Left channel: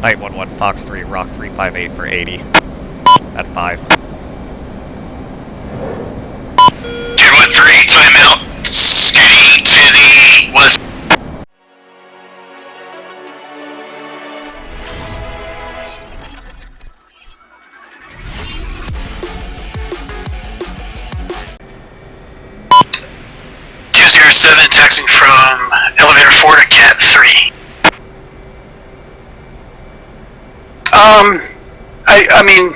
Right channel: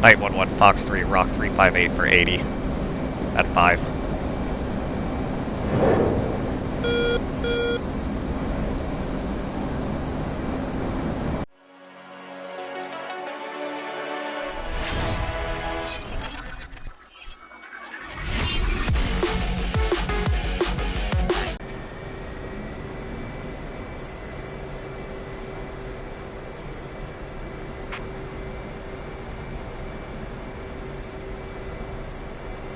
Night 1-1, Fox 3, Rock 358 for 80. At 5. 213, timeout. Scooting to the west. Taxing from elevator 4 to Cat 3. I mean,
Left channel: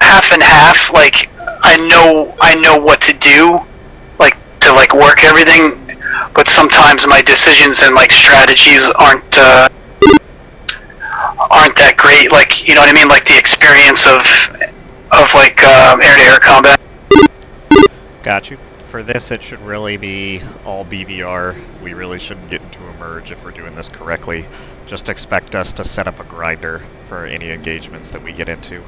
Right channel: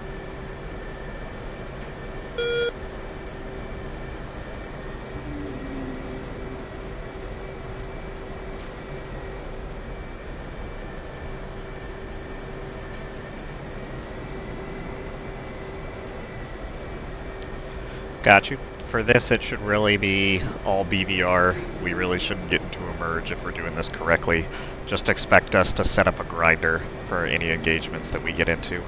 half and half. Like, I know what to do, like to like work everything, but sometimes my decisions and like strategies aren't that great. Like, you know what I mean? Like the experience of like air-to-air combat. Got you. For this, it should really be all BVR. We really shouldn't get into a merge if we're doing this correctly. Just expect us to set up a grinder for any engagements that we get into.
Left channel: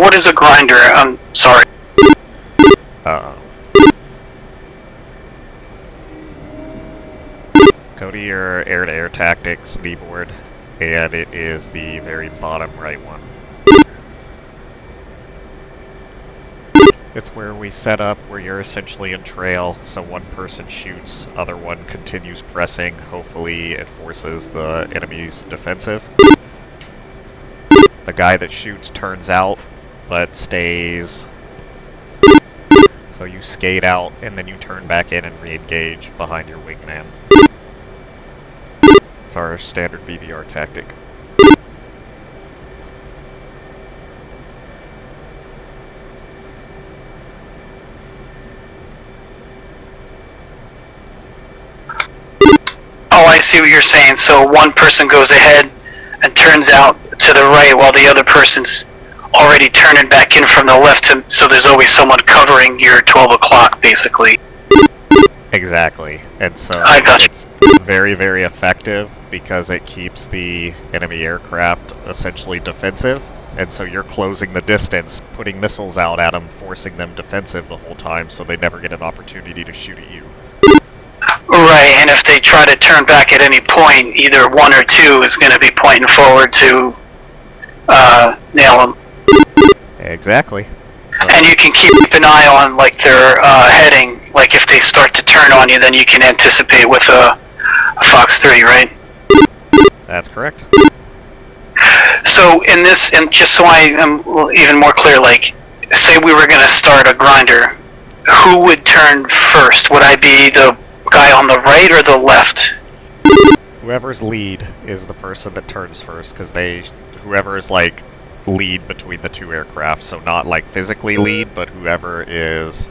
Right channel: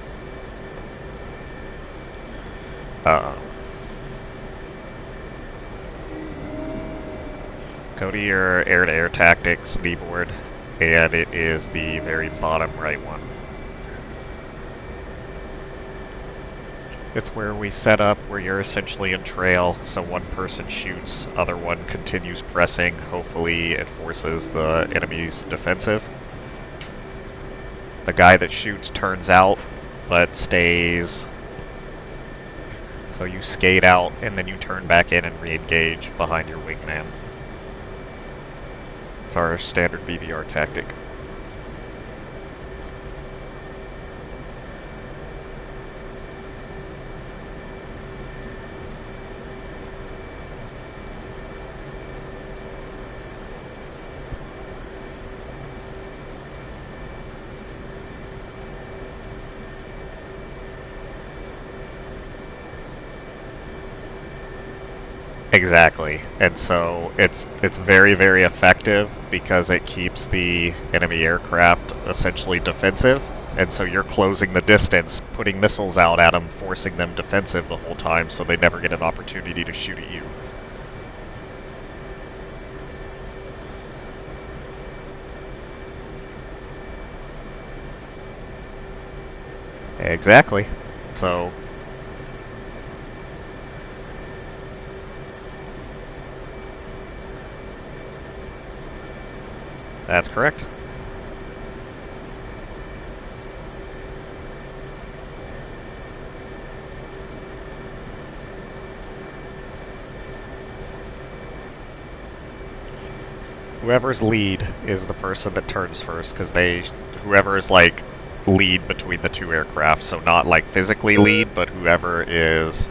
What is a grinder? I'm sorry. Go to your air-to-air tactics keyboard, and it is the very bottom right one. It's where we set up where you're essentially in trail, so one person shoots, other one continues pressing. Hopefully it forces the enemy's defensive. The guy that shoots turns out, but stays. So you skate out, and then you turn back in and re-engage behind your wingman. It's our standard BVR tactic. Oh, I see what you're saying. So one person goes ahead and turns out to the right while the other person's already turning back in from the left, so there's always someone covering your 12 o'clock, basically. Exactly. And so it's very, very effective because it keeps the enemy aircraft essentially defensive. And so you're closing the distance, putting missiles out at them, forcing them defensive the whole time so they never get an opportunity to shoot at you. Right, and if they try to turn back at any point, either one or two is going to be pointing forward to nail them. Exactly. So. And you can keep an eye on like their heading. Like if they start to turn on you, then you can anticipate with a Fox 3, right? That's correct. So in this, and just so I am even more clear, like, say we were going to start a grinder, who would turn first? Would I be the guy on the right or the left? Whoever's lead is the person that turns first, because whoever is like lead between the two aircraft, so not like physically lead, but whoever is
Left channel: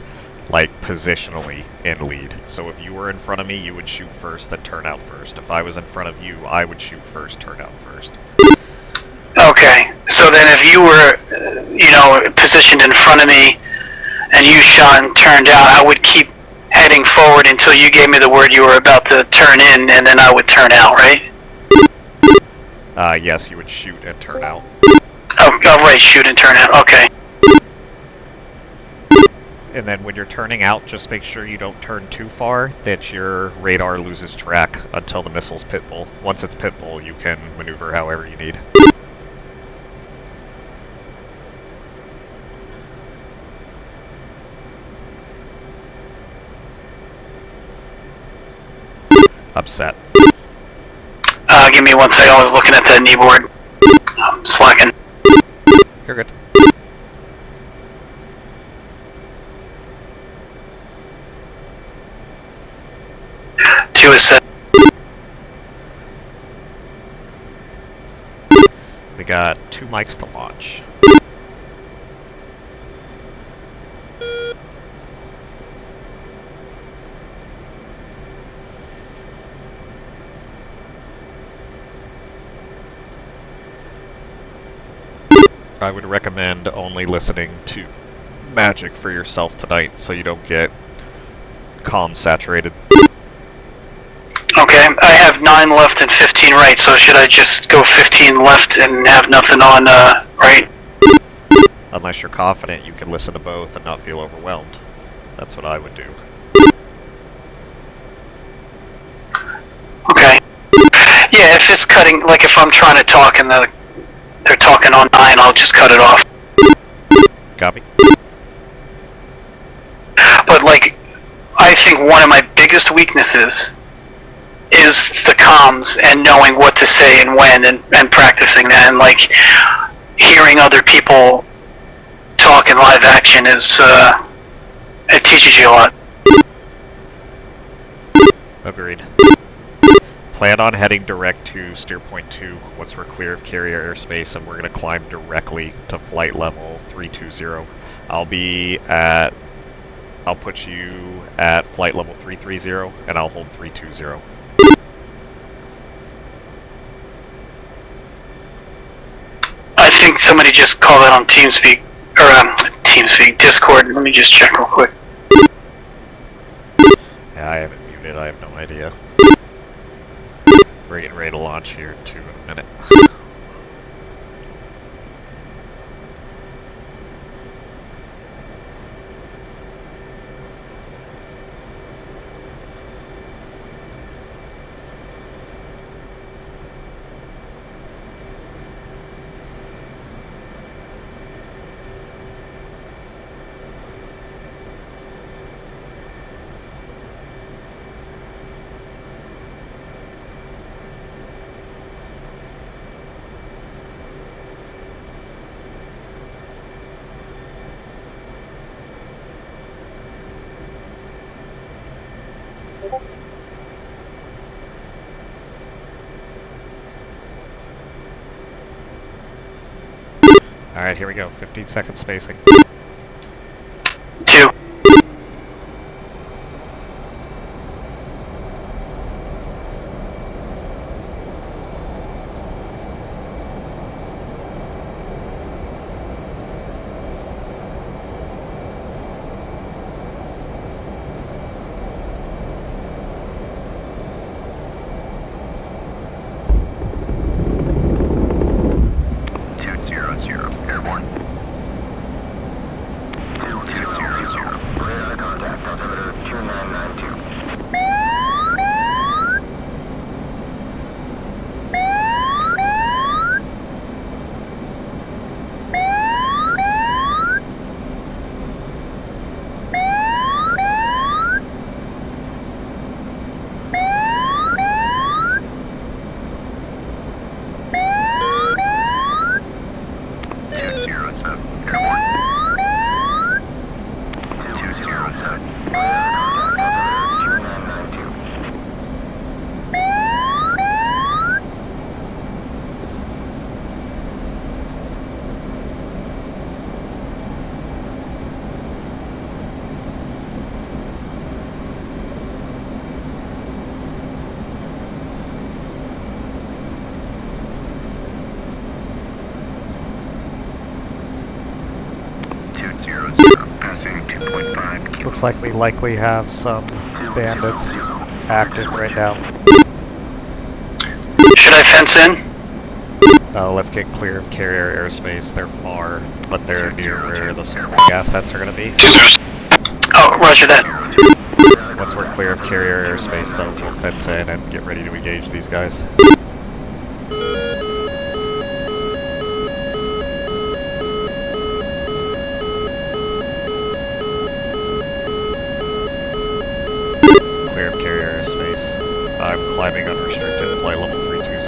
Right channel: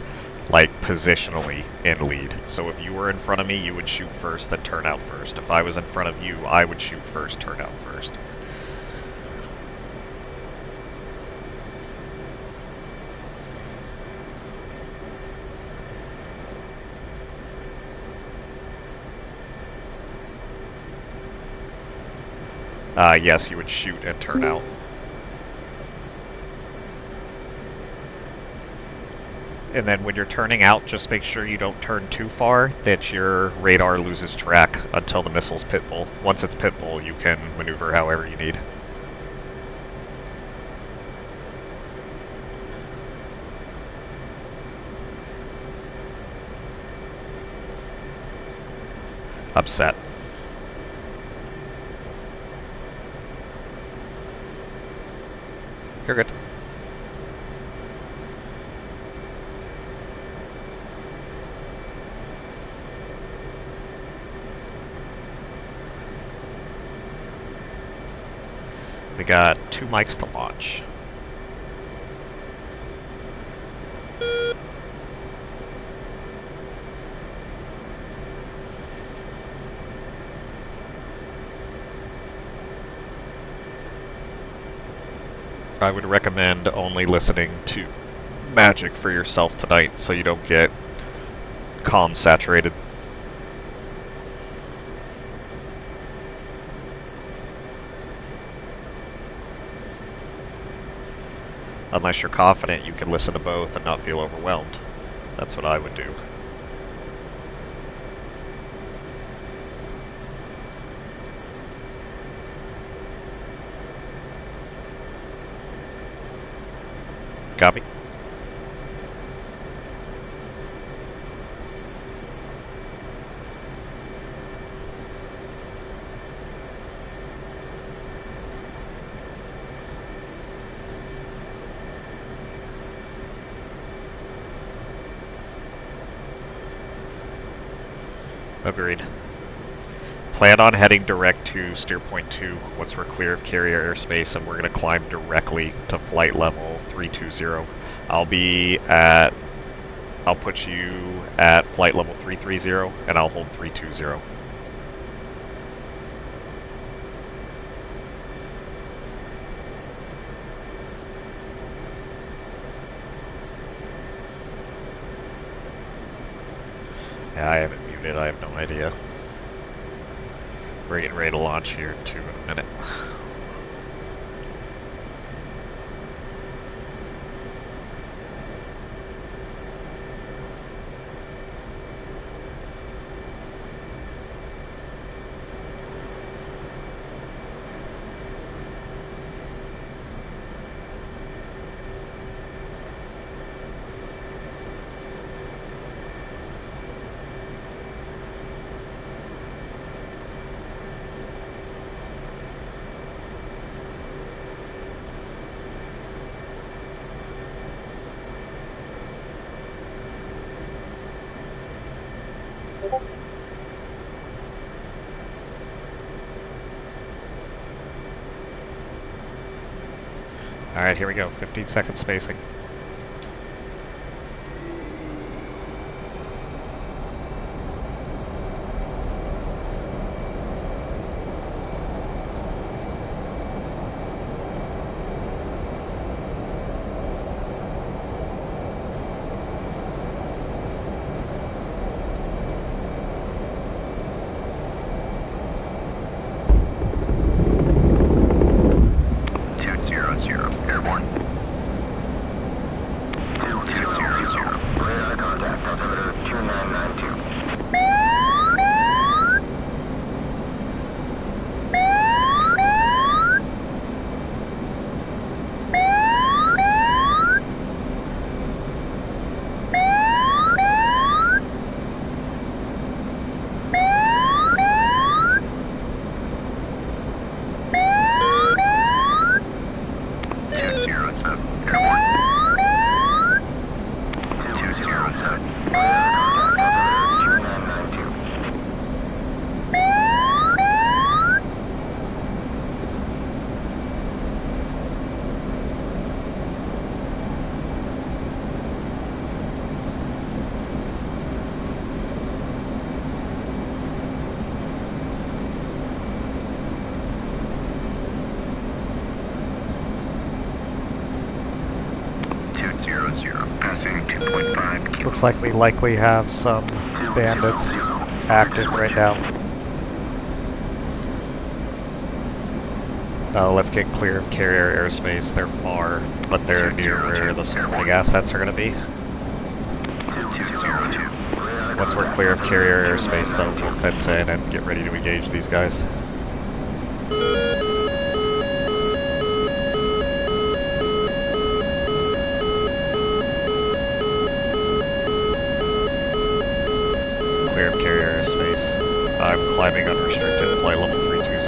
like positionally in lead. So if you were in front of me, you would shoot first, then turn out first. If I was in front of you, I would shoot first, turn out first. Okay, so then if you were, you know, positioned in front of me, and you shot and turned out, I would keep heading forward until you gave me the word you were about to turn in, and then I would turn out, right? Yes, you would shoot and turn out. Oh, right, shoot and turn out, okay. And then when you're turning out, just make sure you don't turn too far, that your radar loses track until the missile's pitbull. Once it's pitbull, you can maneuver however you need. Upset. Give me 1 second, I was looking at the kneeboard. I'm slacking. You're good. Two is set. We got 2 mics to launch. I would recommend only listening to MAGIC for yourself tonight so you don't get comm saturated. Okay, I have 9 left and 15 right, so should I just go 15 left and have nothing on right? Unless you're confident you can listen to both and not feel overwhelmed. That's what I would do. Okay. Yeah, if it's cutting, like if I'm trying to talk and they're talking on 9, I'll just cut it off. Got me? But like, I think one of my biggest weaknesses is the comms and knowing what to say and when and practicing that, and like hearing other people talk in live action is it teaches you a lot. Agreed. Plan on heading direct to steer point 2 once we're clear of carrier airspace, and we're going to climb directly to flight level 320. I'll put you at flight level 330, and I'll hold 320. I think somebody just called that on TeamSpeak, or TeamSpeak, Discord. Let me just check real quick. Yeah, I haven't muted, I have no idea. We're getting ready to launch here in a minute. Alright, here we go. 15-second spacing. 2. Looks like we likely have some bandits active right now. Should I fence in? Let's get clear of carrier airspace. They're far, but they're near where the supporting assets are going to be. Oh, roger that. Once we're clear of carrier airspace, though, we'll fence in and get ready to engage these guys. Clear of carrier airspace. I'm climbing unrestricted, flight level 320.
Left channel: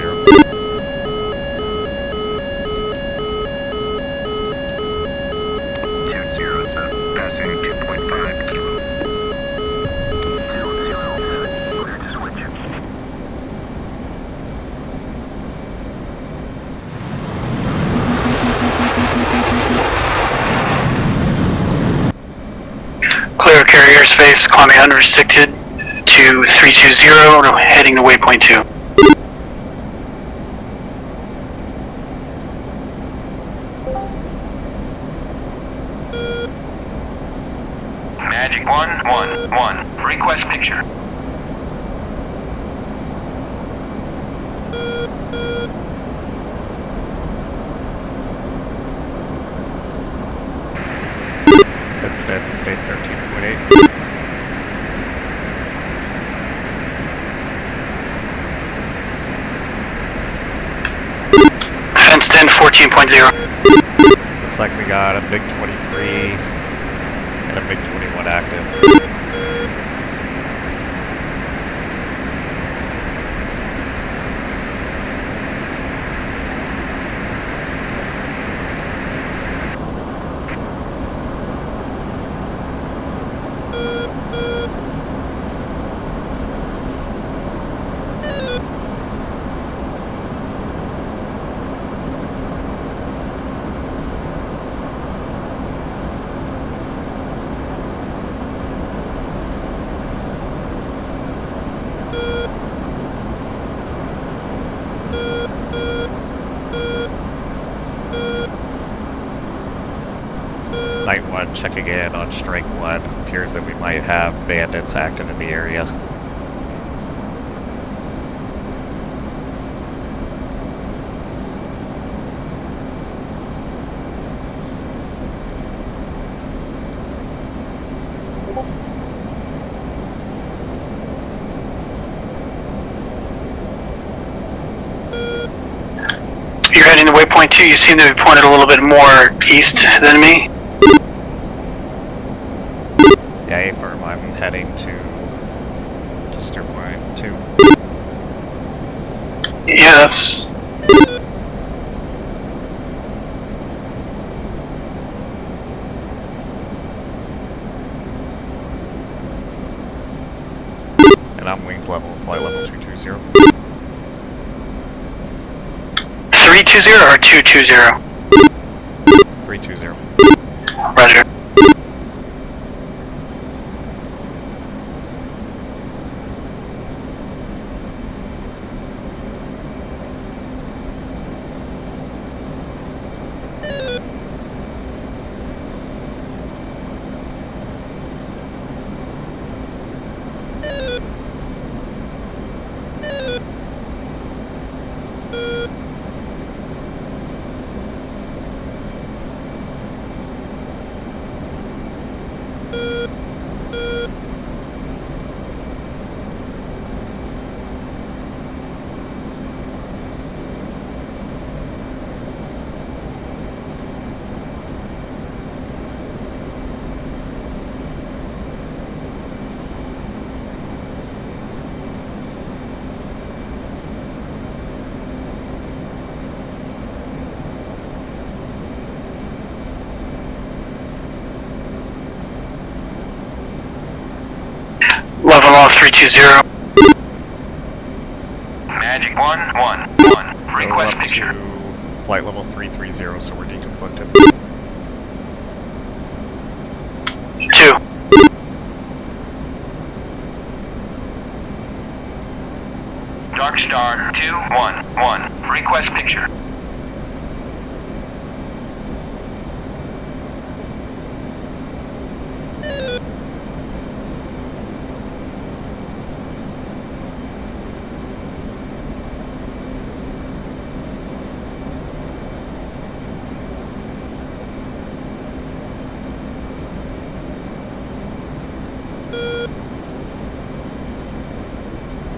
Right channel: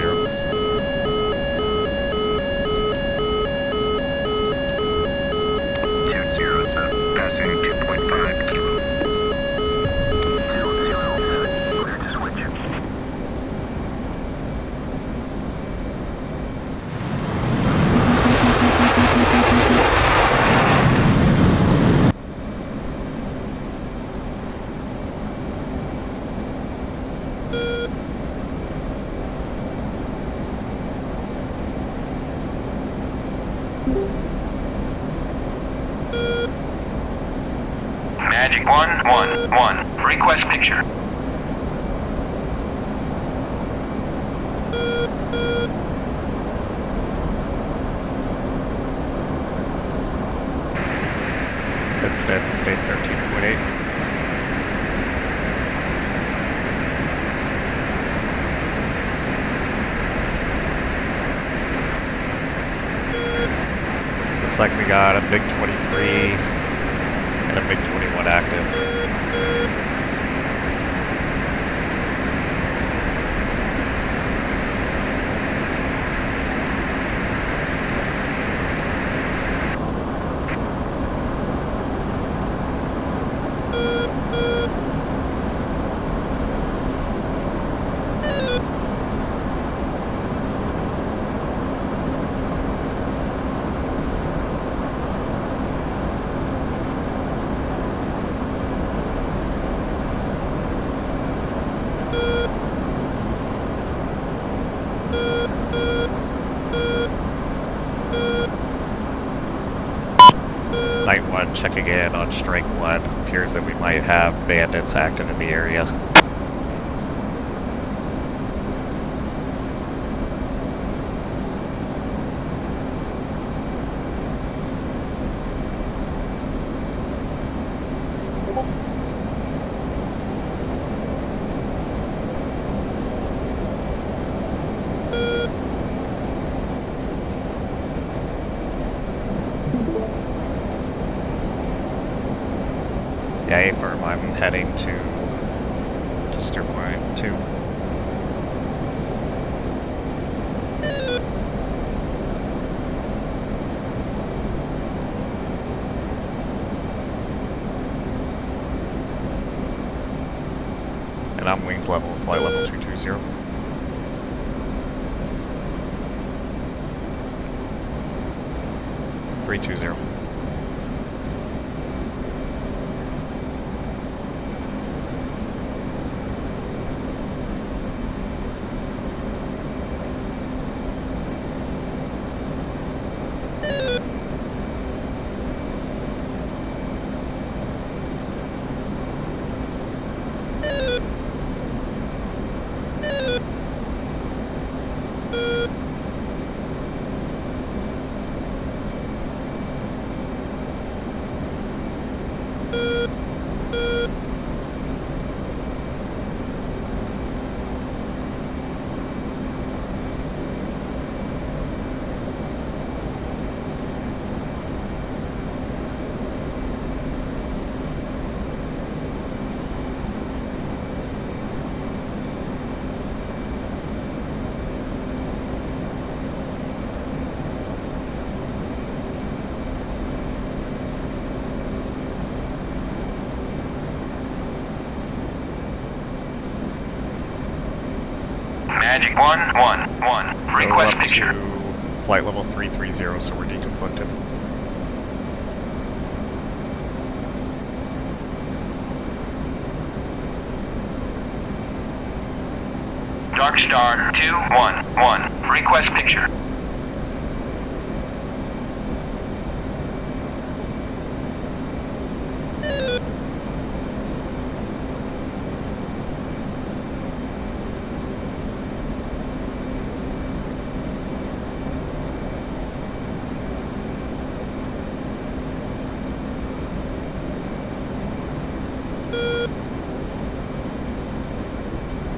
Clear of carrier airspace, climbing unrestricted to 320, heading to waypoint 2. Magic 111, request picture. fenced in, 14.0. Looks like we got a MiG-23 and a MiG-21 active. Night 1 checking in on Strike 1. Appears that we might have bandits active in the area. You're heading to waypoint 2. You seem to be pointed a little bit more east than me. Yeah, affirm. I'm heading to steer point 2. Yeah, that's... And I'm wings level, flight level 220. 320 or 220? 320. Roger. Level off 320. Magic 111. Request Go up picture. to flight level 330, so we're deconflicted. 2. Dark Star 211. Request picture.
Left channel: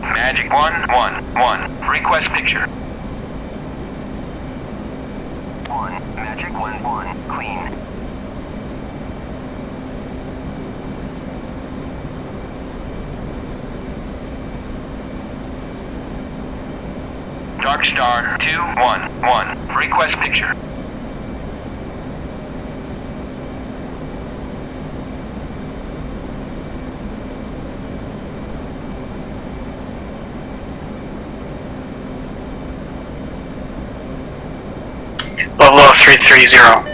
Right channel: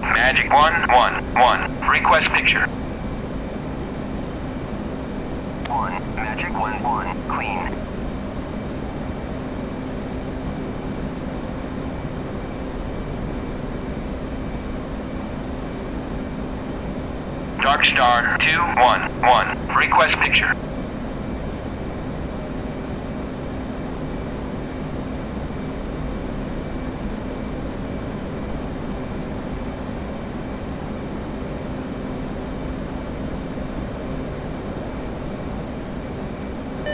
Magic 111. Request picture. 1. Magic 11. Clean. Dark Star 211. Request picture. Level off 330.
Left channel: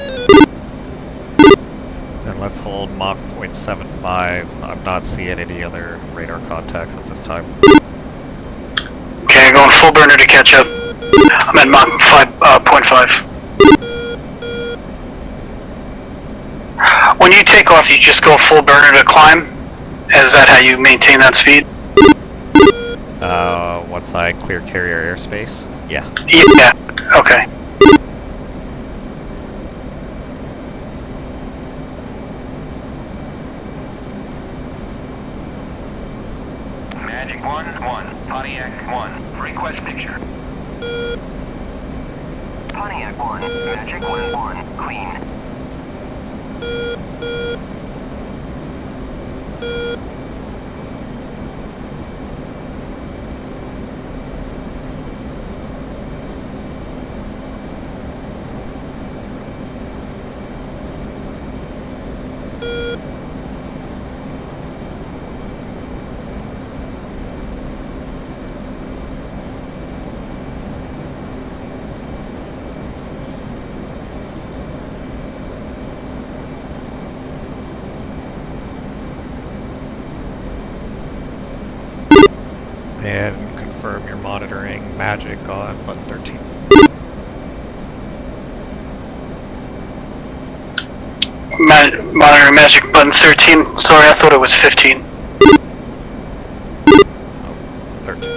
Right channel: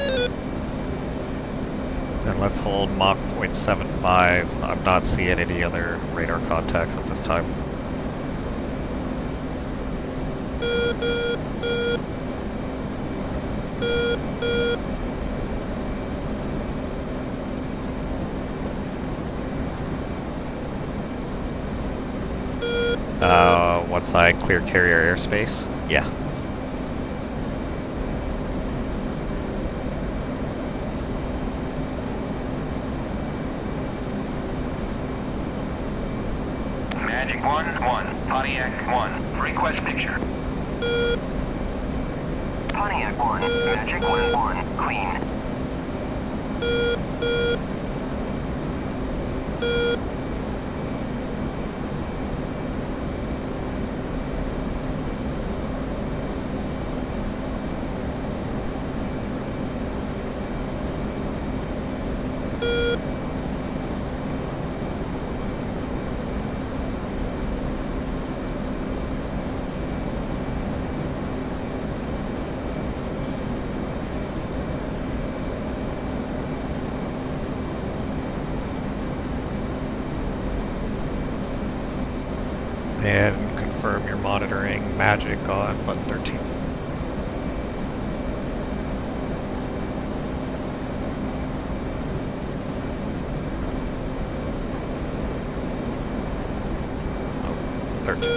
And let's hold Mach 0.75. I'm not seeing any other radar contacts at this time. Okay, going full burner to catch up. I'm at Mach 5.5. When you take off, you just go full burner to climb? Is that how you maintain that speed? Once I clear carrier airspace? Yeah. Yeah, okay. Magic 1-1, Pontiac 1, request picture. Pontiac 1, Magic 1-1, clean. And confirm you're monitoring Magic on button 13. Monitor Magic button 13. Sorry, I thought it was 15. Oh, 13.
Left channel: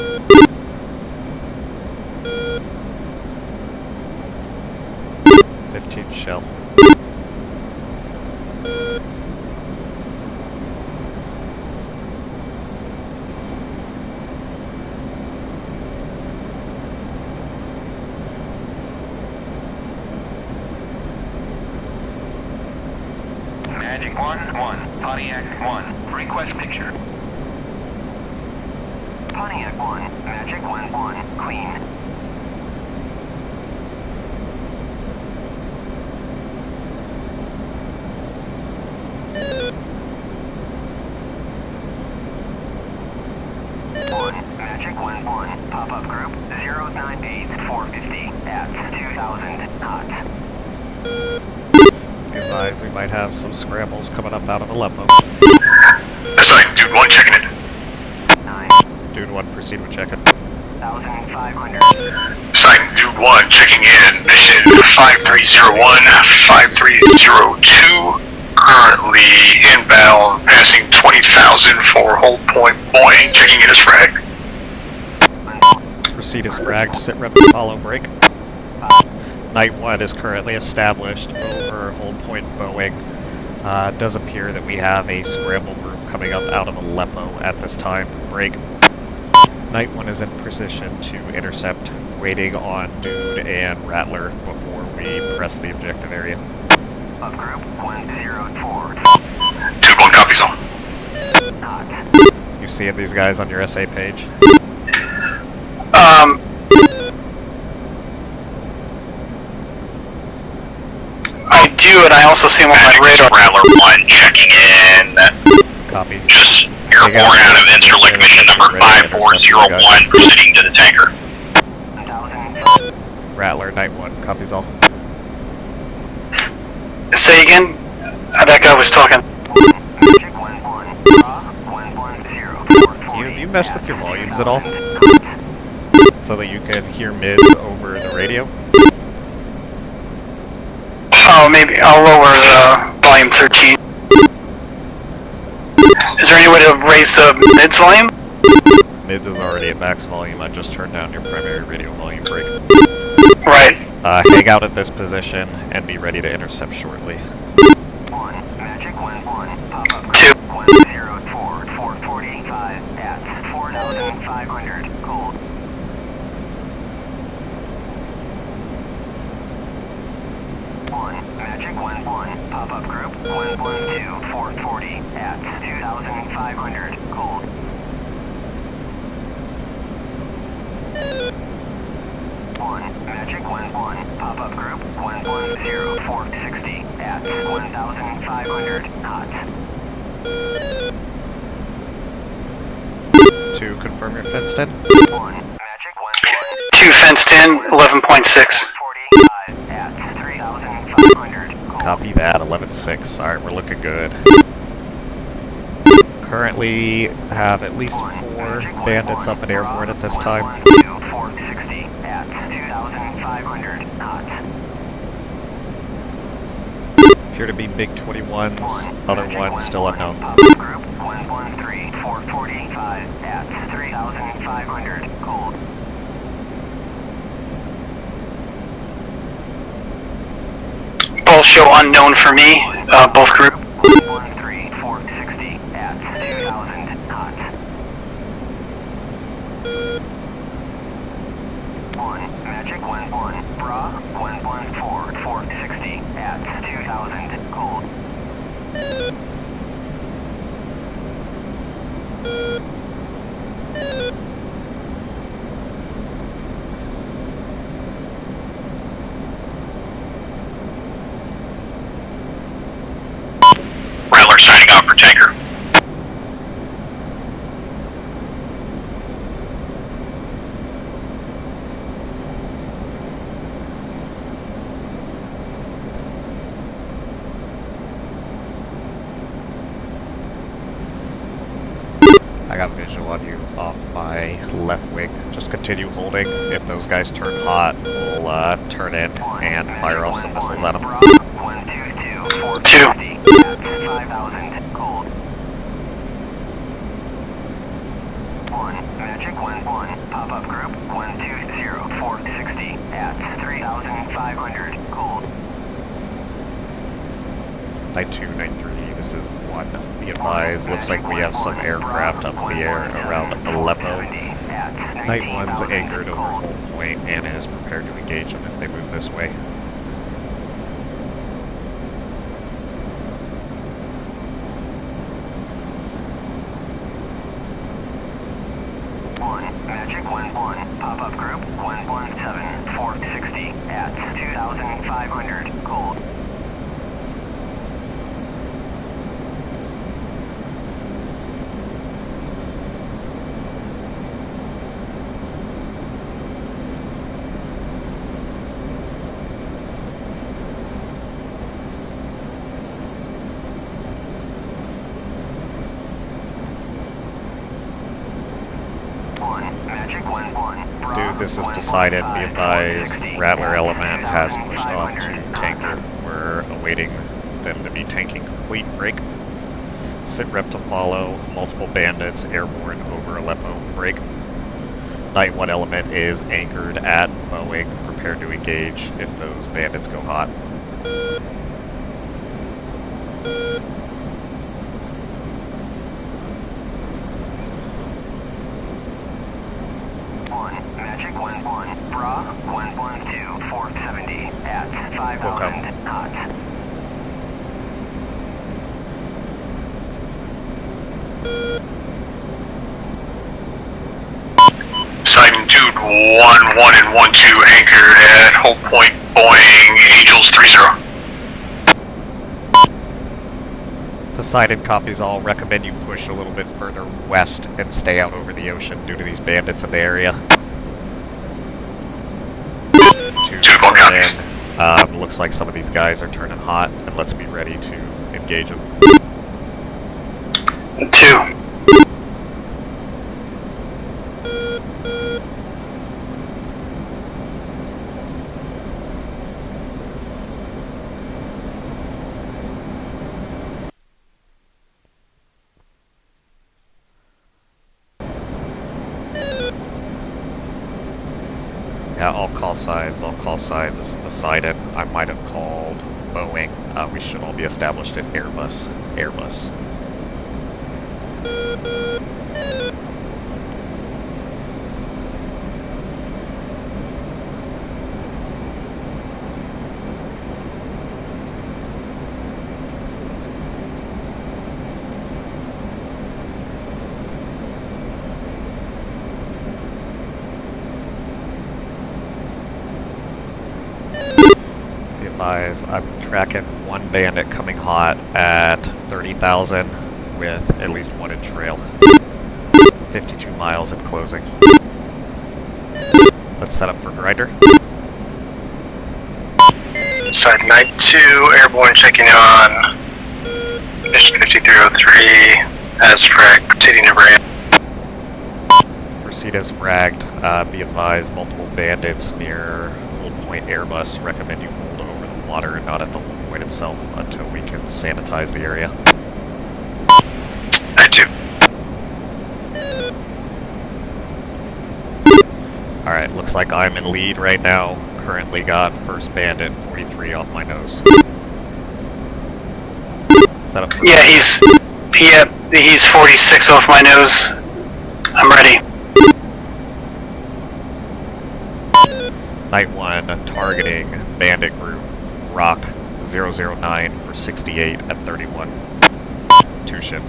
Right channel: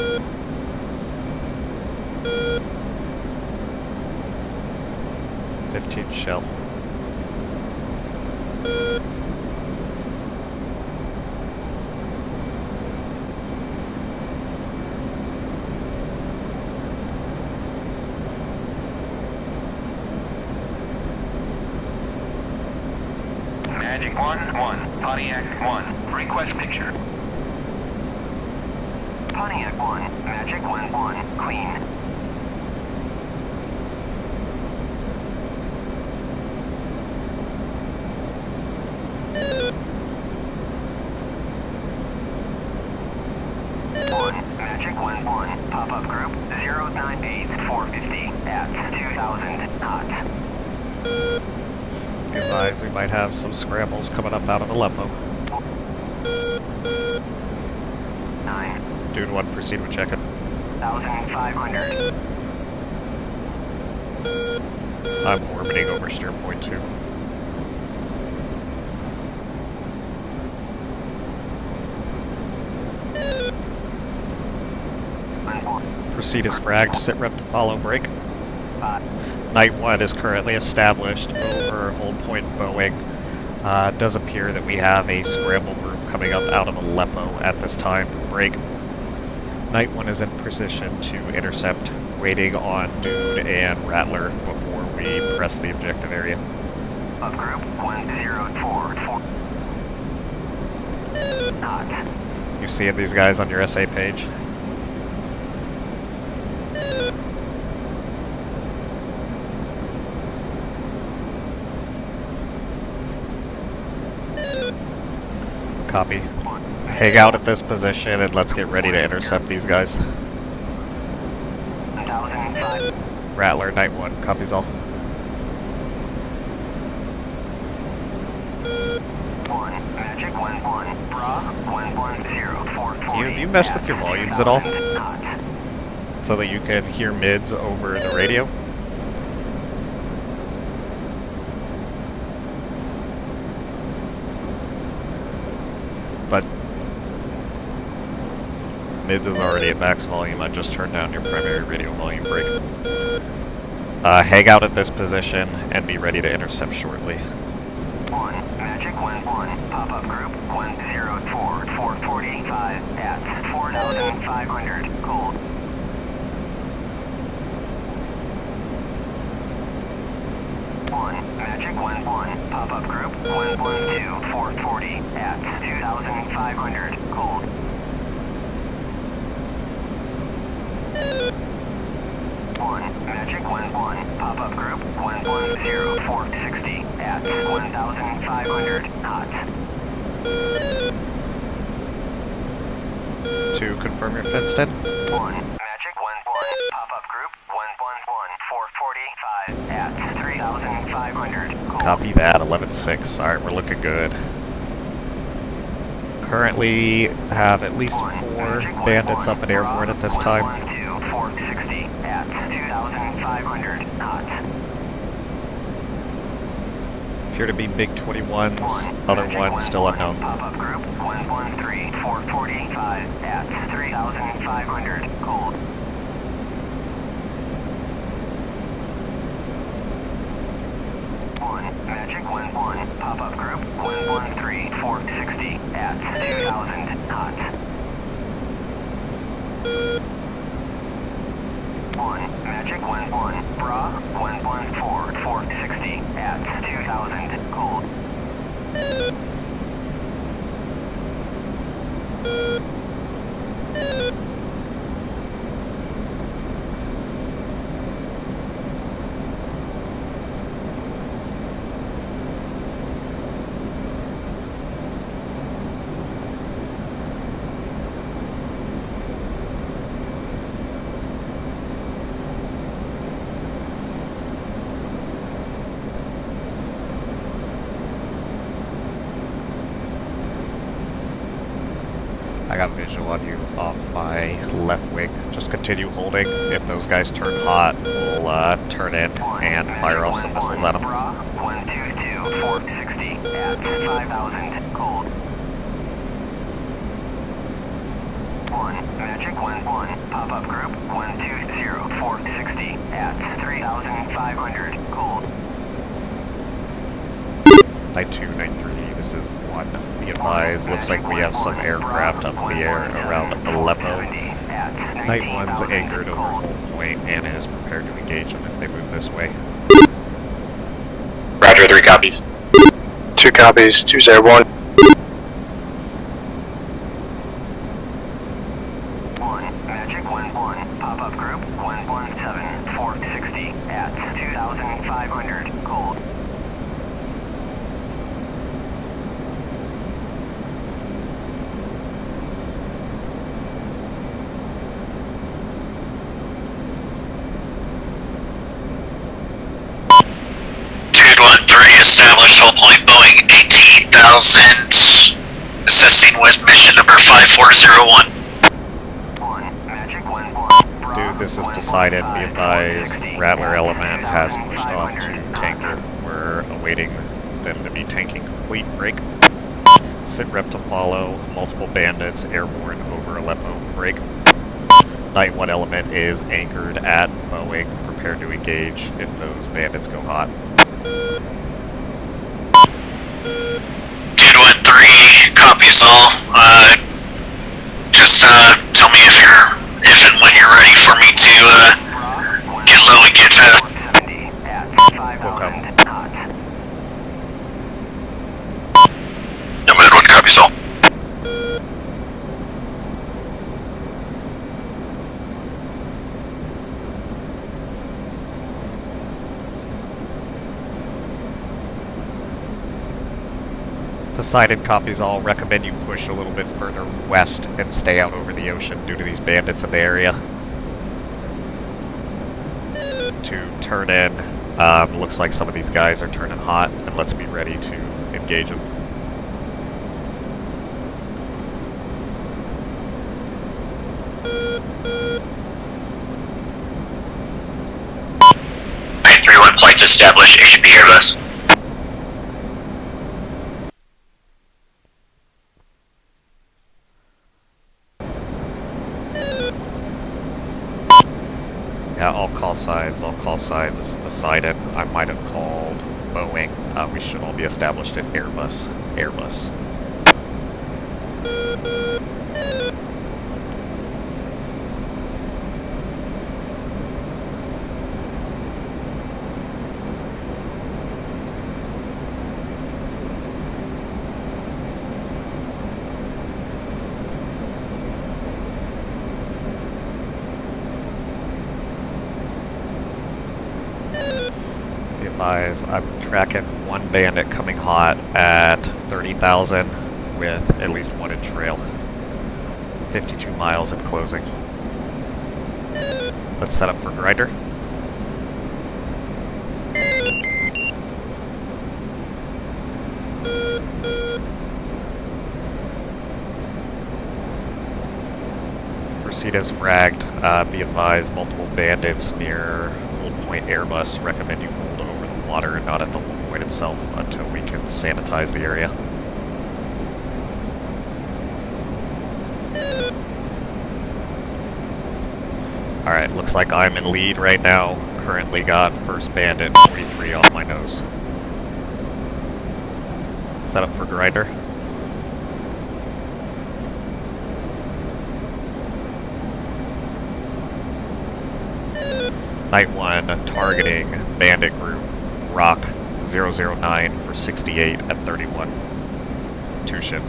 Shell. Magic 1-1, Pontiac 1, request picture. Pontiac 1, Magic 1-1, clean. Magic 1-1, pop-up group 098450 at 2000 knots. Be advised, we might have some scrambles coming up out of Aleppo. Sorry, Dude 1 checking it. 9. Dude 1, proceed with checking. 1500. Sorry, Dude 1 checking in. Mission 5301, 5302. Currently inbound, passing 20,000 for hold point Boeing. Checking in as frag. Proceed as fragged, sit rep follow break. Night 1 is currently established over hold point Boeing. It does appear that we have a scramble group coming up out of Aleppo at this time. Break. Night 1 is in position to intercept, waiting on Dude and Rattler before we press the objective area. Up group 104. Dude 1 copies all. Knots. You seeing these guys on your SA page? I do, and I also see him on my radar. Rattler 1 checking in. Copy. Just Take airborne out out of this Interlink position, mission let's get number ready to intercept you 5401 proceeding to the tanker. 1000. Rattler, Night 1, copies all. Say again? That guy was talking. Magic 1-1, draw 110. You messed with your volumes at all? So that you can hear mids over the radio? Oh, maybe I'll lower the volume 13. Is there any way to raise the mids volume? Mids is already at max volume, I just turned down your primary radio volume break. Right. Hang out at this position and be ready to intercept shortly. 1, Magic 1-1, pop-up group 2. 104, 445 at 4,500, cold. 1, Magic 1-1, pop-up group 112, 440 at 2,500, cold. 1, Magic 1-1, pop-up group 110, 460 at 1,500 knots. 2, confirm your fenced in. 1, Magic 1-1. 2 fenced in, 11.6. 445 at 3,500, cold. Copy that, 11.6. Alright, we're looking good. Currently have at least 4 bandits up and airborne at this time. 112, 460 at 2,500 knots. Appear to be MiG-21s, other ones still unknown. Pop-up group 113, 445 at 3,500, cold. Both show unknown for me, both group. 113, 460 at 2,000 knots. 1, Magic 1-1, Bra 114 460 at 2000 cold. Rattler signing off for tanker. I got visual on you off my left wing. Just continue holding. If those guys turn hot, we'll turn in and fire off some missiles at them. 122 460 at 5000 cold. 1 Magic 1-1 pop-up group 120 460 at 3500 cold. 9293, this is 1. Be advised, looks like we have some aircraft up in the air around Aleppo. Night 1's anchored over hold point and is prepared to engage them if they move this way. Roger, 3 copies. 2 copies, 201. 1 Magic 1-1 pop-up group 117 460 at 2500 cold. Established hold point Boeing 18,000, assisting with mission number 5401. 1 Magic 1-1 Dude, this is Poseidon. Be advised, Rattler element has pushed off to tanker. We're awaiting them to be tanking complete. Break. Sit rep to follow. Multiple bandits airborne over Aleppo. Break. Night 1 element is anchored at Boeing, prepared to engage if those bandits go hot. 213 copies all. Just tell me if and when you're ready for me to get low and get fast. We'll come. Nomad 1 copies all. Poseidon Dude 1-1 and 1-2 anchored at hold point Boeing Angels 30. Poseidon copies all. Recommend you push a little bit further west and stay out over the ocean due to these bandits in the area. To turn in. Looks like some of these guys are turning hot, and let's be ready to engage them. 2. Nine-3-1 flights established. HP airless. Yeah, all call signs. This is Poseidon. I might have called Boeing. We should all be established at Airbus. I'm tracking 1 bandit coming hot at 30,000 with at least 1 in trail. 52 miles and closing. Let's set up for grinder. Side night 2, airborne checking on. Mission 5303, as frag, proceeding to ramp. Proceed as fragged. Be advised, multiple bandits near Hold Point Airbus. Recommend you hold over the water and not at the hold point itself until we can sanitize the area. Night 2. Alright, looks like I'm in lead right now. Currently got first bandit 43 off my nose. Set up for Yeah, he's 46 off my nose. I'm ready. Night 1 targeting Bandit Group, Rock 009 for 68 at 31. 2 ship.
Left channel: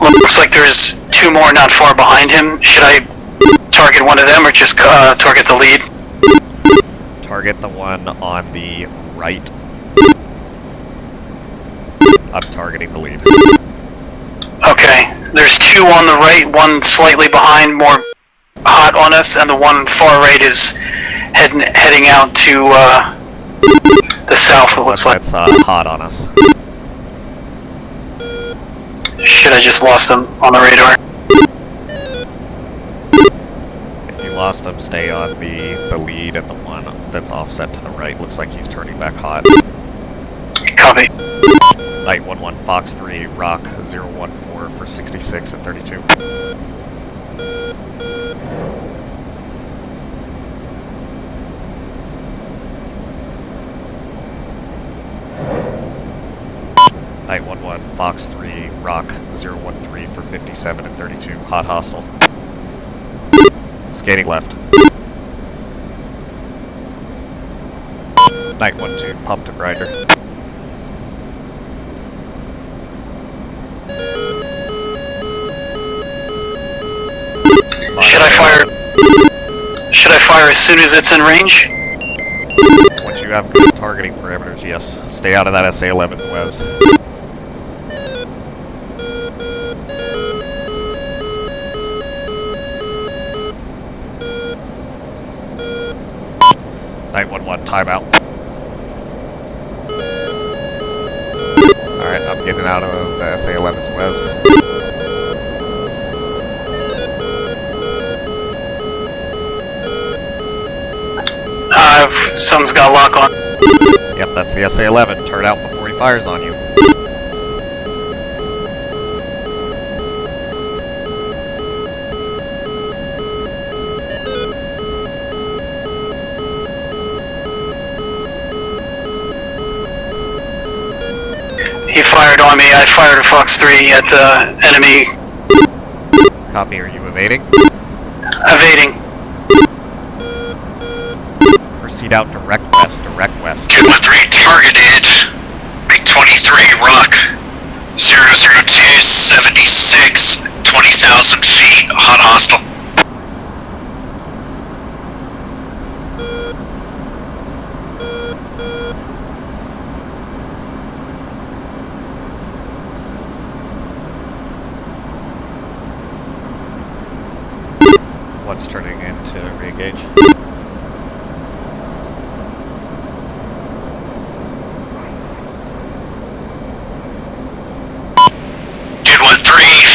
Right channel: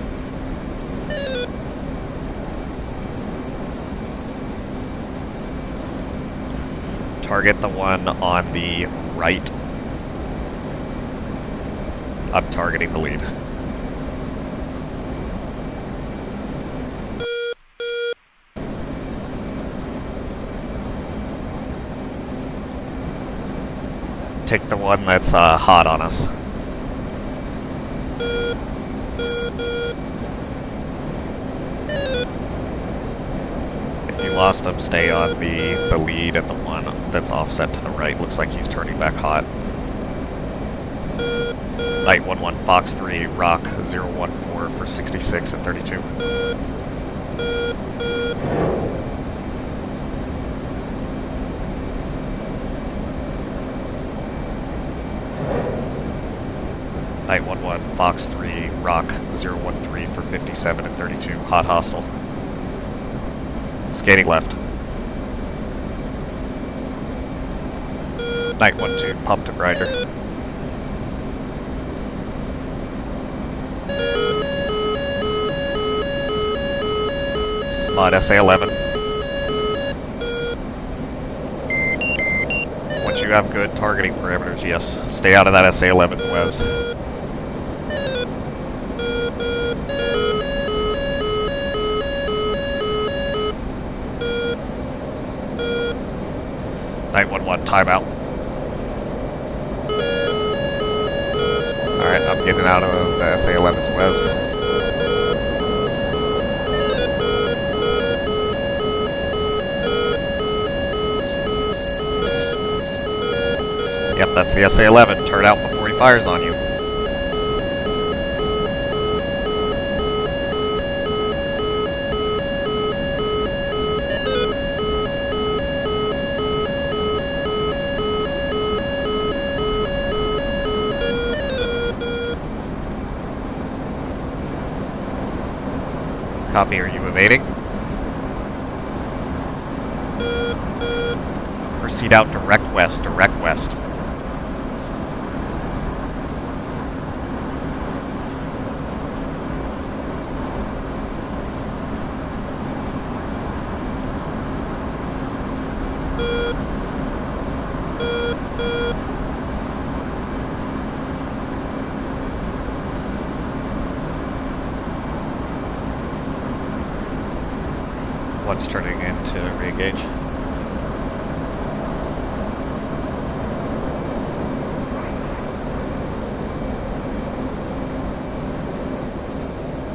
Well, looks like there's 2 more not far behind him. Should I target one of them or just target the lead? Target the one on the right. I'm targeting the lead. Okay. There's 2 on the right, 1 slightly behind, more hot on us, and the one far right is heading out to the south. The It one looks like. that's hot on us. Shit, I just lost them on the radar. If you lost him, stay on the lead, and the one that's offset to the right looks like he's turning back hot. Copy. Night 1-1 Fox 3, Rock 014 for 66 at 32. Night 1-1 Fox 3, Rock 013 for 57 at 32. Hot hostile. Skating left. Night 1-2 Pump to Grinder. Should I fire as soon as it's in range? Once you have good targeting parameters, yes. Stay out of that SA-11's Wes. Night 1-1 timeout. Alright, I'm getting out of the SA-11's Wes. Something's got lock on. Yep, that's the SA-11. Turn out before he fires on you. He fired on me. I fired a Fox 3 at the enemy. Copy, are you evading? Evading. Proceed out direct west, direct west. 213 targeted. MiG-23 Rock 00276, 20,000 feet, hot hostile. One's turning in to re-engage.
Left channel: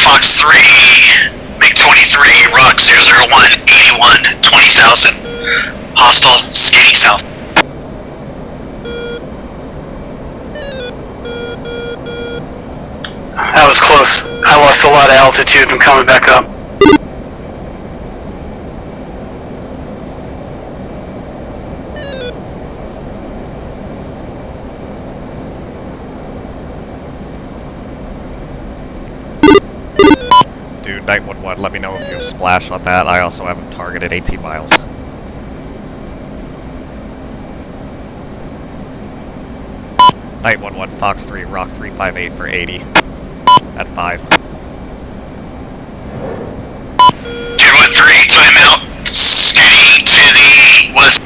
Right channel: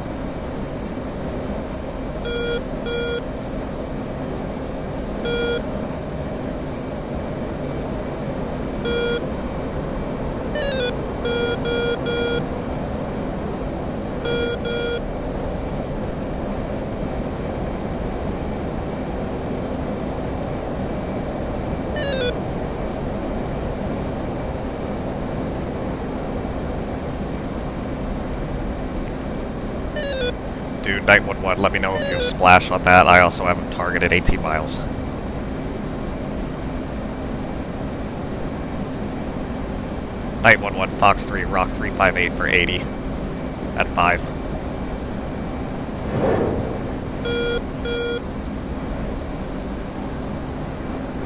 Fox 3, MiG-23, Rock 001, 81, 20,000, hostile, skating south. That was close. I lost a lot of altitude and coming back up. Dude, Night 1-1, let me know if you have splash on that. I also have him targeted 18 miles. Night 1-1, Fox 3, Rock 358 for 80 at 5. 213, timeout, skating to the west.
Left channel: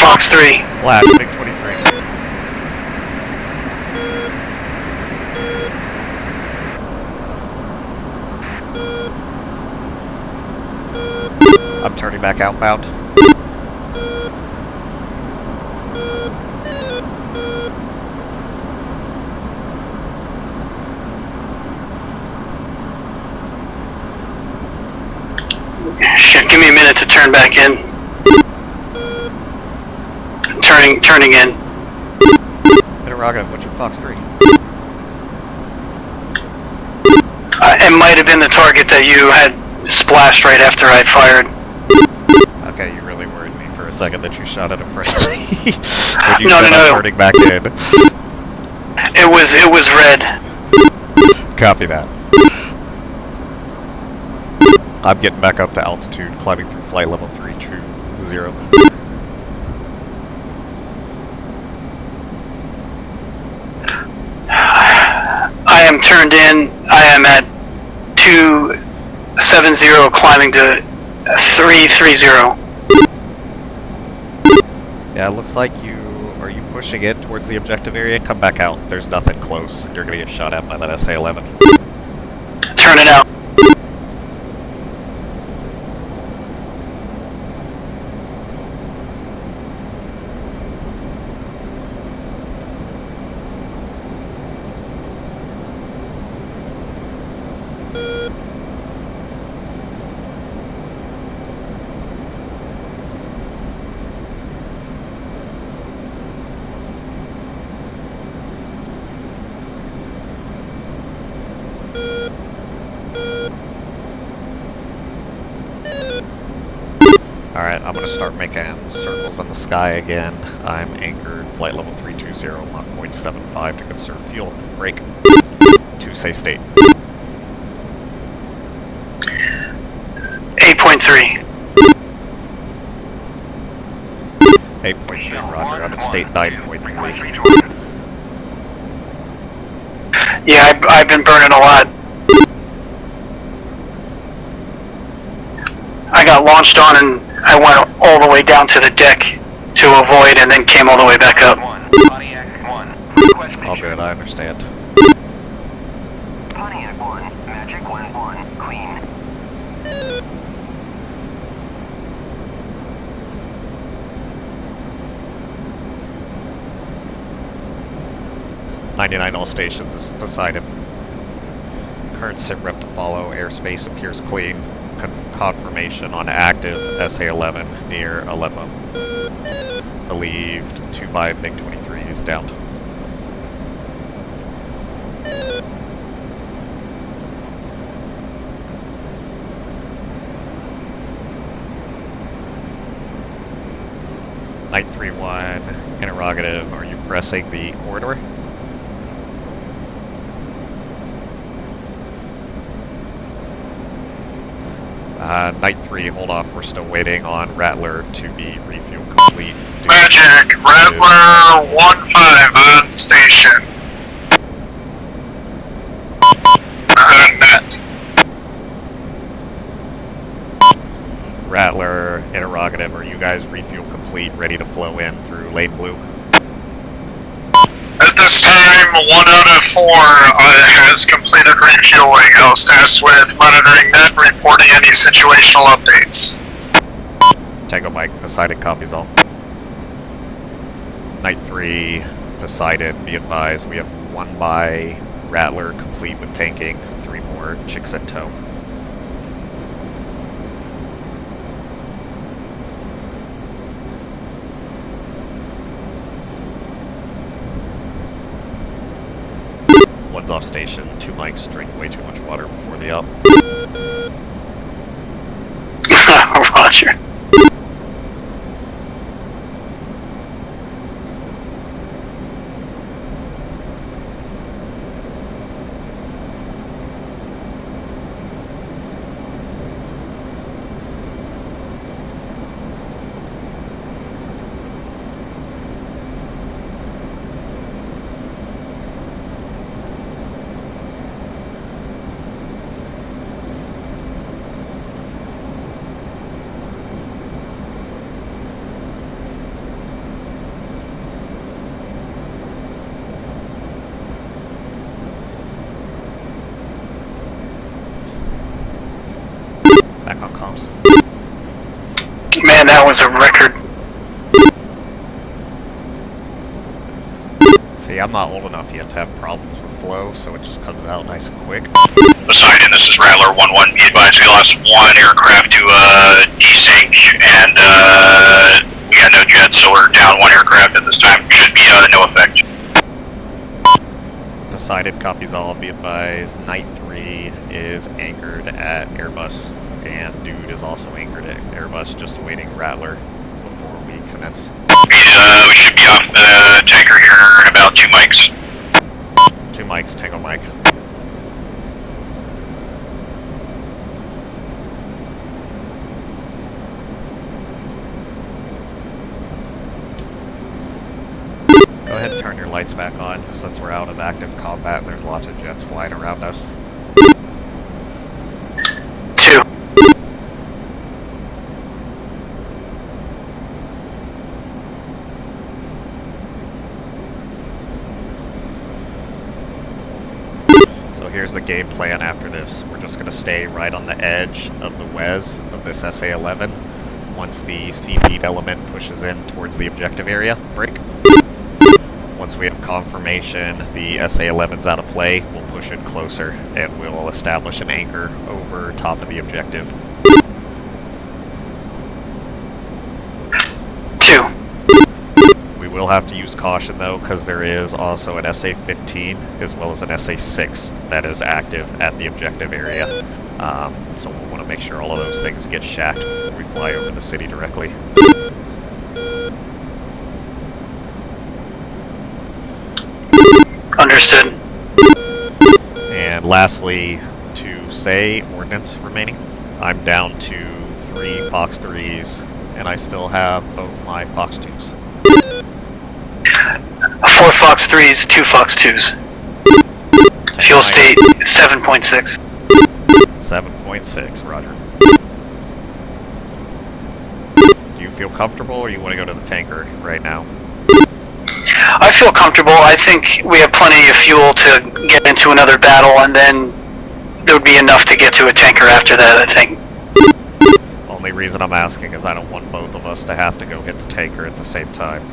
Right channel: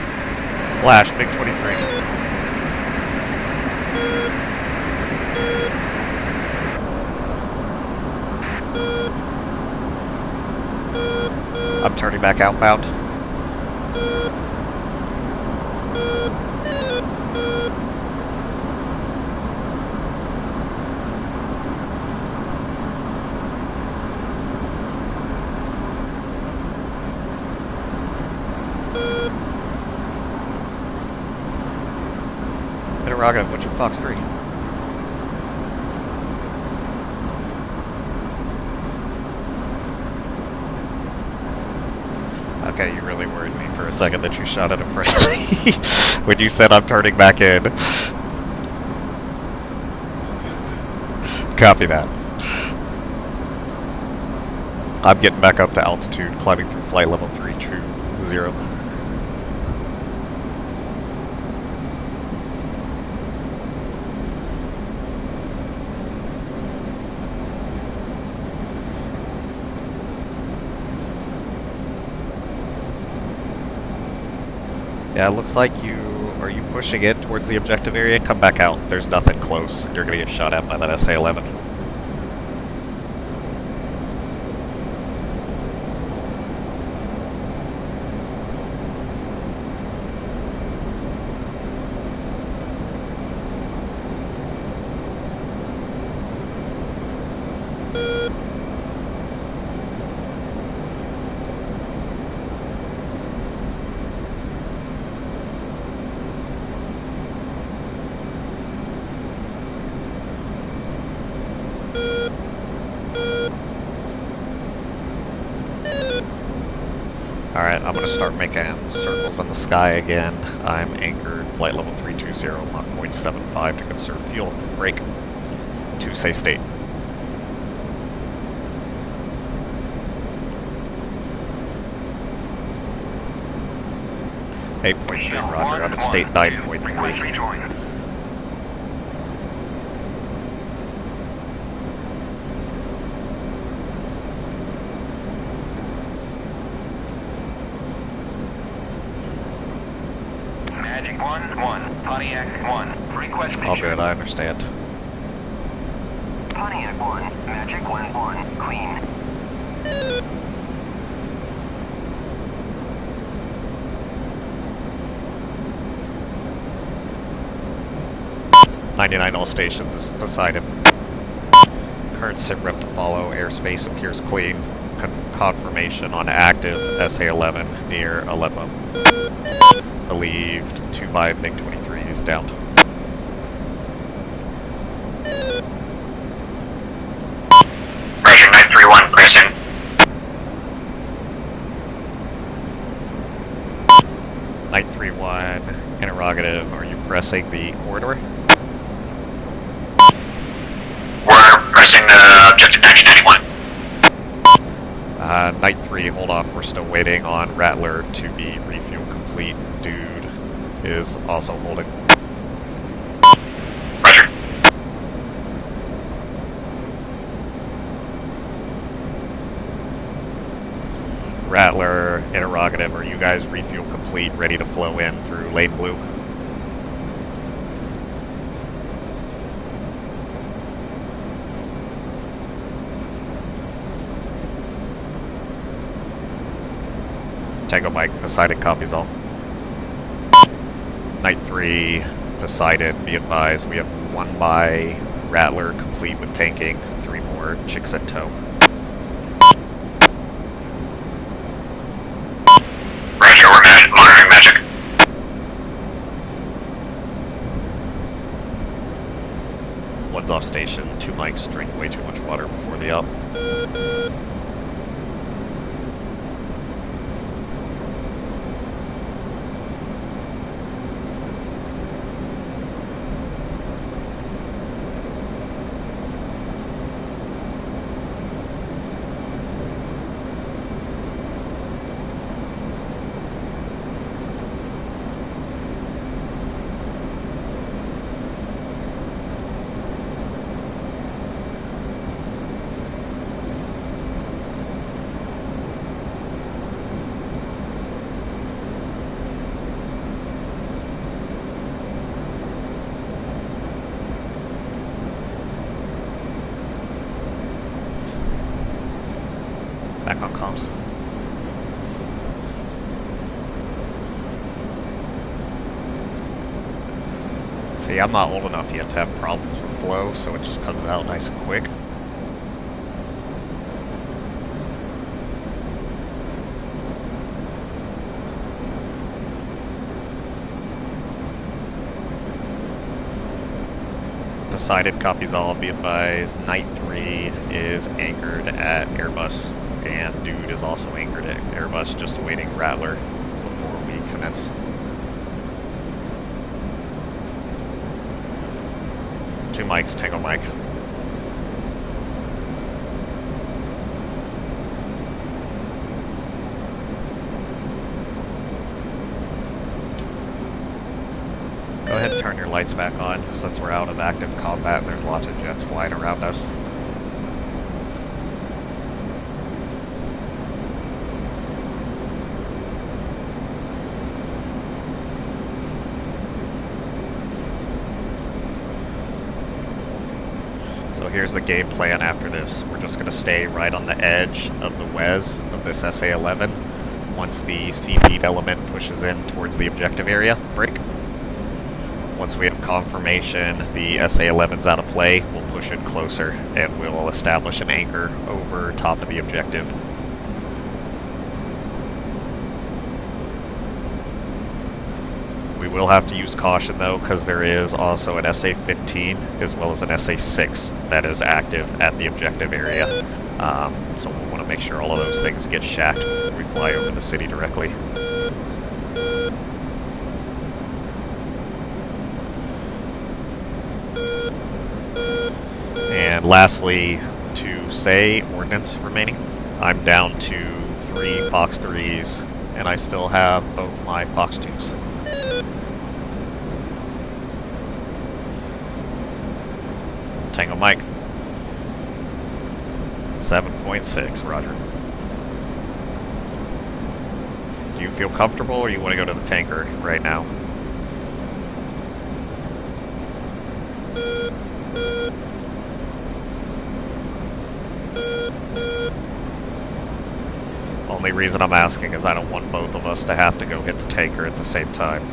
Fox 3. Splash, MiG-23. I'm turning back outbound. Shit, give me a minute to turn back in. Turning in. Interrogative, what's your Fox 3? It might have been the target that you had splashed right after I'd fired. Okay, you really worried me for a second that you shot at a friendly. When you No, said no, I'm no. turning back in. It was red. Copy that. I'm getting back up to altitude, climbing through flight level 320. I am turned in. I am at 270, climbing to 330. Yeah, it looks like you... Are you pushing in towards the objective area? Come back out. There's nothing close. You're gonna get shot at by that SA-11. Turn it out. Alright, I'm gonna start making circles in the sky again. I'm anchored, flight level 320, Mach 0.75 to conserve fuel. Brake. To say state. 8.3. 8.3, roger. I'm at state 9.3. Yeah, I've been burning a lot. I got launched on and I went all the way down to the deck to avoid and then came all the way back up. All good, I understand. Pontiac 1, Magic 1-1, Queen. .99 all stations is beside him. Current sit rep to follow. Airspace appears clean. Confirmation on active SA-11 near Aleppo. Believed 2-5 MiG-23 is down. Roger, 931, pressing. Night 3-1, interrogative, are you pressing the corridor? We're pressing objective 1991. Night 3, hold off, we're still waiting on Rattler to be refuel complete. Magic, Rattler 1-5 on station. Roger. Net. Rattler, interrogative, are you guys refuel complete, ready to flow in through lane blue? At this time, 1 out of 4 has completed refueling. I'll staff with monitoring net, reporting any situational updates. Tango Mike, Poseidon copies all. Night 3, Poseidon, be advised, we have 1 by Rattler complete with tanking, 3 more chicks at tow. Roger, we're monitoring Magic. One's off station, 2 mics drink way too much water before the up. Roger. Back on comms. Man, that was a record. See, I'm not old enough yet to have problems with flow, so it just comes out nice and quick. Poseidon, this is Rattler 1-1. Be advised we lost one aircraft to desync, and yeah, no jets, so we're down one aircraft at this time. Should be no effect. Poseidon copies all. Be advised, Night 3 is anchored at Airbus, and Dude is also anchored at Airbus, just awaiting Rattler before we commence. We should be off the tanker here in about 2 mics. 2 mics, Tango Mike. Go ahead and turn your lights back on, since we're out of active combat and there's lots of jets flying around us. 2. So here's the game plan after this. We're just going to stay right on the edge of the WES of this SA-11. Once the CP element pushes in towards the objective area, break. Once we have confirmation the SA-11's out of play, we'll push in closer and we'll establish an anchor over top of the objective. 2. We will have to use caution though, because there is also an SA-15 as well as an SA-6 that is active at the objective area. So we'll want to make sure all of those things get shacked before we fly over the city directly. Understood. And lastly, to say Hornets remaining, I'm down to 3 Fox 3s, and I still have both my Fox 2s. 4 Fox 3s, 2 Fox 2s. Fuel state 7.6. 7.6, roger. Do you feel comfortable, or you want to go to the tanker right now? I feel comfortable. I think we have plenty of fuel to get into another battle, and then there would be enough to get to a tanker after that, I think. Only reason I'm asking is I don't want both of us to have to go hit the tanker at the same time.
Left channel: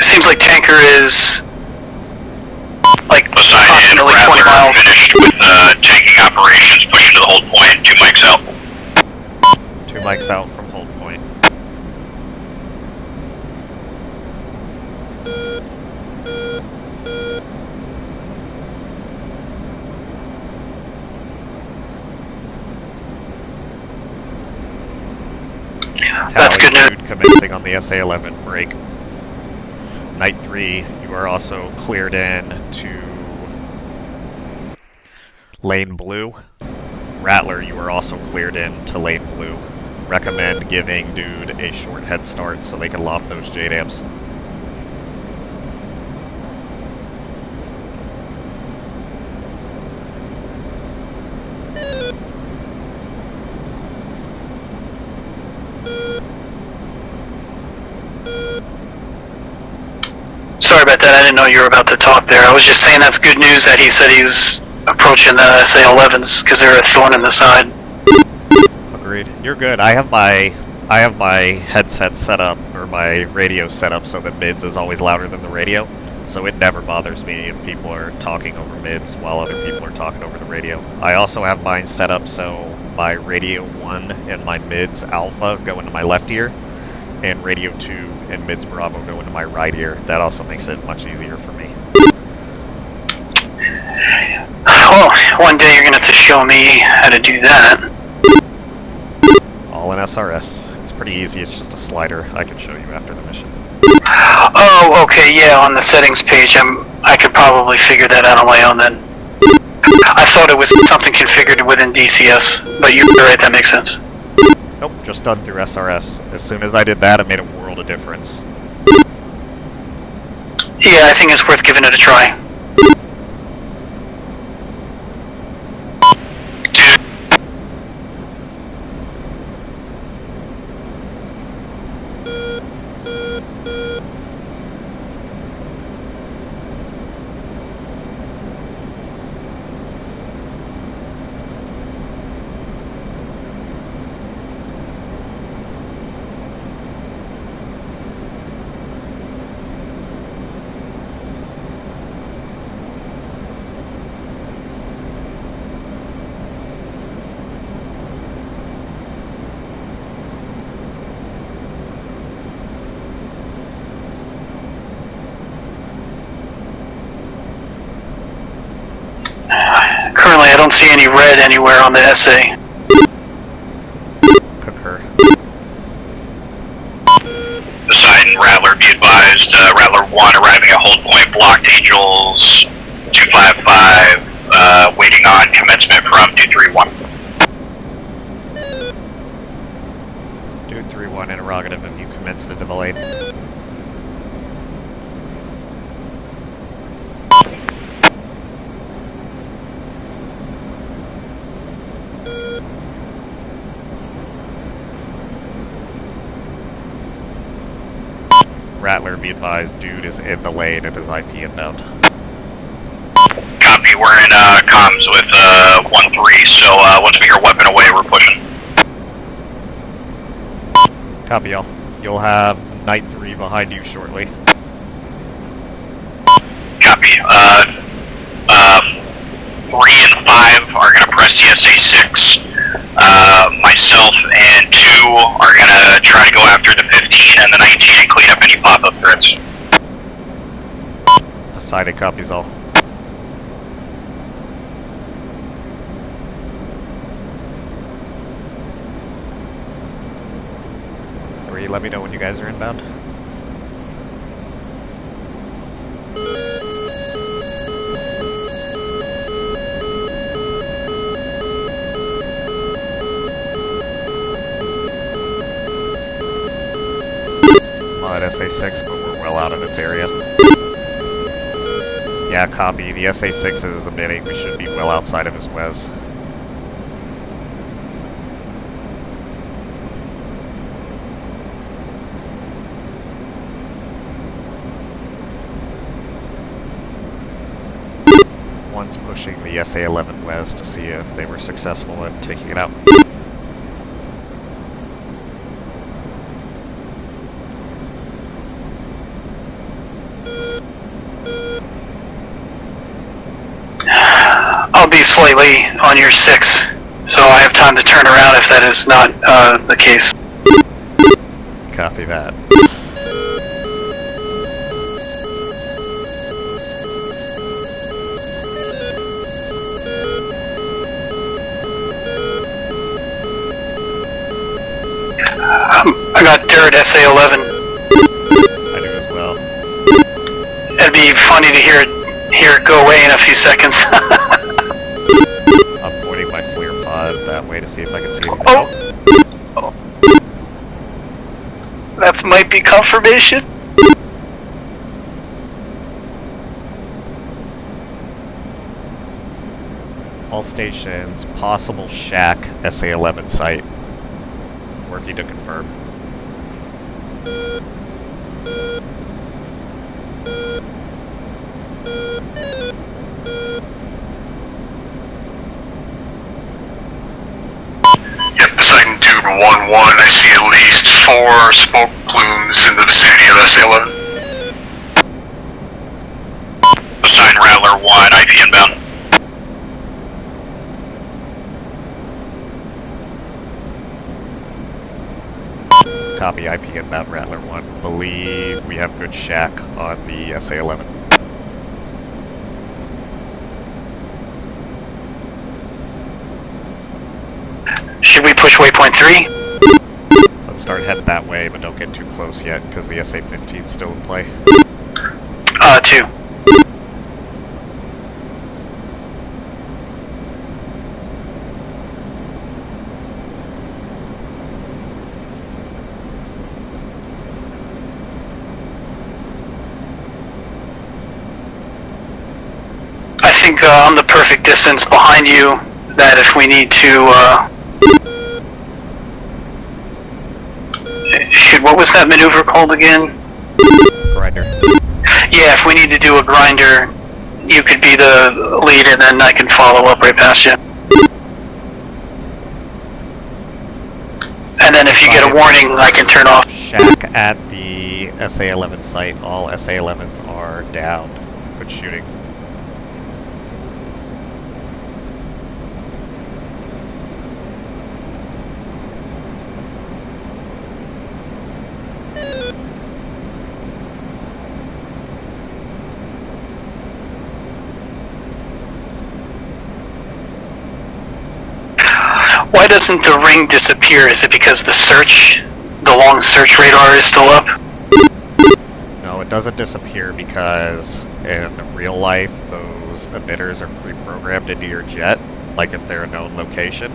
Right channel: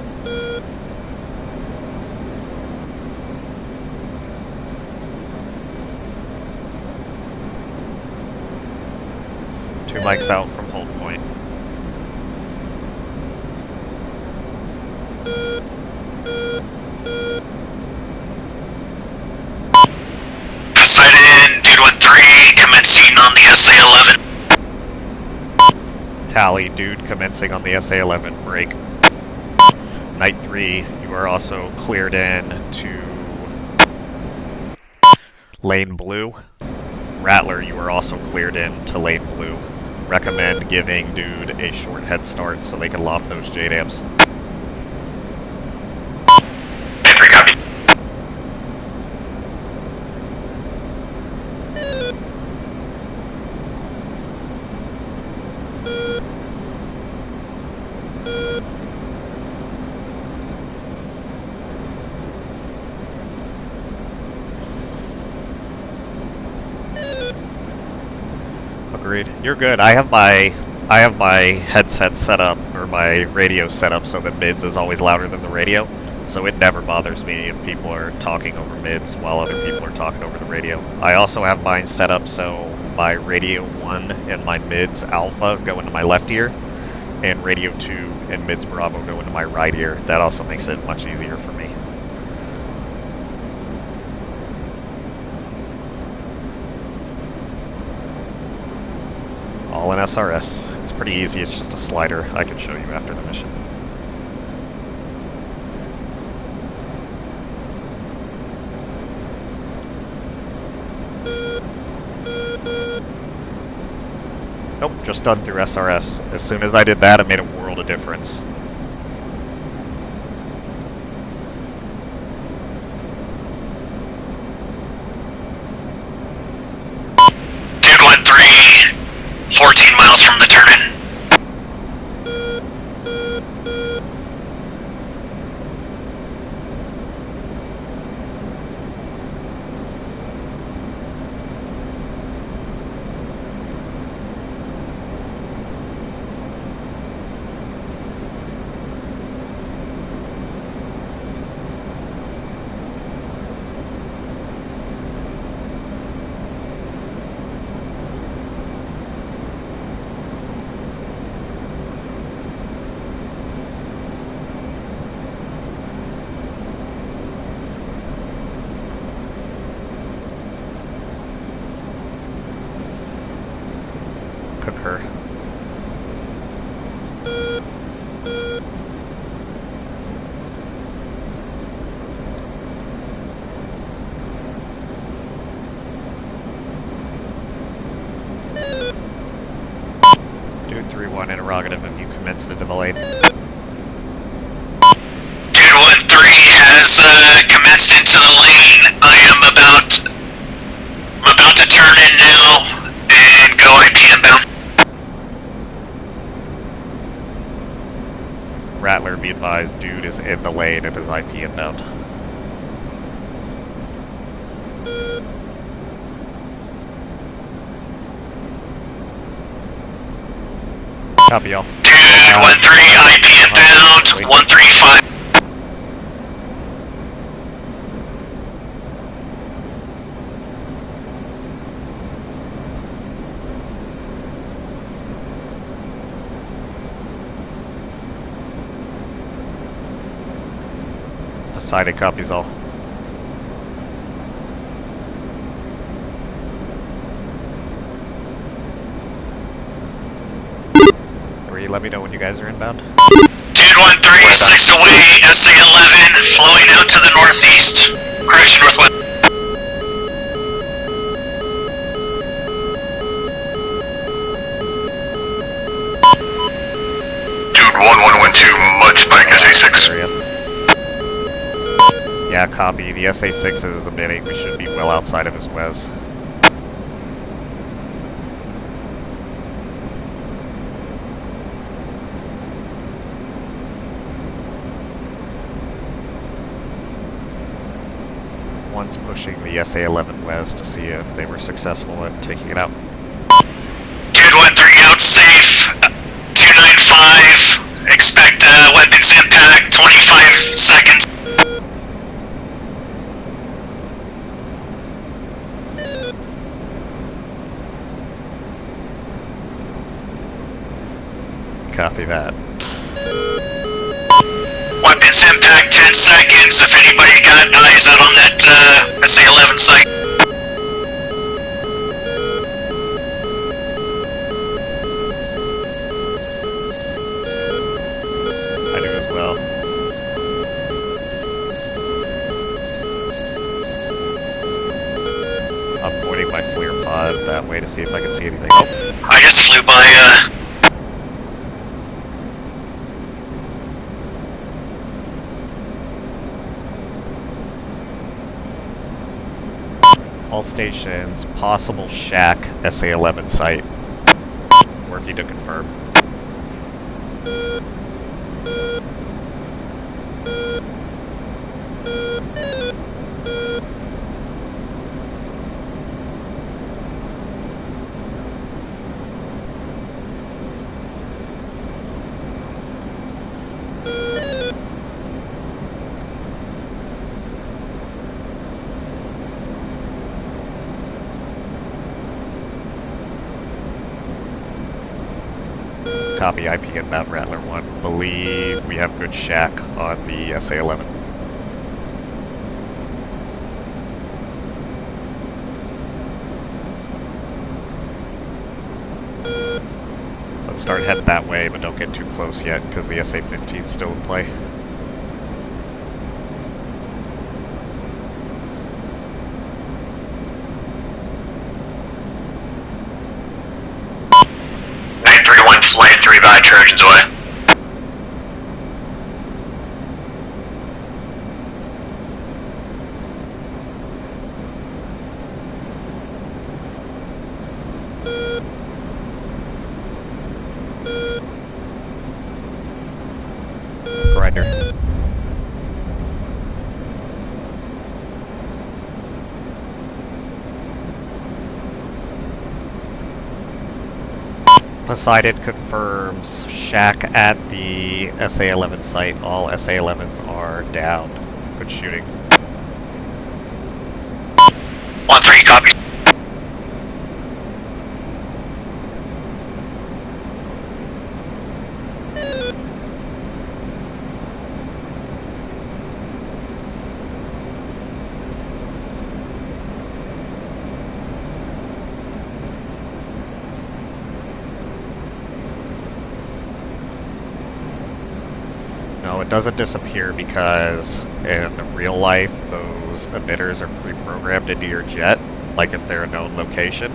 Seems like tanker is like Poseidon, approximately 20 Rattler miles. finished with tanking operations, pushing to the hold point, 2 mics out. 2 mics out from hold point. Poseidon, Dude 1-3, commencing on the SA-11. That's Tally good news. Dude commencing on the SA-11, break. Night 3, you are also cleared in to lane blue. Rattler, you are also cleared in to lane blue. Recommend giving Dude a short head start so they can loft those JDAMs. 3 copies. Sorry about that, I didn't know you were about to talk there. I was just saying that's good news that he said he's approaching the SA-11s, because they're a thorn in the side. Agreed. You're good. I have my headset set up, or my radio set up so that mids is always louder than the radio. So it never bothers me if people are talking over mids while other people are talking over the radio. I also have mine set up so my radio 1 and my mids alpha go into my left ear, and radio 2 and mids bravo go into my right ear. That also makes it much easier for me. Well, one day you're going to have to show me how to do that. All in SRS. It's pretty easy, it's just a slider. I can show you after the mission. Oh, okay, yeah, on the settings page, I could probably figure that out on my own then. I thought it was something configured within DCS, but you're right, that makes sense. Nope, just done through SRS. As soon as I did that, it made a world of difference. Yeah, I think it's worth giving it a try. Dude 1-3, don't see any red anywhere on the SA. Concur. Poseidon, Rattler, be advised, Rattler 1 arriving at hold point, blocked Angels 255, waiting on commencement from Dude 31. Dude 3-1 interrogative, have you commenced into the lane? Dude 1-3 has commenced into the lane. I am about to turn in now and go IP inbound. Rattler, be advised, Dude is in the lane and is IP inbound. Copy, we're in comms with 1-3, so once we hear weapon away, we're pushing. Copy, y'all. Dude, 1-3, IP inbound, 135. Copy. 3 and 5 are gonna press CSA 6. Myself and 2 are gonna try to go after the 15 and the 19 and clean up any pop-up threats. Poseidon copies all. 3, let me know when you guys are inbound. Dude 1-3, 6 away, SA-11, flowing out to the northeast. Correction, northwest. Dude 1112, mud spike SA-6. Yeah, copy. The SA-6 is emitting. We should be well outside of his WES. One's pushing the SA-11 WES to see if they were successful in taking it out. Dude 1-3 out safe. 295. Expect weapons impact. 25 seconds. I'll be slightly on your 6, so I have time to turn around if that is not the case. Copy that. Weapons impact 10 seconds. If anybody got eyes out on that SA-11 site. I got dirt SA-11. I do as well. It'd be funny to hear it go away in a few seconds. I'm pointing my FLIR pod that way to see if I can see anything. Oh! I just flew by, That might be confirmation. All stations, possible shack, SA-11 site. Working to confirm. Yep, Poseidon Dude 1-1, I see at least 4 smoke plumes in the vicinity of SA-11. Poseidon Rattler 1, IP inbound. Copy, IP inbound Rattler 1. Believe we have good shack on the SA-11. Should we push waypoint 3? Let's start heading that way, but don't get too close yet, because the SA-15 is still in play. 2. Flight 3 by Trojans away. I think I'm the perfect distance behind you that if we need to, what was that maneuver called again? Grinder. Yeah, if we need to do a grinder, you could be the lead and then I can follow up right past you. And then if you get a warning, I can turn off. Shack at the SA-11 site. All SA-11s are down. Good shooting. 1-3, copy. Why doesn't the ring disappear? Is it because the long search radar is still up? No, it doesn't disappear because in real life, those emitters are pre-programmed into your jet, like if they're a known location.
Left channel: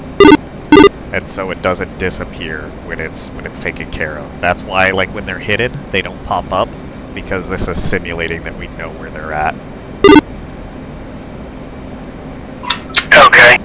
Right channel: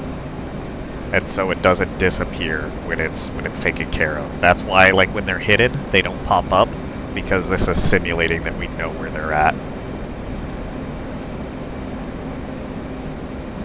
And so it doesn't disappear when it's taken care of. That's why, like, when they're hidden, they don't pop up, because this is simulating that we know where they're at. Okay.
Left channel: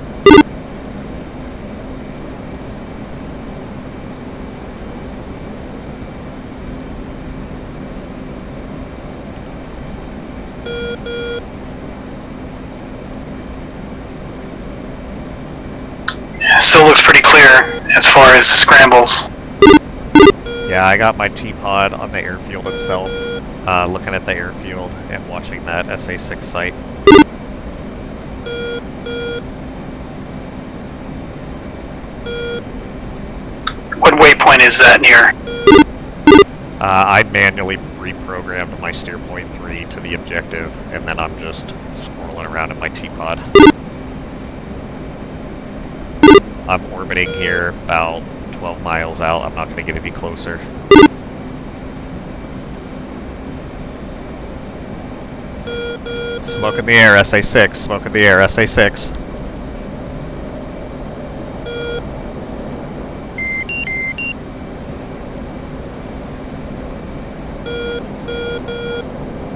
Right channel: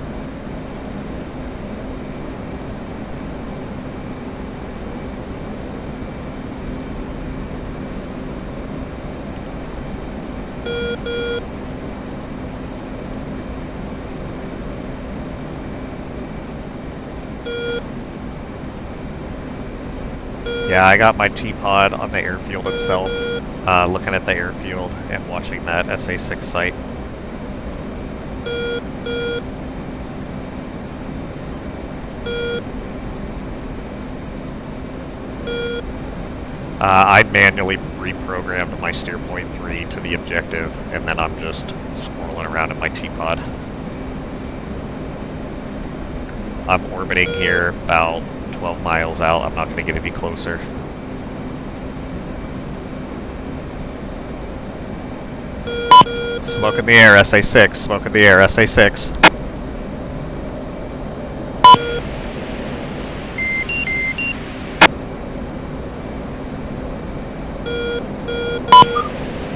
Still looks pretty clear as far as scrambles. Yeah, I got my T-pod on the airfield itself, looking at the airfield and watching that SA-6 site. What waypoint is that near? I manually reprogrammed my steer point 3 to the objective, and then I'm just swirling around in my T-pod. I'm orbiting here about 12 miles out. I'm not going to get any closer. Smoke in the air, SA-6. Smoke in the air, SA-6.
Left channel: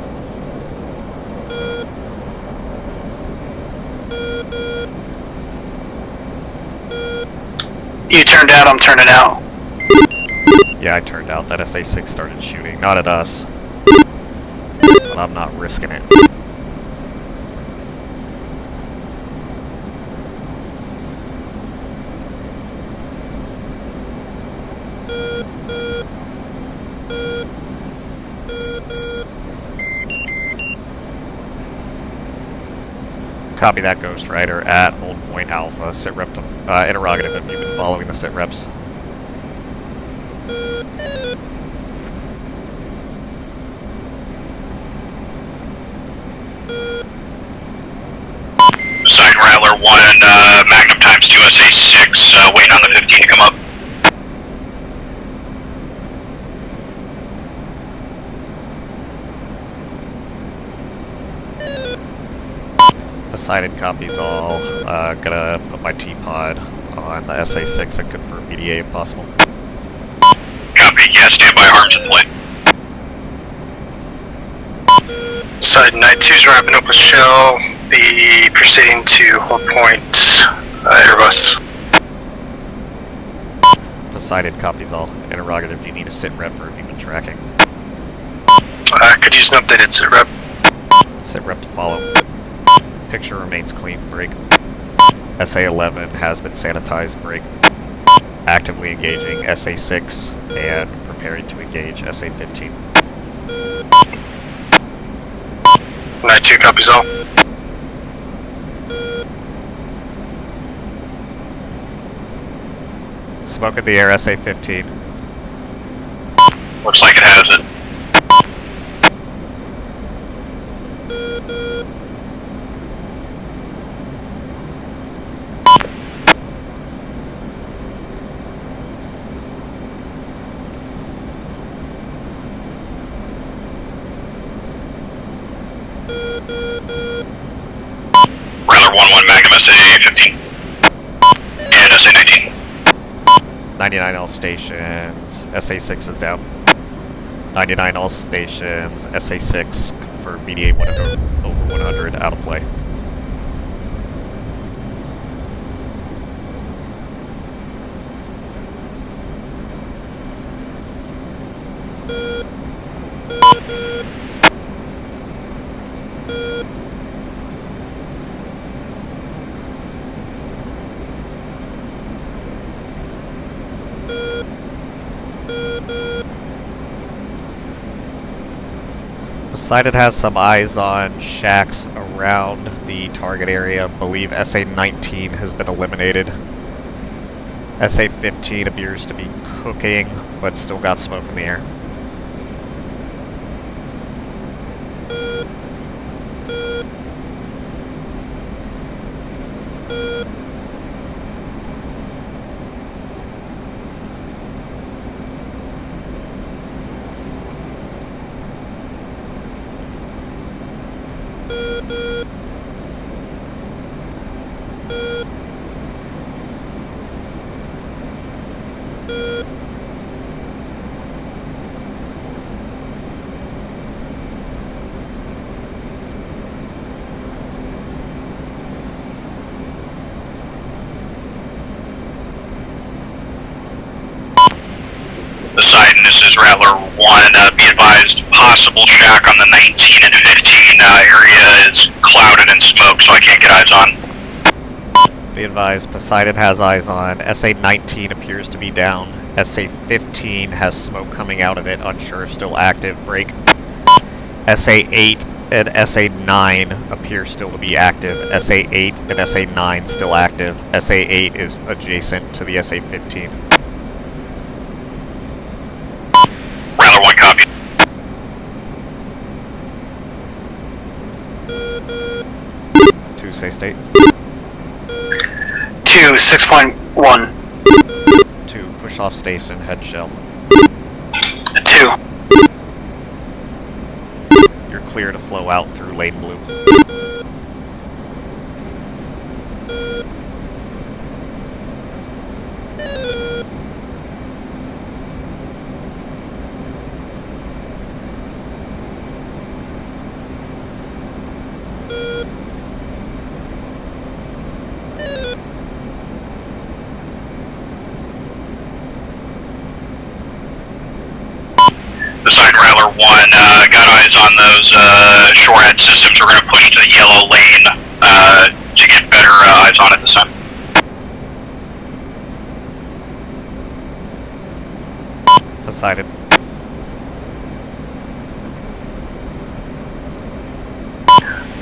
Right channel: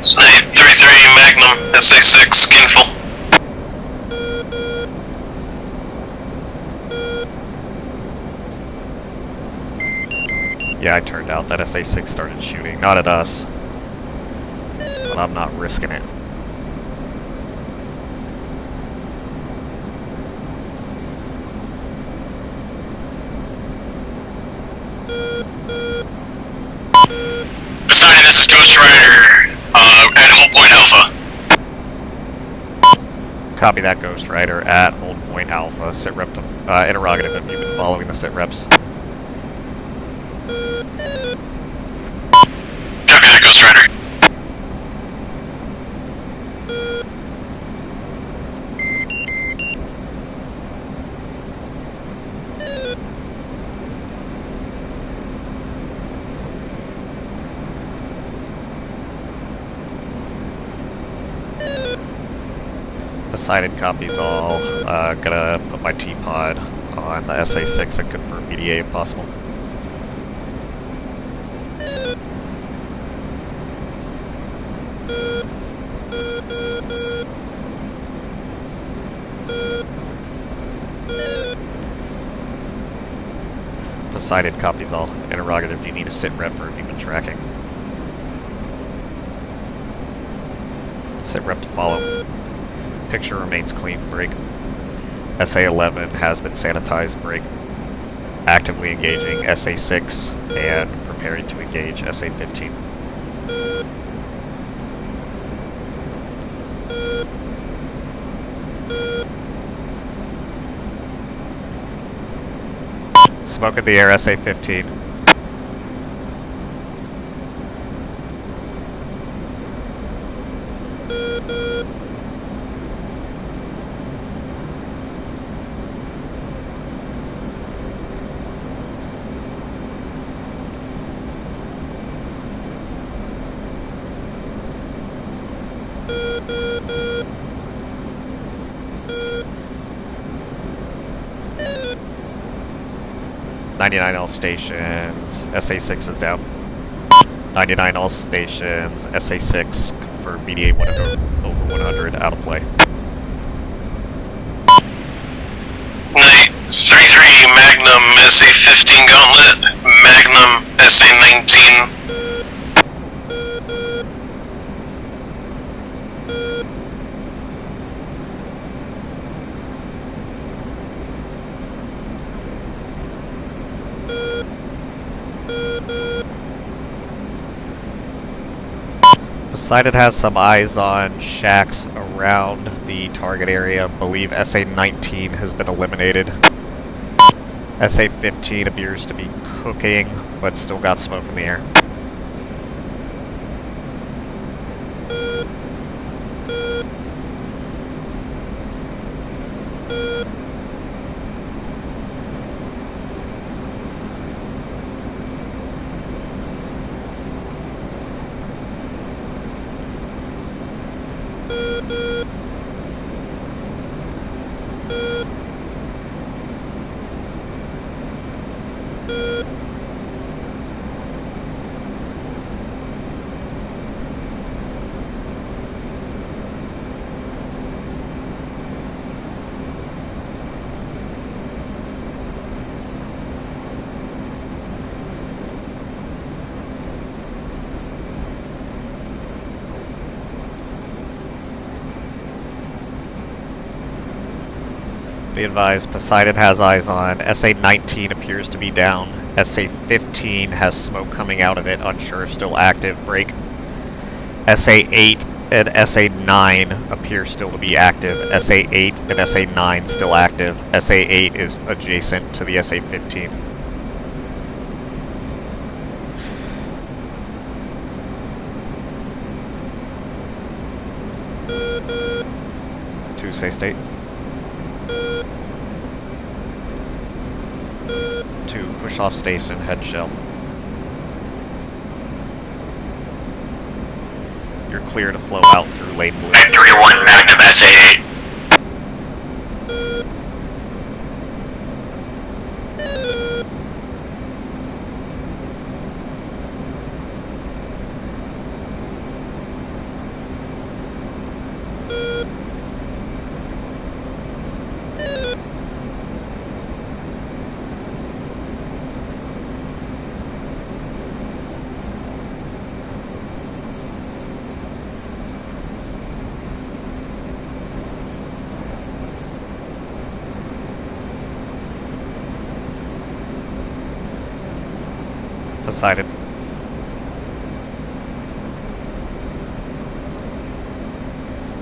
Snipe 33 Magnum SA-6 Skinful. You turned out, I'm turning out. Yeah, I turned out. That SA-6 started shooting. Not at us. But I'm not risking it. Deciding this is Ghost Rider at Hull Point Alpha. Copy that, Ghost Rider, at Hold Point Alpha. Sitrep to interrogative if you've been following the sitreps. Copy that, Ghost Rider. Side Rattler 1, Magnum times 2 SA-6, waiting on the 15 to come up. Poseidon copies all. Gonna put my T-pod on the SA-6 and confirm BDA if possible. Copy, yeah, stand by, arms in play. Side 92's wrapping up with shell. Be proceeding to Hull Point Airbus. Poseidon copies all. Interrogative, do you need a sit rep or have you been tracking? Could use an updated sit rep. Sit rep to follow. Picture remains clean, break. SA-11 has been sanitized, break. Actively engaging SA-6 and preparing to engage SA-15. 92 copies all. Smoke in the air, SA-15. Looks like it has it. Rattler 1-1 Magnum SA-15. And SA-19. 99 all stations, SA-6 is down. 99 all stations, SA-6 confirm BDA 1 over 100, out of play. Night 33 Magnum SA-15 Gauntlet. Magnum SA-19. Poseidon has some eyes on shacks around the target area. Believe SA-19 has been eliminated. SA-15 appears to be cooking, but still got smoke in the air. This is Rattler 1. Be advised, possible shack on the 19 and 15 area is clouded in smoke, so I can't get eyes on. Be advised, Poseidon has eyes on. SA-19 appears to be down. SA-15 has smoke coming out of it, unsure if still active. Break. SA-8 and SA-9 appear still to be active. SA-8 and SA-9 still active. SA-8 is adjacent to the SA-15. Rattler 1, copy. Two, say state. 2, 6.1. 2, push off station, head shell. 2. You're clear to flow out through lane blue. 931, active SA-8. Beside Rattler 1, got eyes on those shorehead systems. We're going to push to the yellow lane to get better eyes on it this time. Poseidon.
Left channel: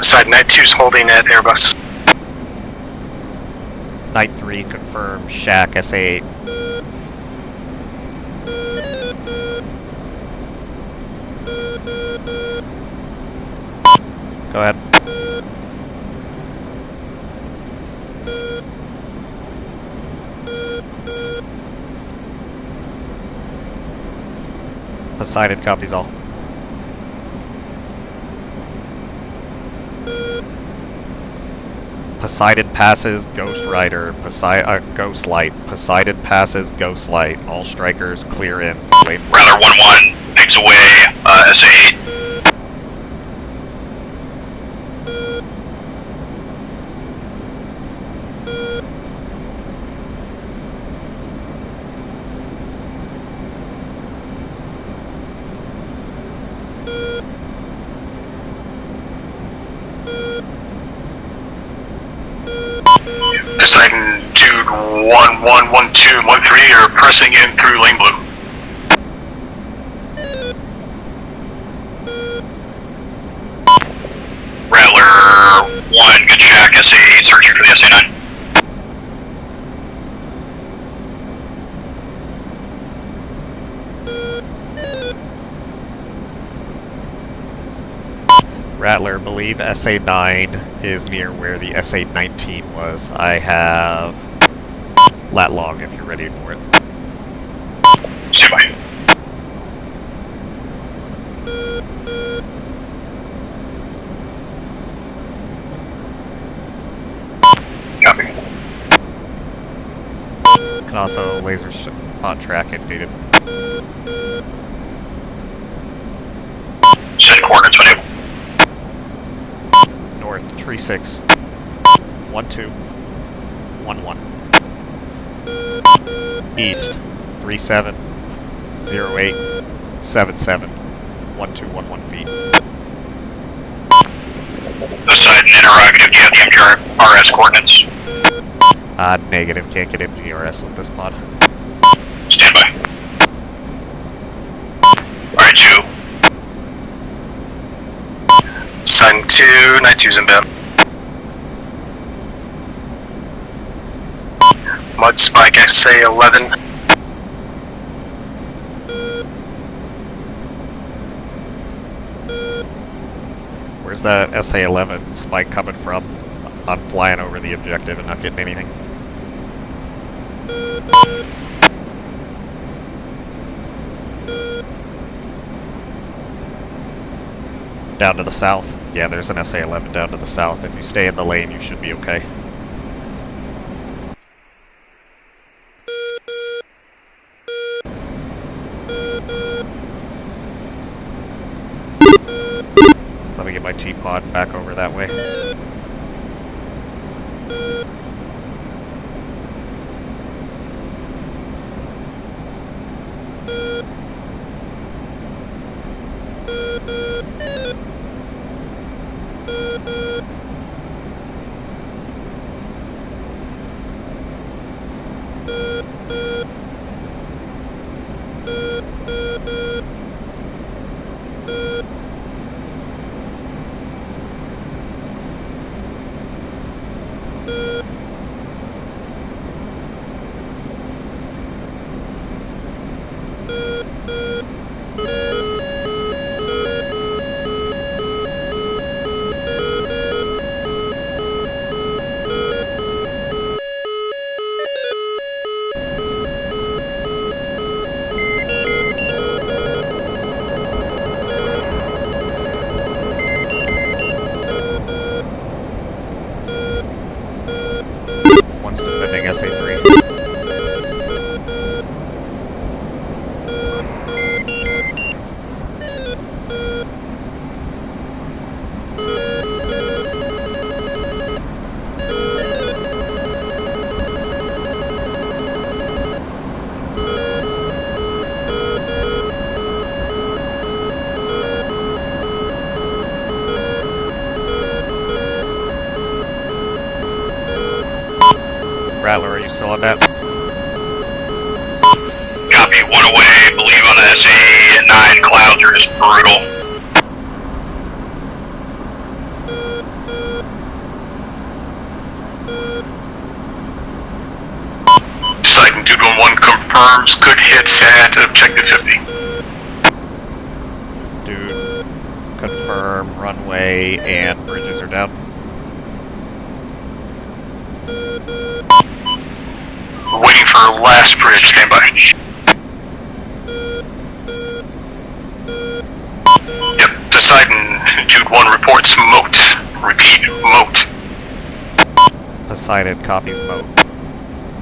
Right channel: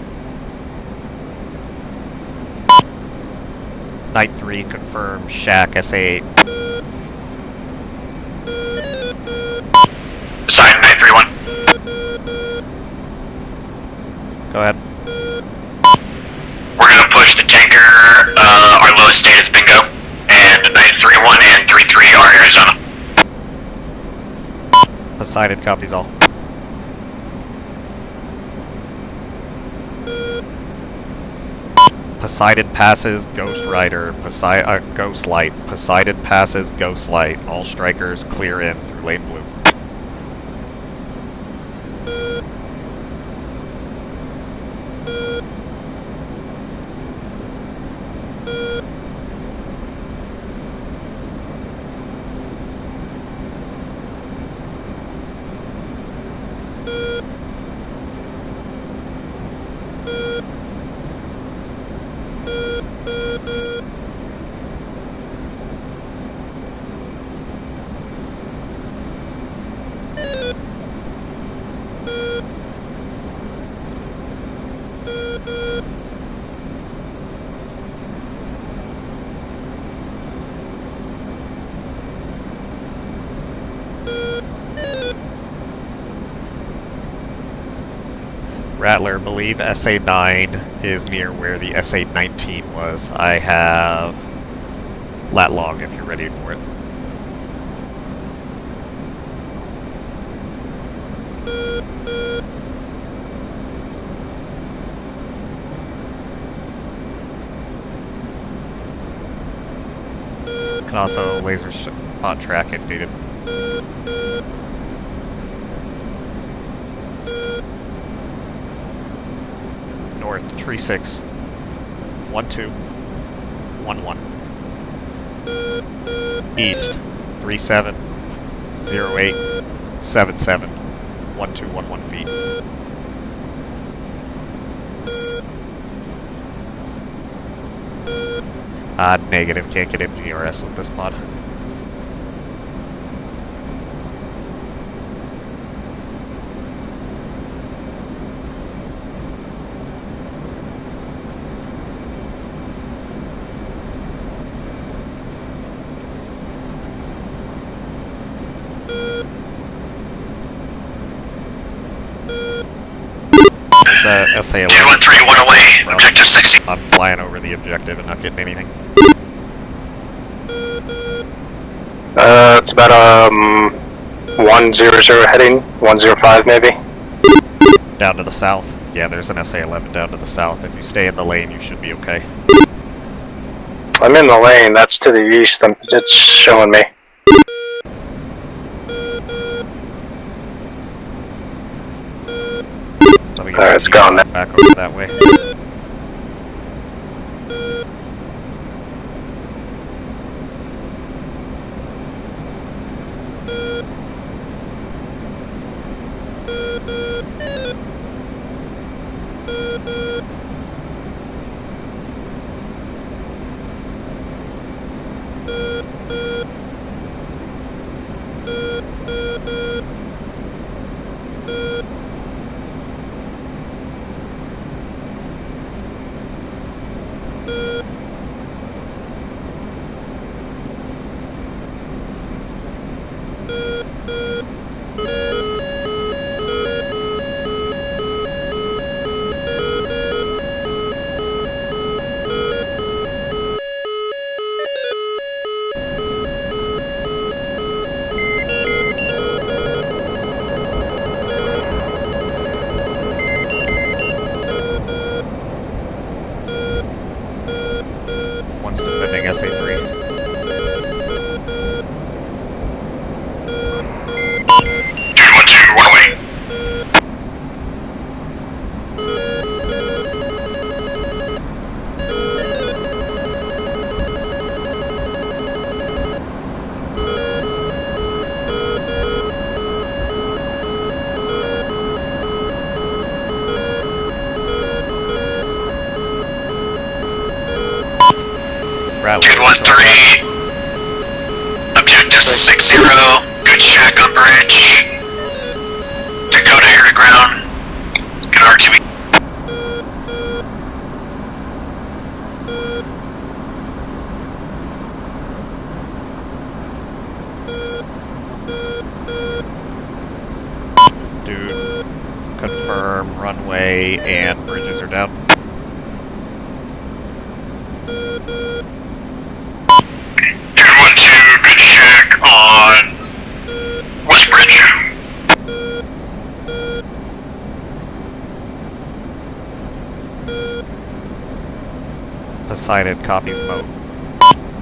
Side Night 2's holding at Airbus. Night 3, confirm, shack, SA-8. Beside 931. Go ahead. We're going to push the tanker. Our lowest state is bingo. And 931 and 33 are Arizona. Poseidon copies all. Poseidon passes Ghost Rider, Ghost Light. Poseidon passes Ghost Light. All strikers clear in. Lane. Rattler 1-1, pigs away, SA-8. Poseidon, dude, 1-1, 1-2, 1-3 are pressing in through lane blue. Rattler 1, good shack, SA-8, searching for the SA-9. Rattler, believe SA-9 is near where the SA-19 was. I have lat long if you're ready for it. Stand by. Copy. Can also laser spot track if needed. Send coordinates when able. North, tree 6. 1-2. 1-1. East, 3-7. 0-8. 7-7. 1-2-1-1 feet. Poseidon, interrogative, do you have the MGRS coordinates? Negative, can't get MGRS with this pod. Stand by. Alright, 2. Side 2, Night 2's inbound. Mud Spike SA-11. There's the SA-11. 2-1-3, 1 away, objective 60. I'm flying over the objective and not getting anything. It's about 100 heading, 105 maybe. Down to the south. Yeah, there's an SA-11 down to the south. If you stay in the lane, you should be okay. I'm in the lane, that's to the east, it's showing me. Let me get Alright, it's gone now. back over that way. one's defending SA3. Dude, 1-2, 1 away. Rattler, Dude, 1-3. Objective 60, 1 away. China's A9 clouds are just brutal. Dakota air to ground. Get R2. Deciding Dude 1-1 confirms good hits at objective 50. Dude, confirm runway and bridges are down. Waiting for last bridge on West Bridge. Yep, Poseidon, Dude 1 reports moat. Repeat, moat. Poseidon copies moat.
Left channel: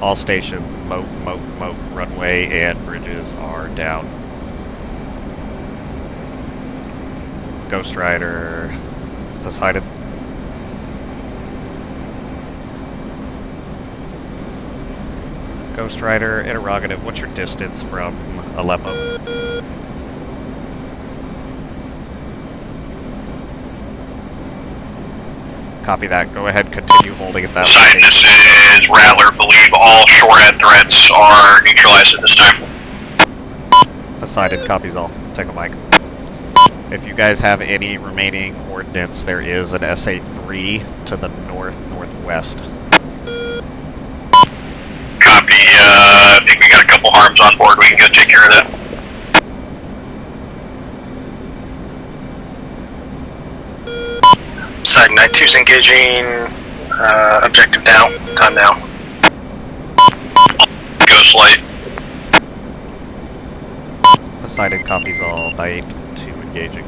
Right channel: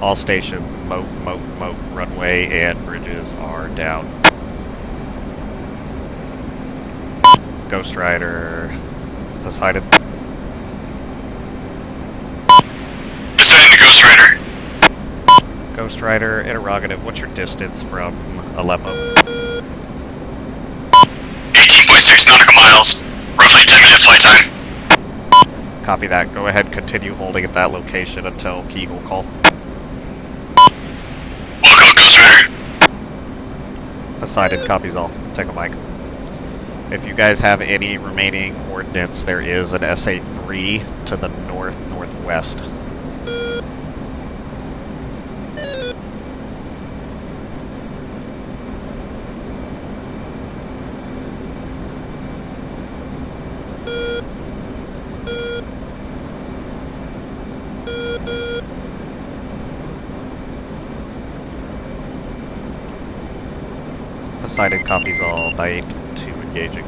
All stations, moat, moat, moat. Runway and bridges are down. Ghost Rider, Poseidon. Poseidon to Ghost Rider. Ghost Rider, interrogative, what's your distance from Aleppo? 18.6 nautical miles. Roughly 10-minute flight time. Copy that. Go ahead, continue holding at that Poseidon, this location. is Rattler. Believe all shore-head threats are neutralized this time. Poseidon copies all. Take a mic. If you guys have any remaining ordnance, there is an SA-3 to the northwest. Copy, I think we got a couple harms on board. We can go take care of that. Side 92's engaging. Objective down. Time down. Ghost light. Poseidon copies all. Night 2 engaging.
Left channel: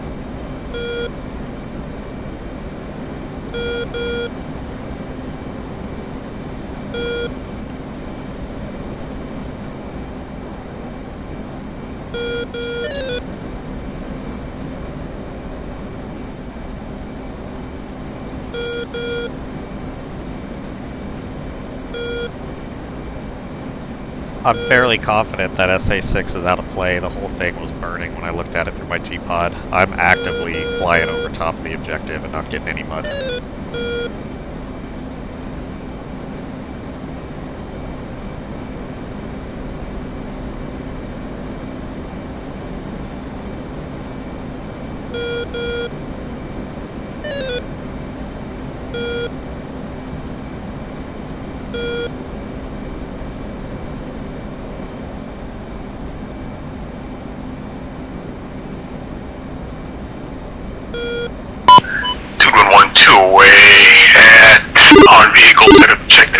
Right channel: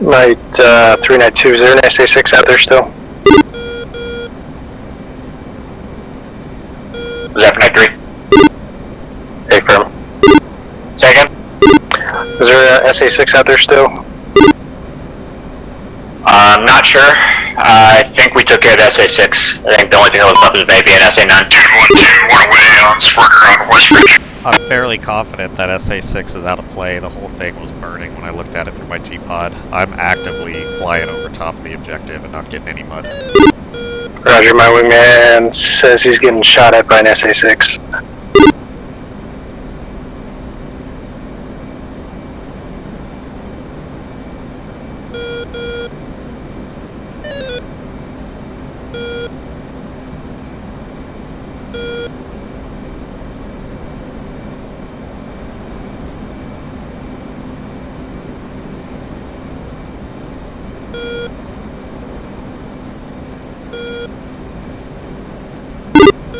Night 392, is there an SA-6 out there still? Is that 93? Hey, firm. Say again? Is there an SA-6 out there still? Not sure. I think we took care of the SA-6. I think the only thing that was left is maybe an SA-9. Dude, 1-2, 1 away on Sparker on West Bridge. I'm fairly confident that SA-6 is out of play. The whole thing was burning when I looked at it through my T-pod. I'm actively flying over top of the objective and not getting any mud. Roger, my wingman says he's getting shot at by an SA-6.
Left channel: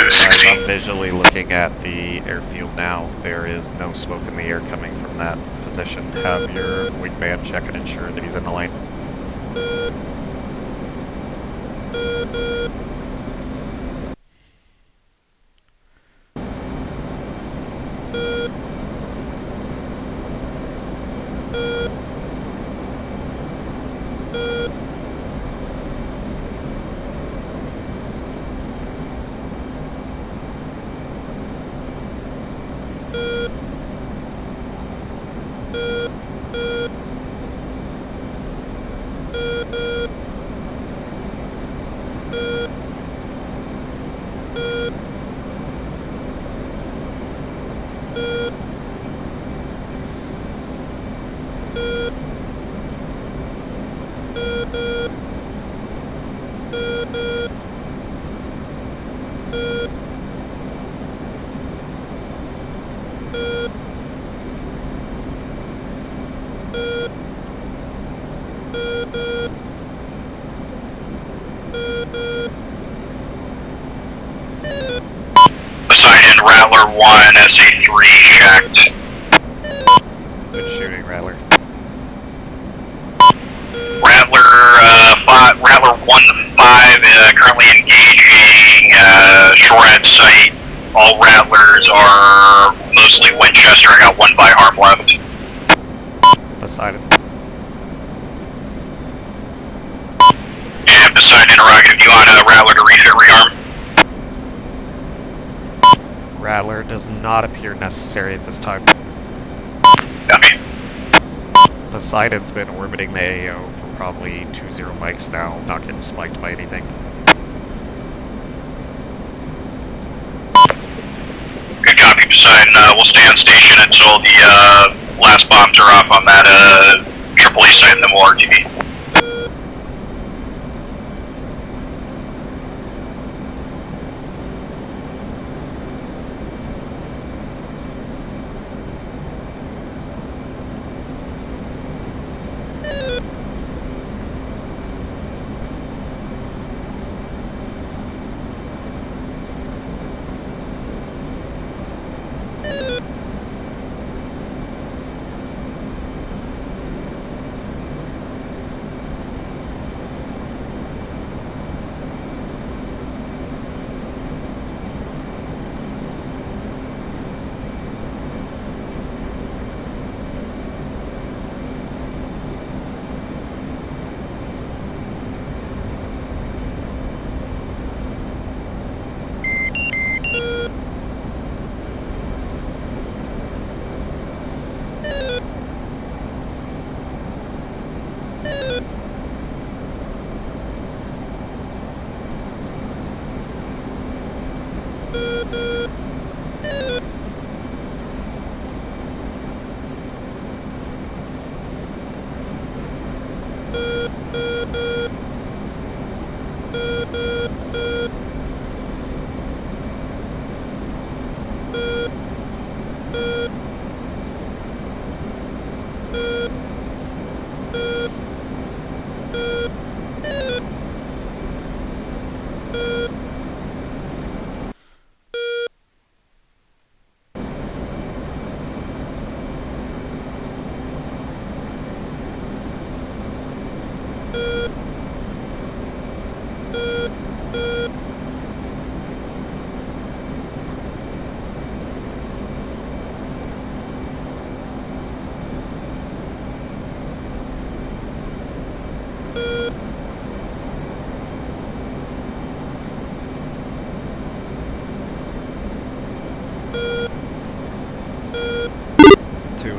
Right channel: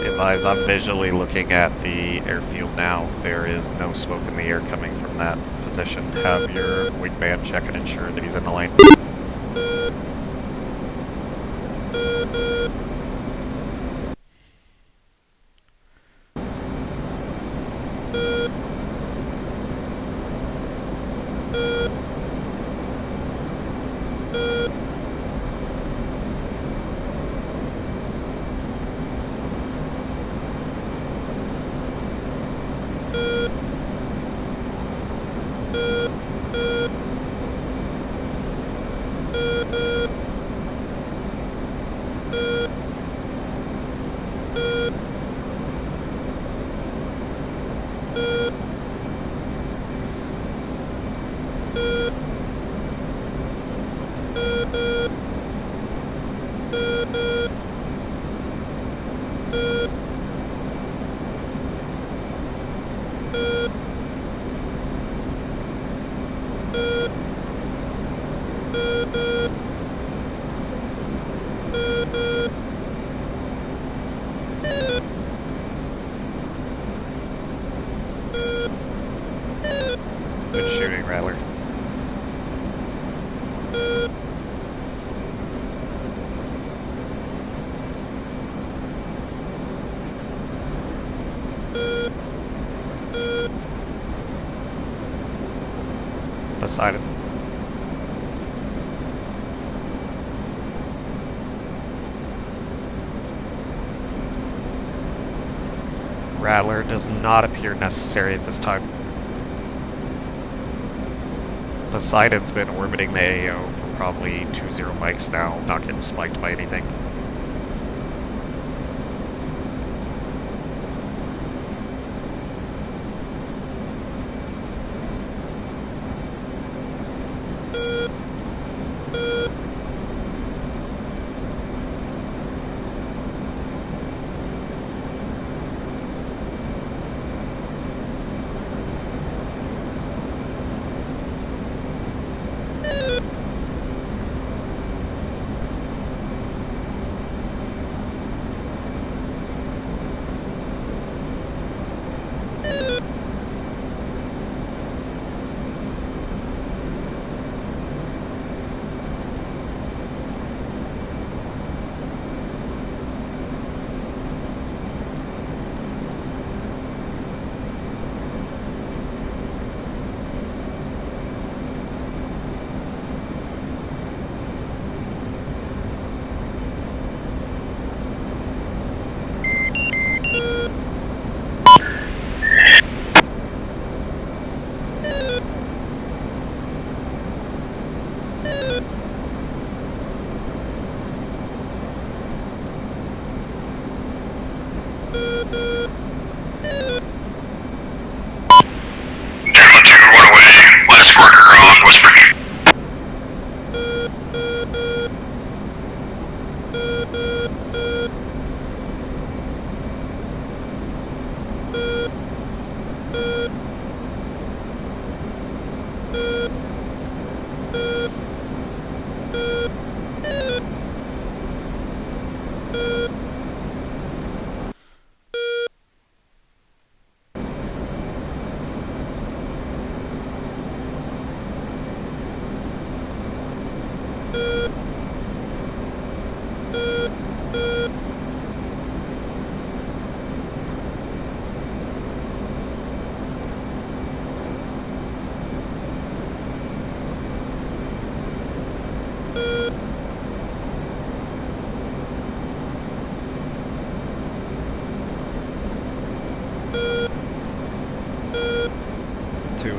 Guys, I'm visually looking at the airfield now. There is no smoke in the air coming from that position. Have your wingman check and ensure that he's in the lane. Rattler 1, SA3 checked. Good shooting, Rattler. Rattler 1-5, currently engaging shore at sight. All Rattlers are mostly Winchester. I got 1 by harm left. Poseidon. And Poseidon interrogative, you on Rattler to refit rearm? Rattler does not appear necessary at this time. Copy. Poseidon's been orbiting the AO for probably 2-0 mics now, not getting spiked by anything. Good copy, Poseidon. We'll stay on station until the last bombs are off on that AAA site, and then we'll RTV.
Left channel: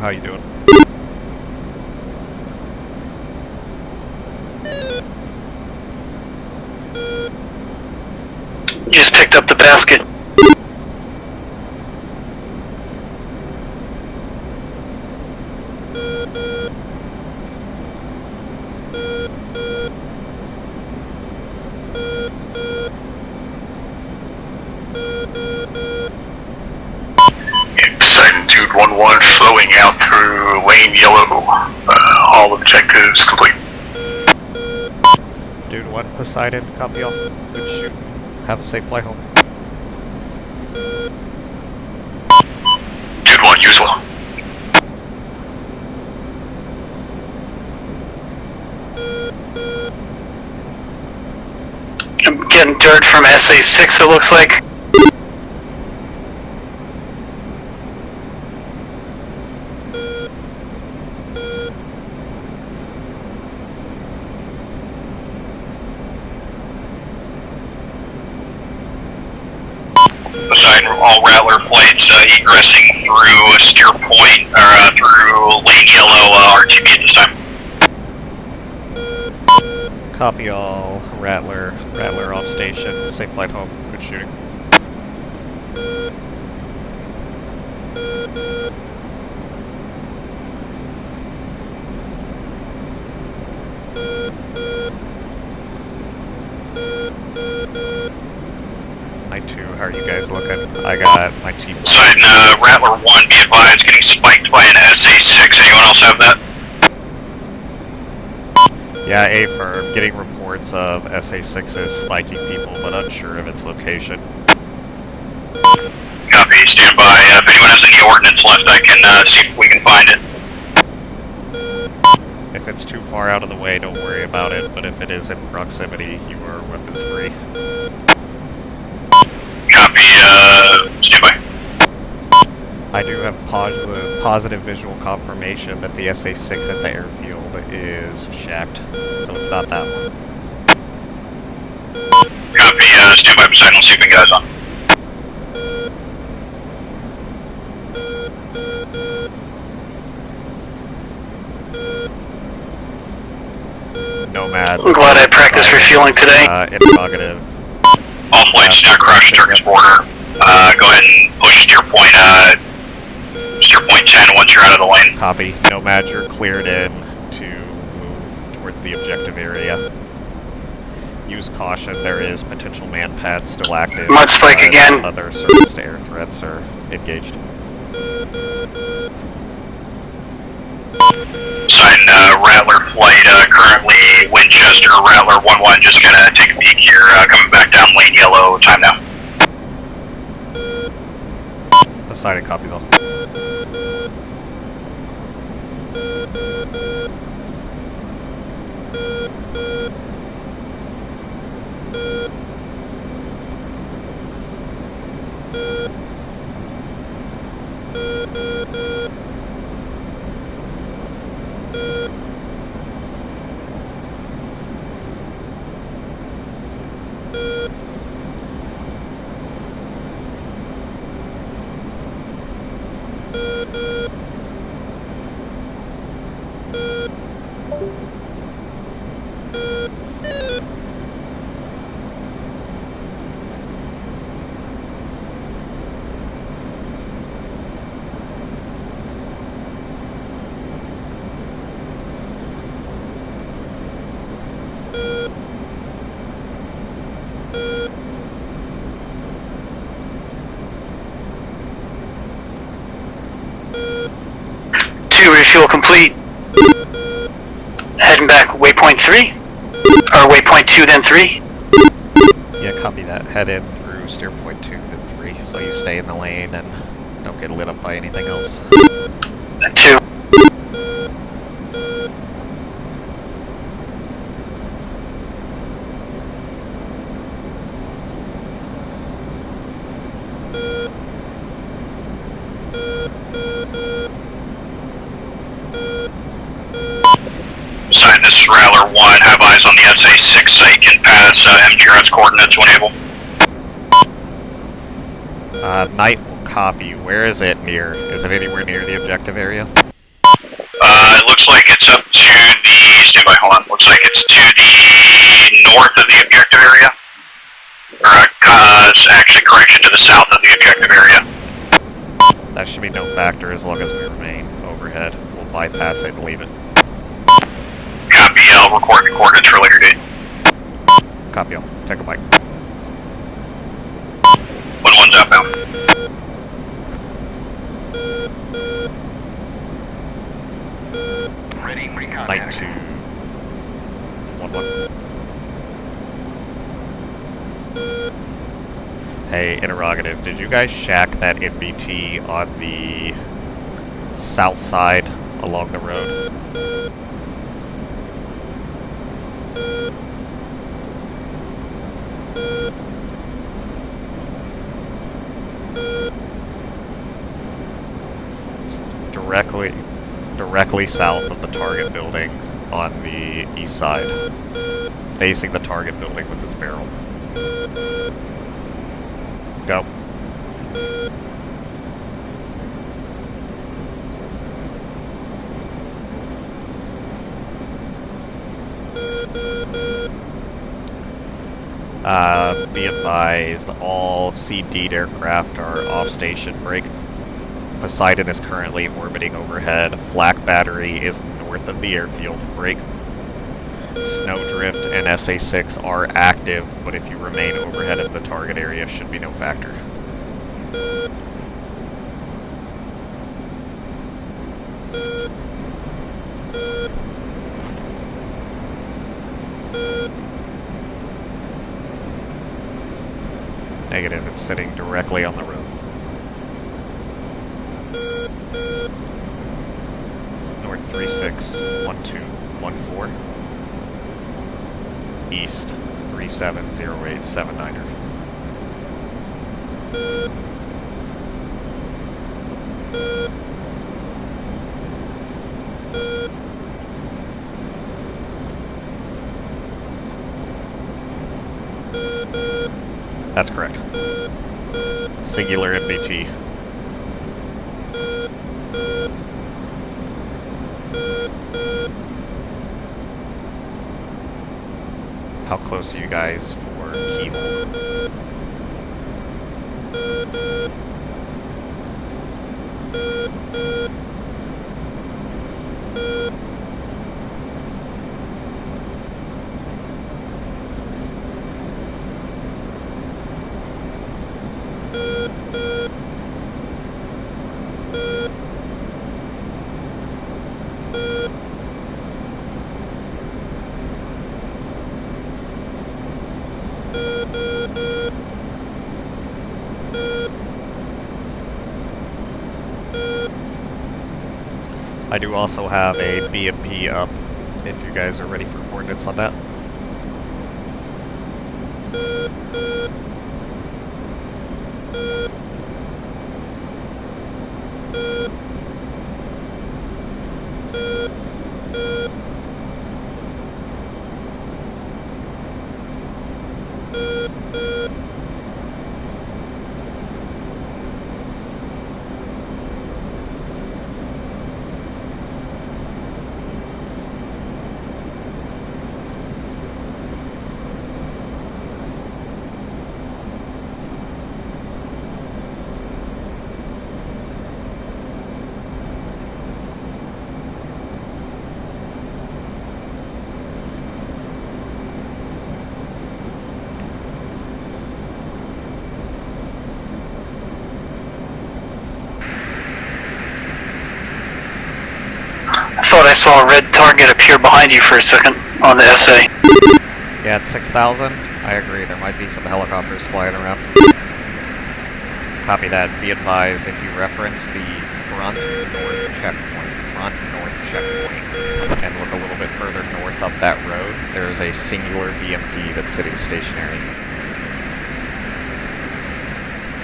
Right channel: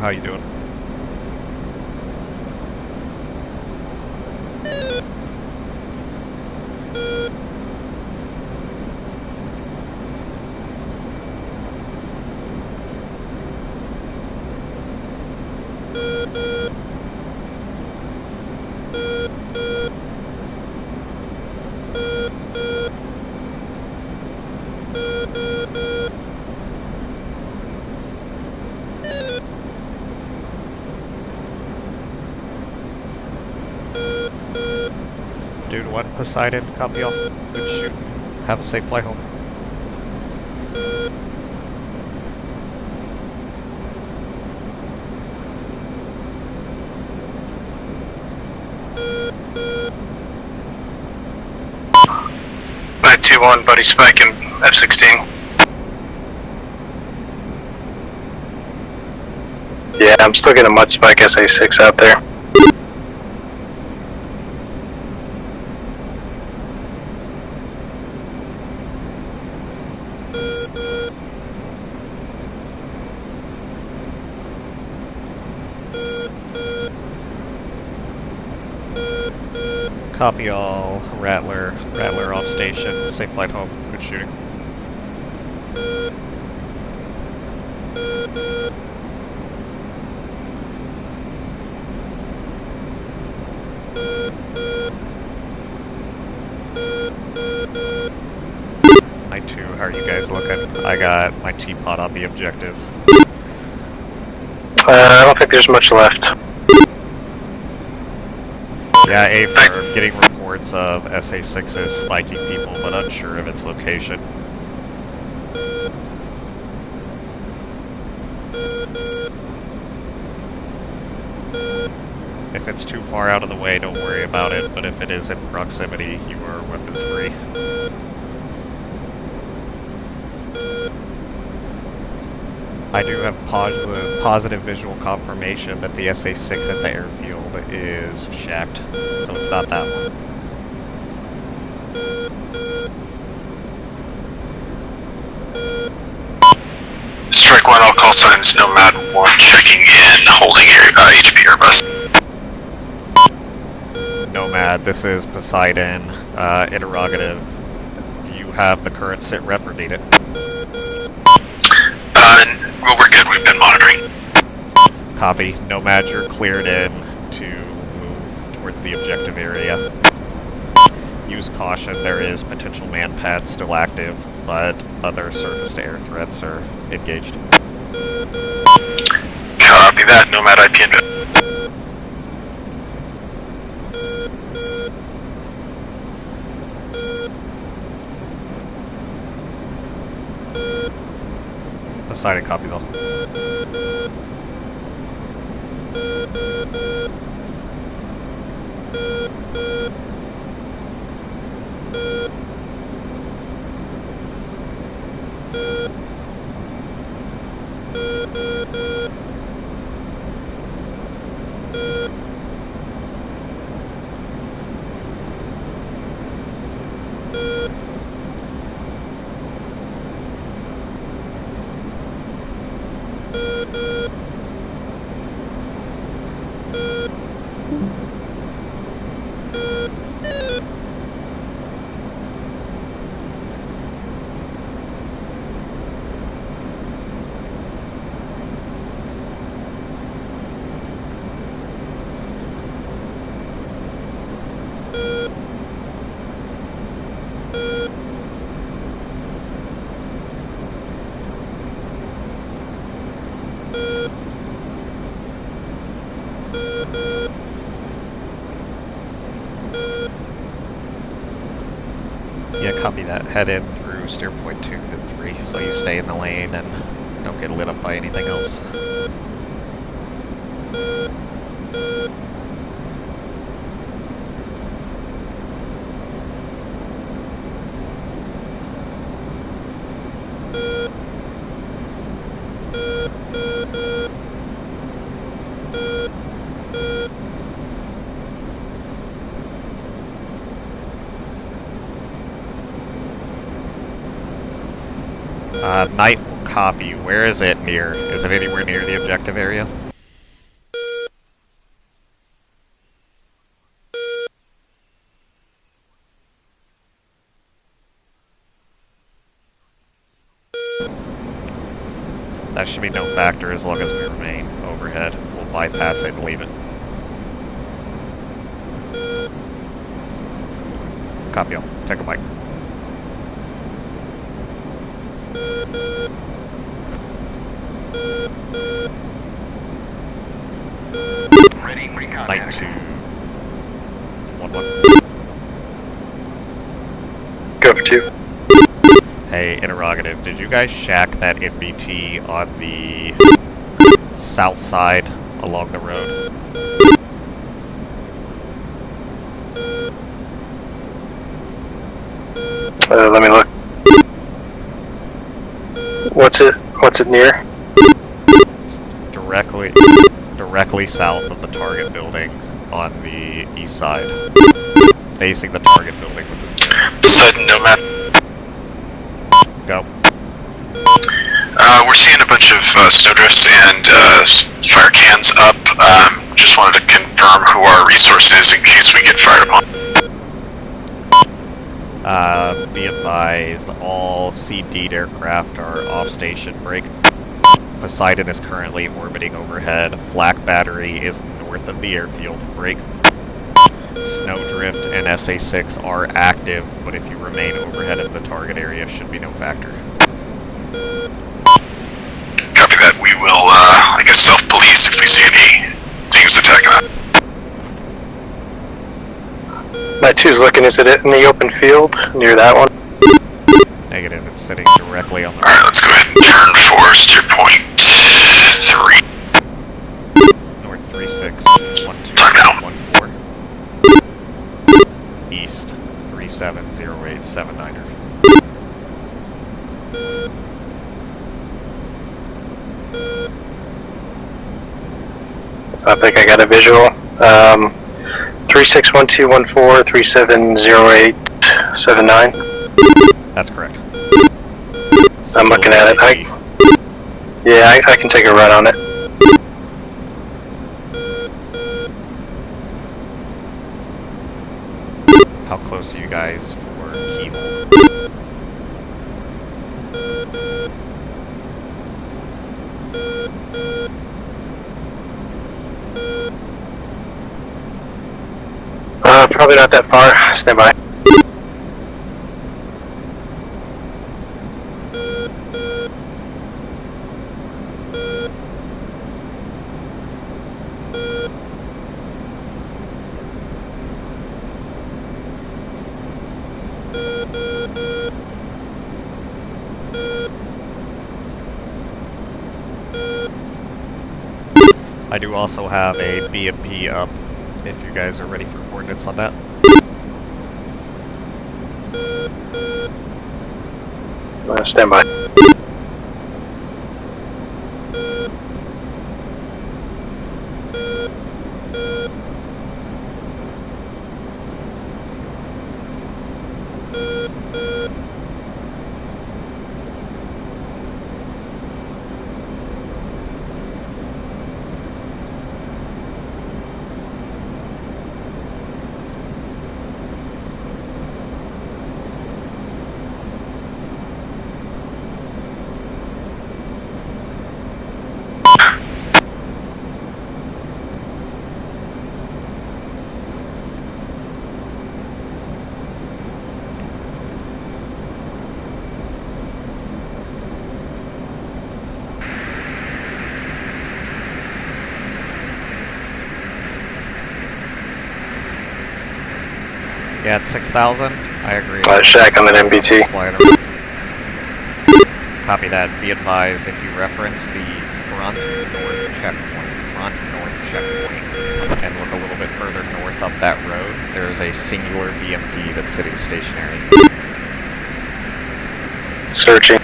How you doing? Just picked up the basket. Poseidon Dude 1-1 flowing out through lane yellow. All objectives complete. Dude 1, Poseidon, copy all. Good shoot. Have a safe flight home. Dude 1, usual. I'm getting dirt from SA6, it looks like. F-16. Yeah, I'm still getting a mud spike SA6 out there. Poseidon, all Rattler flights egressing through a steer point, or through lane yellow RTB at this time. Copy all. Rattler off station. Safe flight home. Good shooting. My 2, how are you guys looking? I got my team. Poseidon, Rattler 1, be advised, getting spiked by an SA6. Anyone else have that? Yeah, A-firm. Getting reports of SA6s spiking people, but unsure of its location. Copy. Copy, stand by. If anyone has any ordnance left, I can see if we can find it. If it's too far out of the way, don't worry about it, but if it is in proximity, you are weapons free. Copy, stand by. I do have positive visual confirmation that the SA-6 at the airfield is shacked, so it's not that one. Copy, stand by beside, we'll see if we got guys on. Strike 1, all call signs, Nomad 1, checking in, holding HV Airbus. Nomad. I'm glad I practiced refueling today. Interrogative. All flights now crush Turkish border. Go ahead and push to your point. Well, we're good. We've been monitoring point 10 once you're out of the lane. Copy. Nomad, you're cleared in to move towards the objective area. Use caution. There is potential man-pad still active. Mud spike again. Other surface-to-air threats are engaged. Copy that, Nomad IP inbound. Sign Rattler flight currently Winchester. Rattler 1-1 just gonna take a peek here. Coming back down lane yellow. Time now. Decided copy though. Refuel complete. Heading back waypoint 3? Or waypoint 2 then 3? Yeah, copy that. Head in through steer point 2 then 3, so you stay in the lane and don't get lit up by anything else. 2. This is Rattler 1, have eyes on the SA-6 so you can pass MGRS coordinates when able. Knight will copy. Where is it near? Is it anywhere near the objective area? It looks like it's up to the, stand by, hold on, looks like it's to the north of the objective area. Or, it's actually correction, to the south of the objective area. That should be no factor as long as we remain overhead. We'll bypass it and leave it. Copy, I'll record the coordinates for a later date. Copy all. Take a bite. 1-1's outbound. Ready for Knight contact. 2. 1-1. Go for 2. Hey, interrogative. Did you guys shack that NBT on the south side along the road? Let me look. What's it near? It's directly south of the target building on the east side. Facing the target building with its bearing. Sudden Nomad. Go. We're seeing a bunch of snowdrifts and fire cans up. Just wanted to confirm who our resource is in case we get fired upon. Be advised, all C-D aircraft are off station break. Poseidon is currently orbiting overhead. Flak battery is north of the airfield. Break. Snowdrift and SA-6 are active, but if you remain overhead of the target area, should be no factor. Copy that. We will, I guess, self-police if we see any things attacking us. My 2's looking, is it in the open field near that one? Negative, it's sitting directly on the Alright, let's go ahead and turn force to point 3. north 361214. East 370879er. I think I got a visual. 361214, 370879. That's correct. I'm looking at it. I can take a run on it. How close are you guys for keyhole? Probably not that far. Stand by. I do also have a BMP up, if you guys are ready for coordinates on that. Stand by. I saw a red target appear behind you for a second on the SA. Yeah, it's 6,000. I agree. Shack on an MBT. Copy that. Be advised, if you reference the front north checkpoint, and look a little bit further north up that road, there is a singular BMP that's sitting stationary. Searching.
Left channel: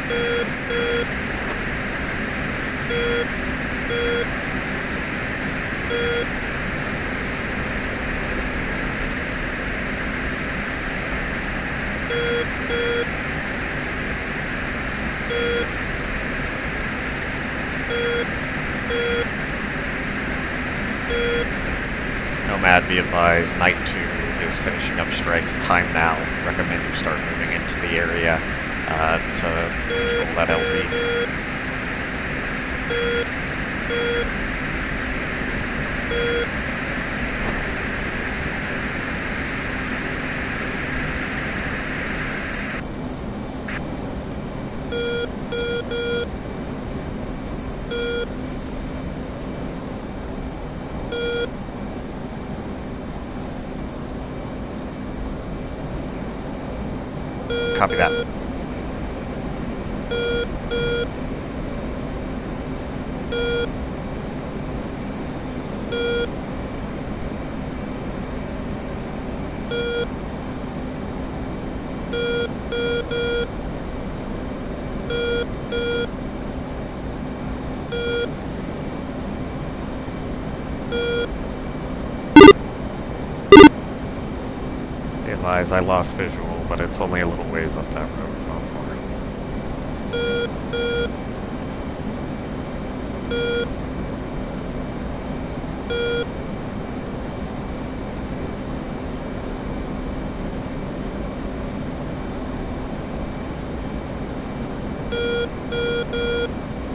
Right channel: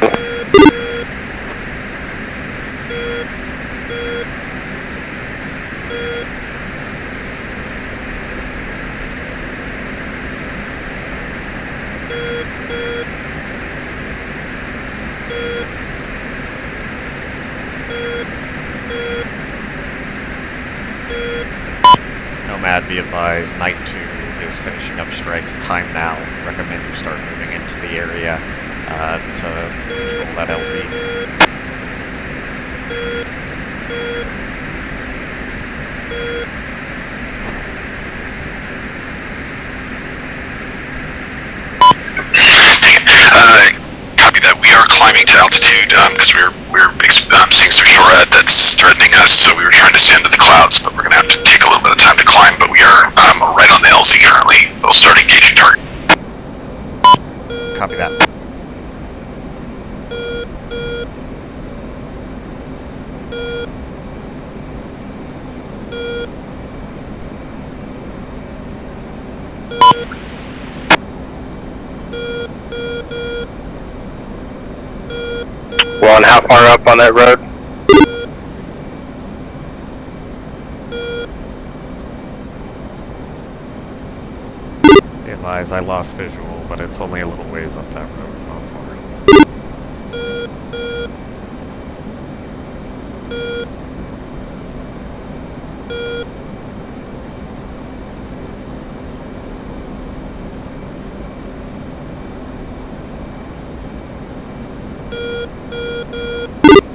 Nomad, be advised, Night 2 is finishing up strikes. Time now. Recommend you start moving into the area to control that LZ. Copy that. We are climbing to altitude because we're seeing some shorthead that's threatening us, so we were trying to stand to the clouds, but we're going to have to take a little bit of time to climb, but we are right on the LZ currently. We'll start engaging target. Copy that. One, how far up on that road? Be advised, I lost visual, but it's only a little ways up that road, not far.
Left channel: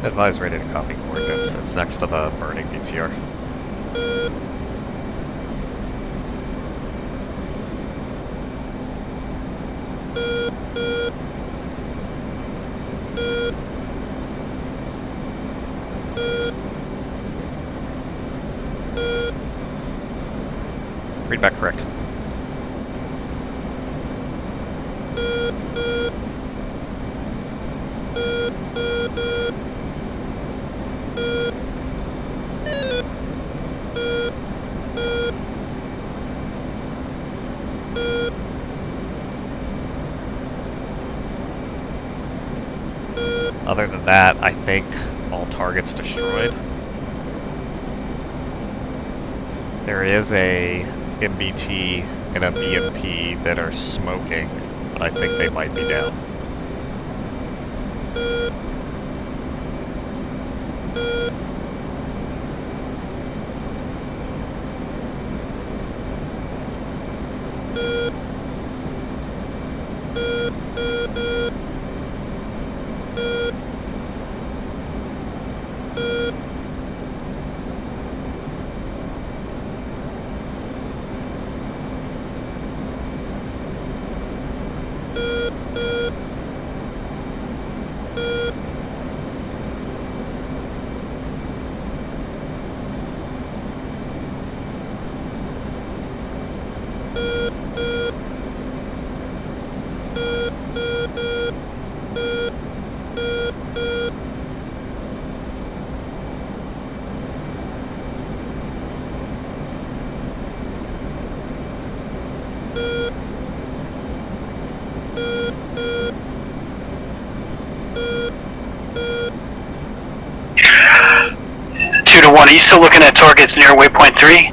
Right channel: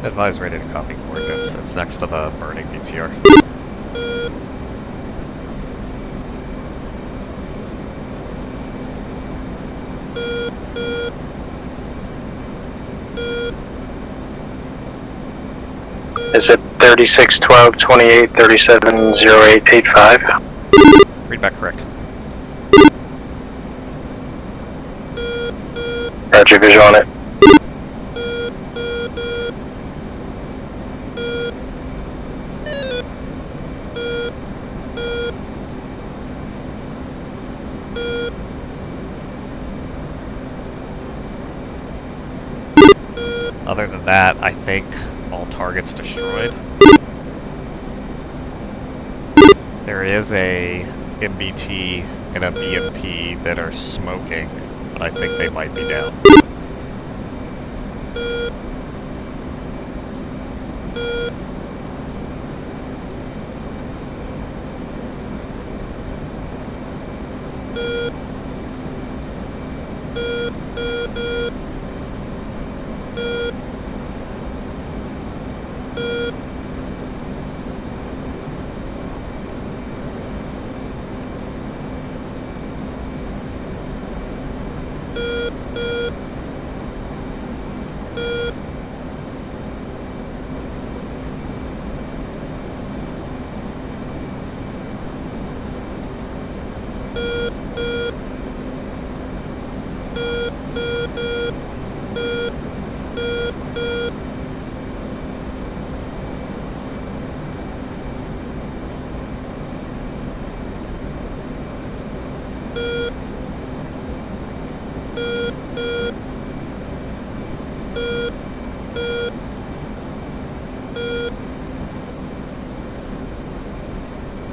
Advise ready to copy coordinates. It's next to the burning BTR. Is it 36, 12, 28, 37, 08, 85? Read back correct. Roger, visual on it. Other than that, I think all targets destroyed. There is a MBT and a BMP that are smoking, but I think they might be down. Are you still looking at targets near waypoint 3?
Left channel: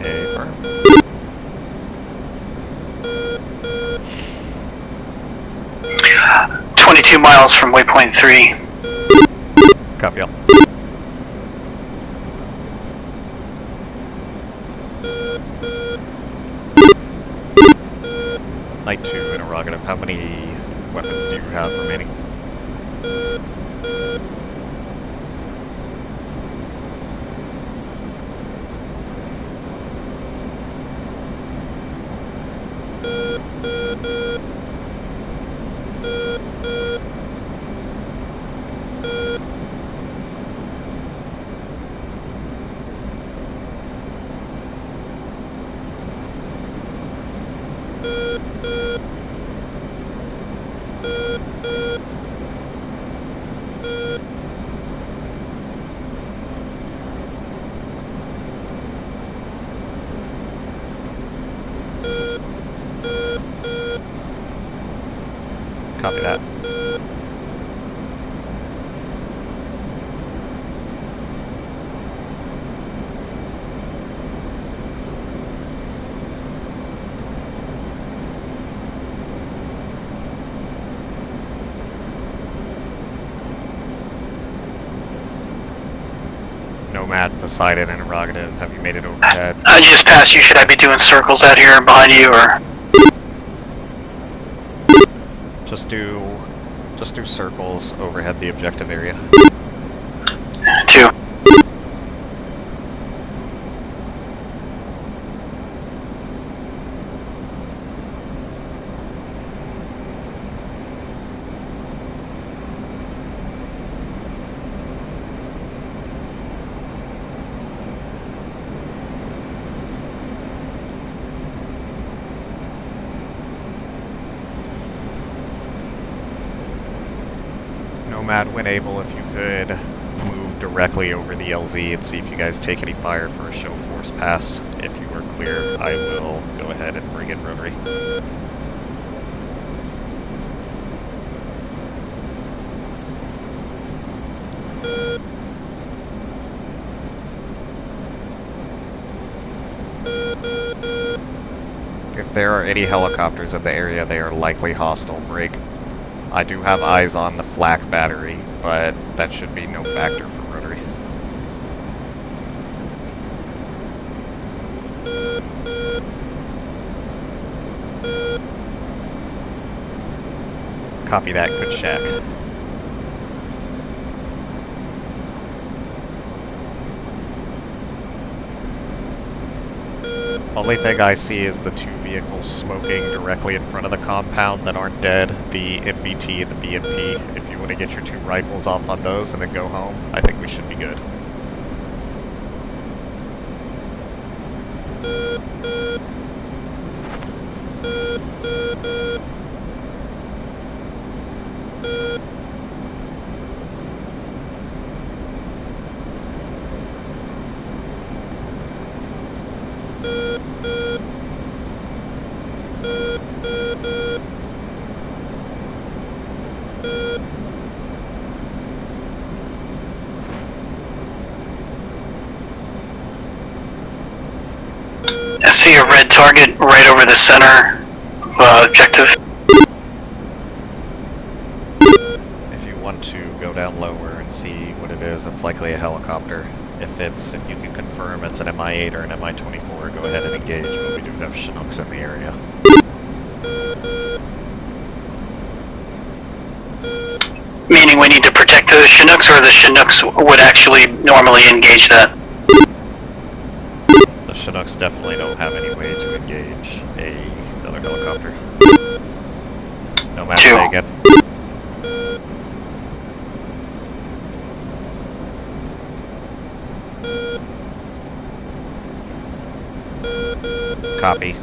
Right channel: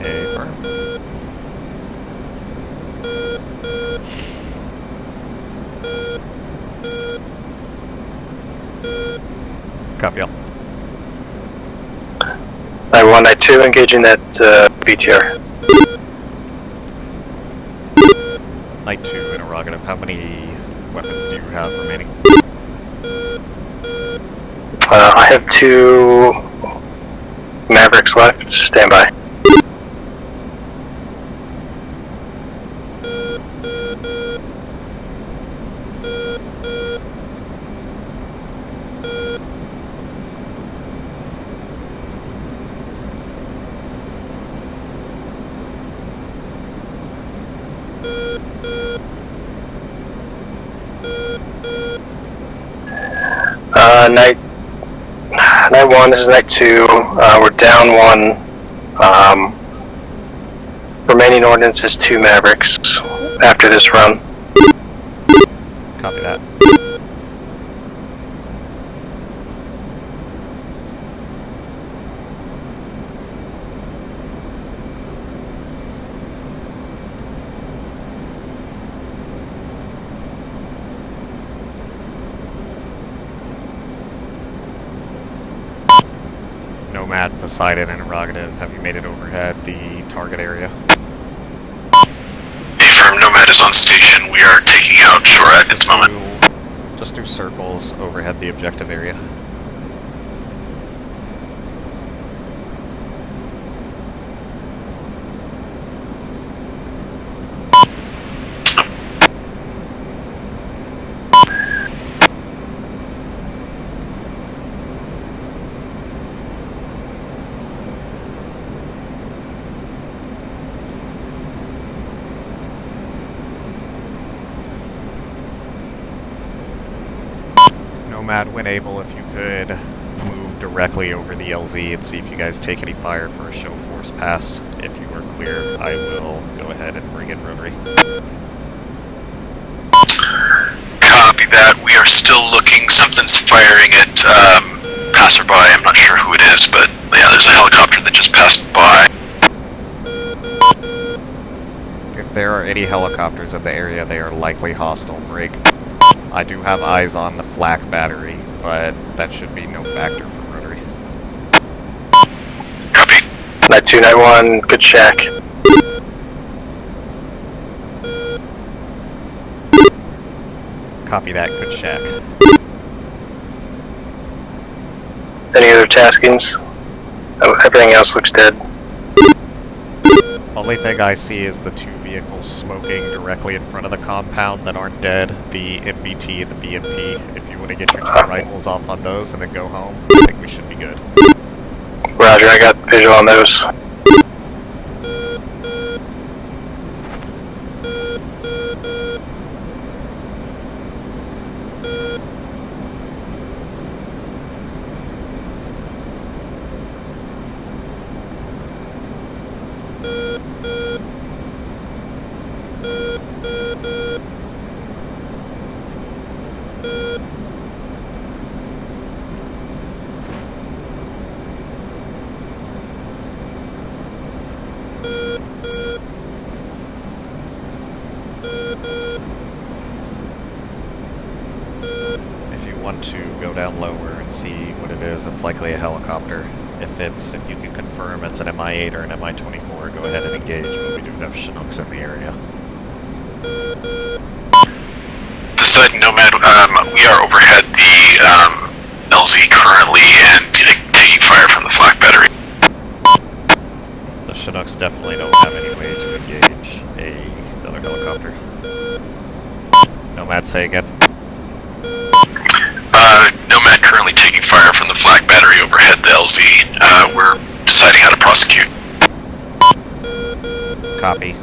Affirm. – 22 miles from waypoint 3. Copy all. 9192, engaging that BTR. Night 2, interrogative. How many weapons do you have remaining? I have 2 Mavericks left. Stand by. Night 1, this is night 2. We're down 1. Remaining ordnance is 2 Mavericks after this run. Copy that. Nomad, Poseidon, interrogative. Have you made it overhead? I just passed you. Should I be doing circles out here behind you, or? Affirm, Nomad is on station. We are taking out shore at this moment. Just do circles overhead the objective area. 2. Nomad, when able, if you could move directly over the LZ and see if you guys take any fire for a show force pass. If you are clear, I will go ahead and bring in rotary. Copy that. We are still looking. Something's firing at passerby. I'm not sure who it is, but yeah, there's a helicopter that just passed by. If there are any helicopters in the area, they are likely hostile. Break. I do have eyes on the flak battery, but that should be no factor for rotary. Copy. Night 2, night 1, good shack. Copy that, good shack. Any other taskings? Oh, everything else looks dead. Only thing I see is the 2 vehicles smoking directly in front of the compound that aren't dead, the MBT and the BMP. If you want to get your 2 rifles off on those and then go home, I think we should be good. Roger, I got visual on those. I see a red target right over the center objective. If you want to go down lower and see what it is, it's likely a helicopter. If you can confirm it's an MI-8 or an MI-24, go ahead and engage, but we do have Chinooks in the area. Poseidon, Nomad, we are overhead. Meaning we need to protect the Chinooks, or the Chinooks would actually normally engage that? The Chinooks definitely don't have any way to engage another helicopter. Nomad, say again. Nomad currently taking fire from the flak battery overhead the LZ. We're deciding how to prosecute. Copy.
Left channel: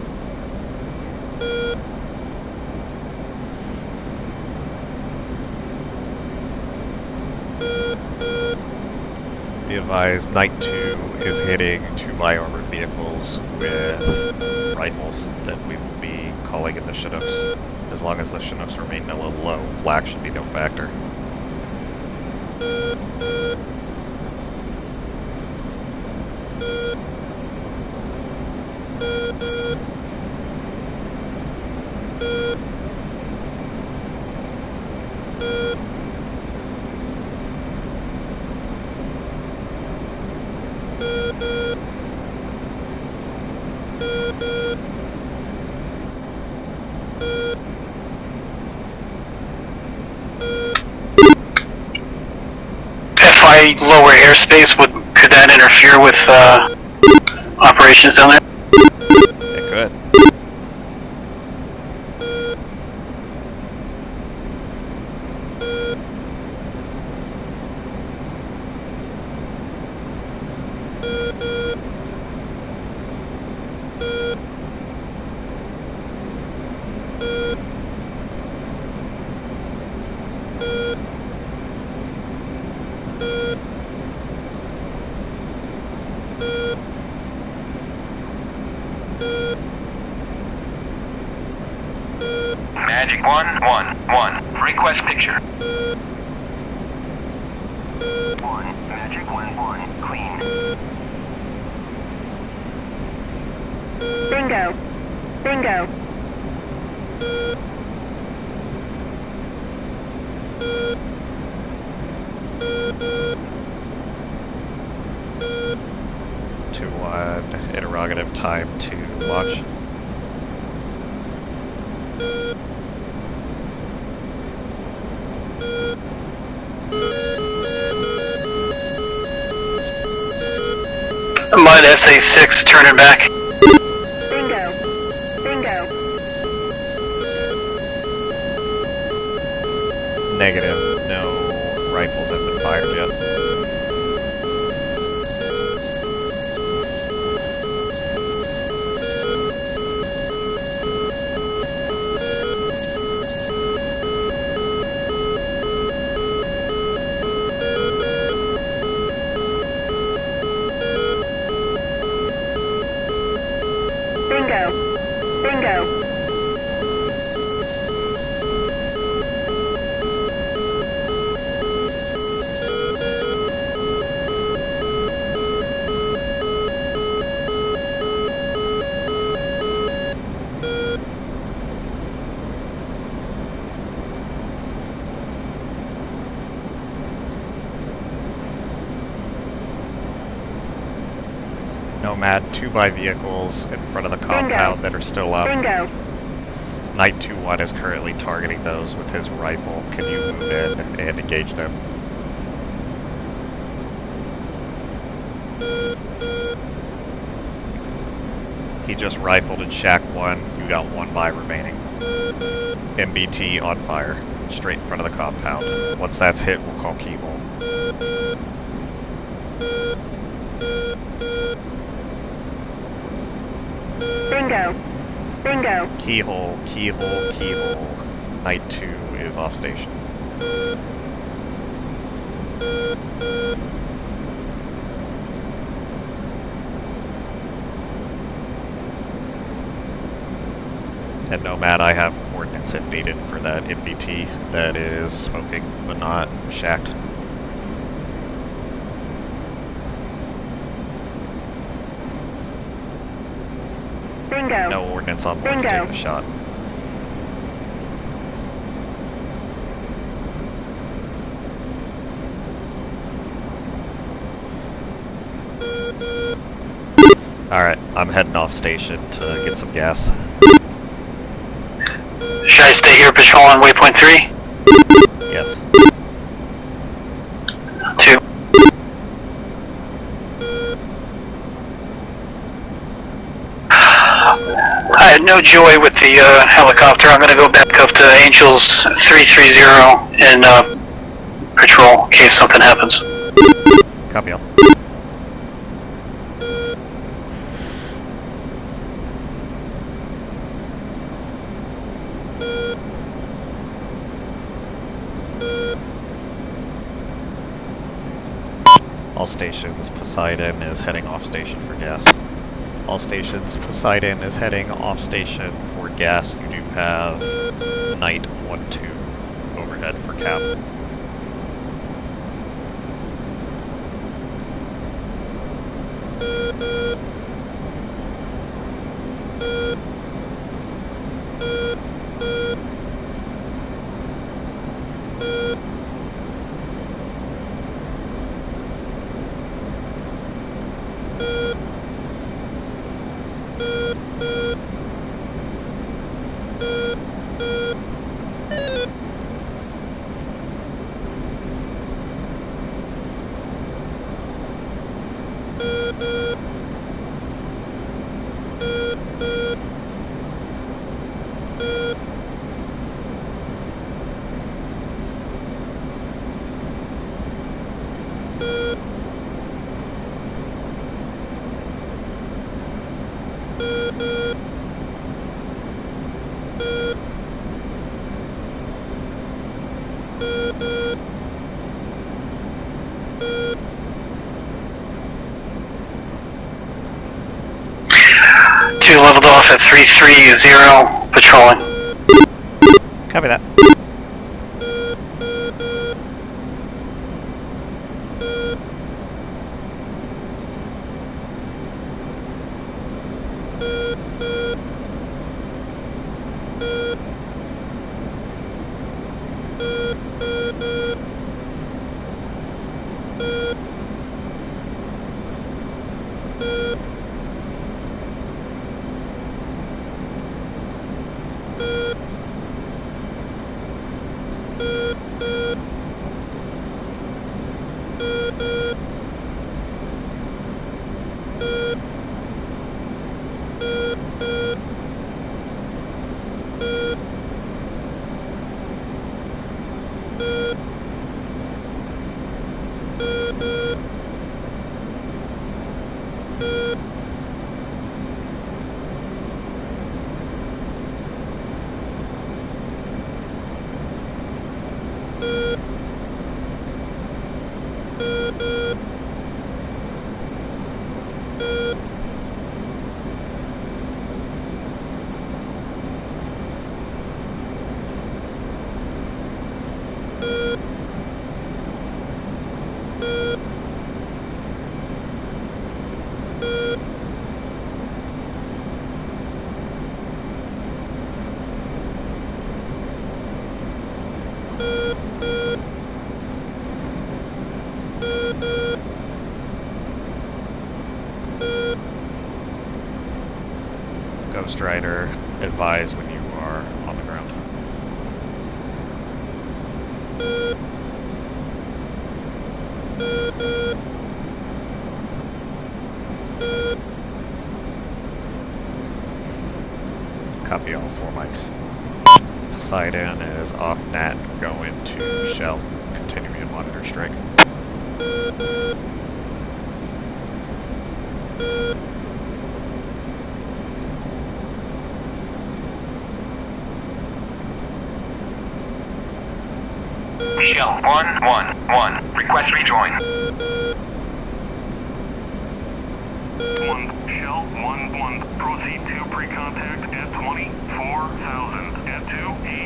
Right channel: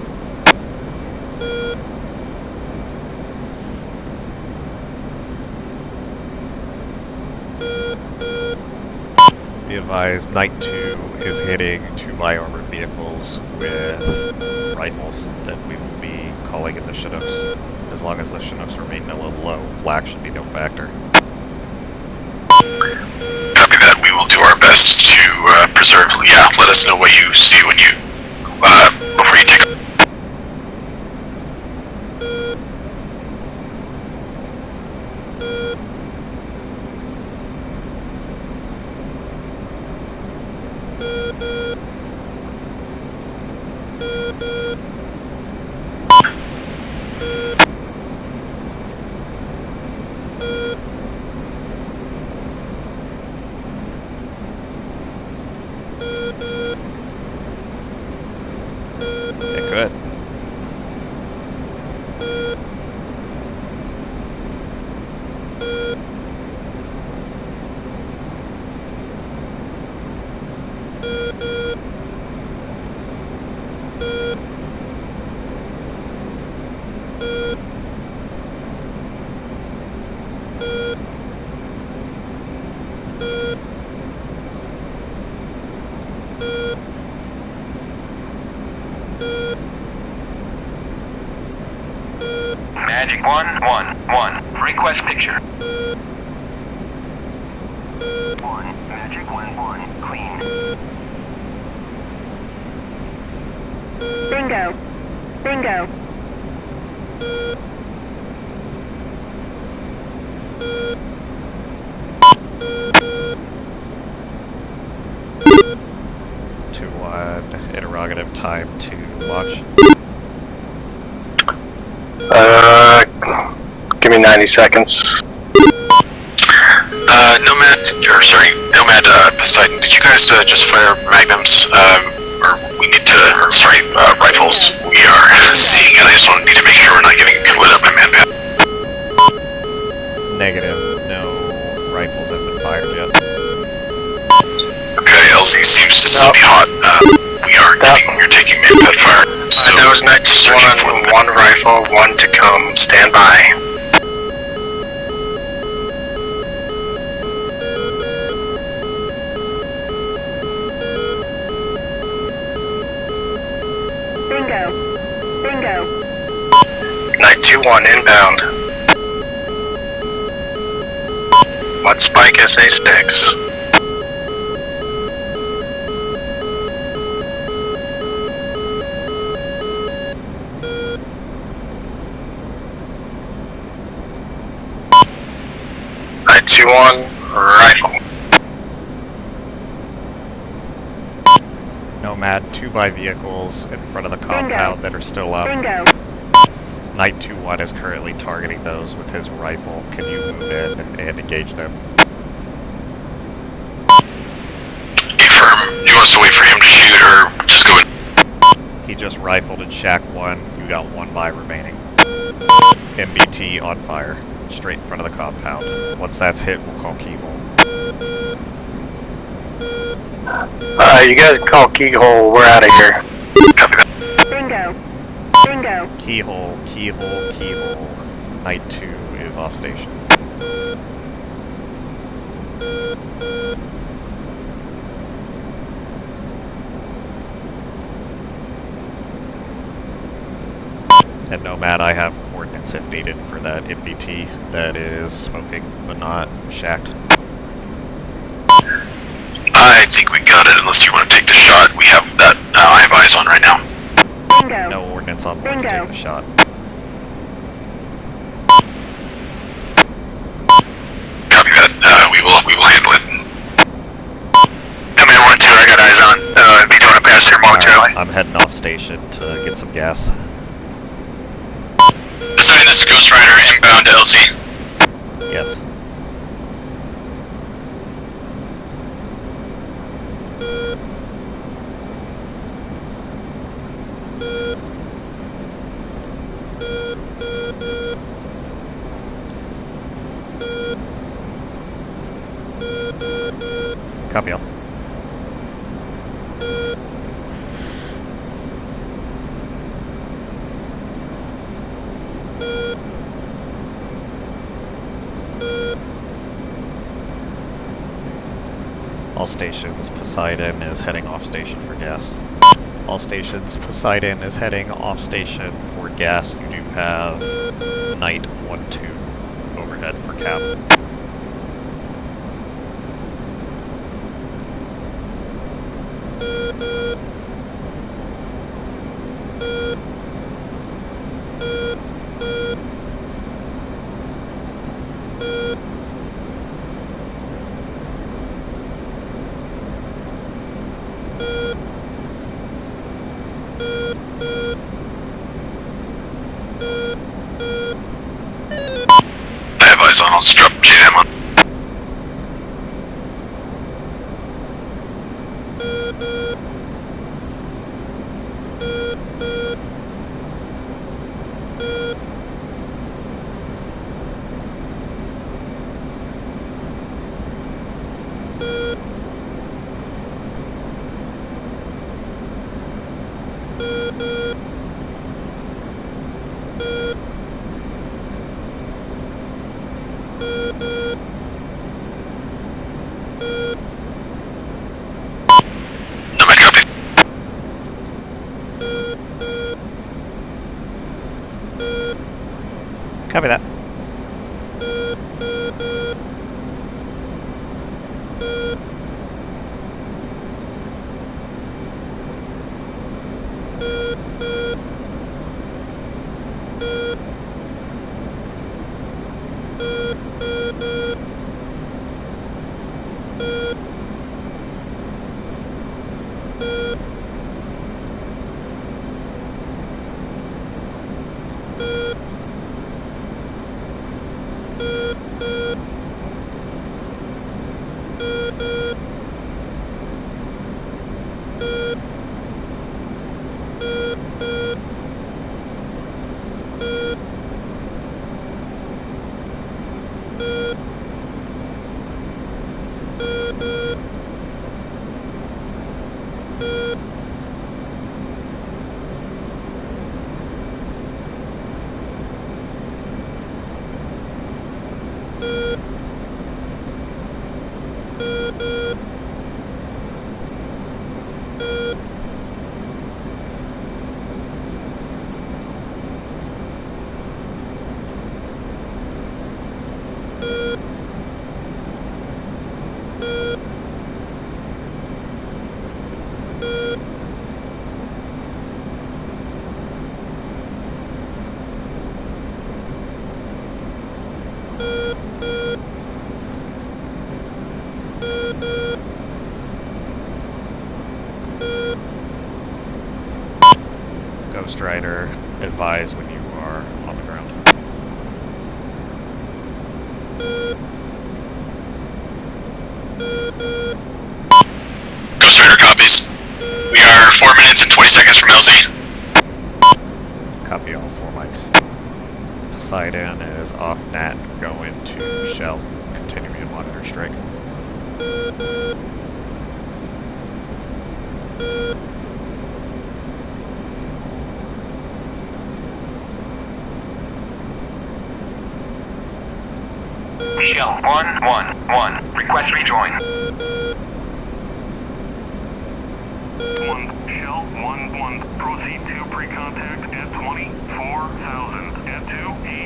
Be advised, Night 2 is hitting 2 by-armored vehicles with rifles that we will be calling in the Chinooks. As long as the Chinooks remain a little low, flak should be no factor. Copy that. We will do our best to preserve. Yeah, let us know what you see when you before you take. If I lower airspace, could that interfere with operations down there? It could. Magic 111. Request picture. 1. Magic 11. Clean. Bingo. Bingo. Interrogative time to watch. Give me 90 seconds. Nomad, Poseidon, did you guys just fire magnums? Minus A6, turn it back. Rifles. We are seeing it. I just need to make sure we're not getting lit up by manpad. Negative. No rifles have been fired yet. Okay, LZ seems to still be hot. You're taking manpad fire. So Nose next one rifle, 1 to come. Stand by. Bingo. Bingo. Night 2-1 inbound. Let's spike SA6. Night 2-1 rifle. Nomad, 2 vehicles in front of the compound that are still up. Bingo. Night 2-1 is currently targeting those with his rifle. Can you move in and engage them? Affirm. Do you want us to wait for him to shoot or just go in? He just rifled in Shack 1. You got 1 by remaining. MBT on fire. Straight in front of the compound. Once that's hit, we'll call keyhole. You guys call keyhole, we're out of here. Bingo. Bingo. Keyhole, keyhole, keyhole. Night 2 is off station. And Nomad, I have coordinates if needed for that HVT that is smoking but not shacked. I think we got it, unless you want to take the shot. We have that. I have eyes on right now. Bingo. No ordnance on board to Bingo. take the shot. Copy that. We will handle it. Command 1-2, I got eyes on. Be doing a pass here momentarily. Alright, I'm heading off station to get some gas. So guys stay here patrolling waypoint 3? Yes. 2. I had no joy with the helicopter. I'm going to go back up to Angels 330 and patrol in case something happens. Copy all. All stations, Poseidon is heading off station for gas. All stations, Poseidon is heading off station for gas. You do have Knight 1-2 overhead for cap. I have eyes on. I'll strap JDM on. Nomad copies. 2 leveled off at 330, patrolling. Copy that. Ghost Rider, advise when you are on the ground. Ghost Rider copies. We are 4 minutes and 20 seconds from LZ. Copy all 4 mics. Poseidon is off NAT, going to Shell, continuing to monitor strike. Shell 111. Request rejoin. 1 Shell L11, proceed to pre-contact at 24,000 at 280.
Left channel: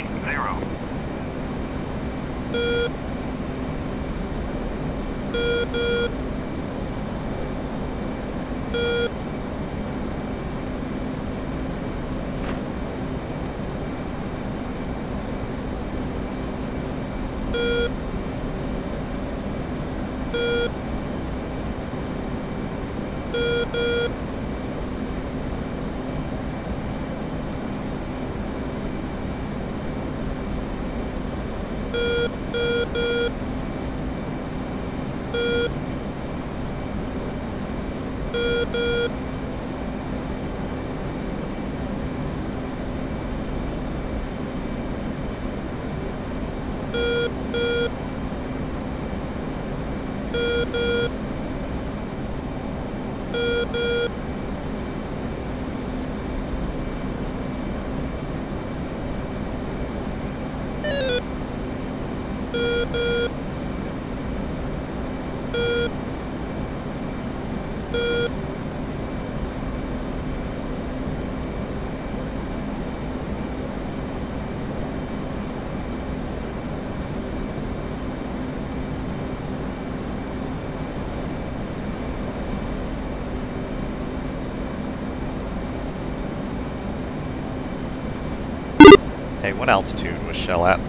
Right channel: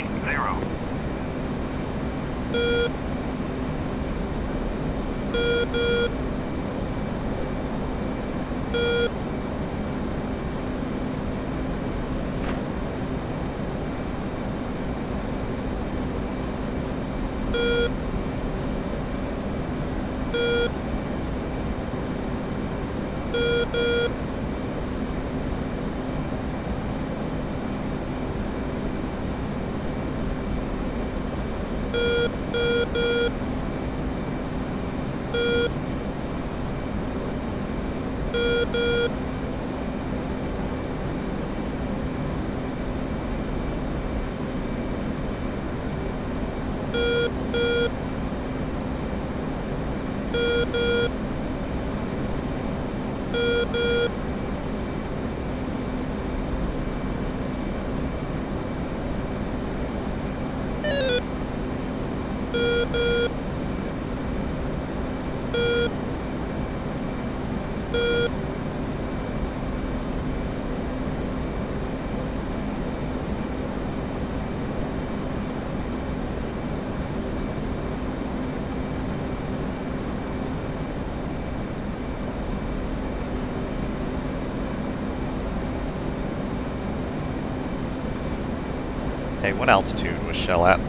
Hey, what altitude was Shell at?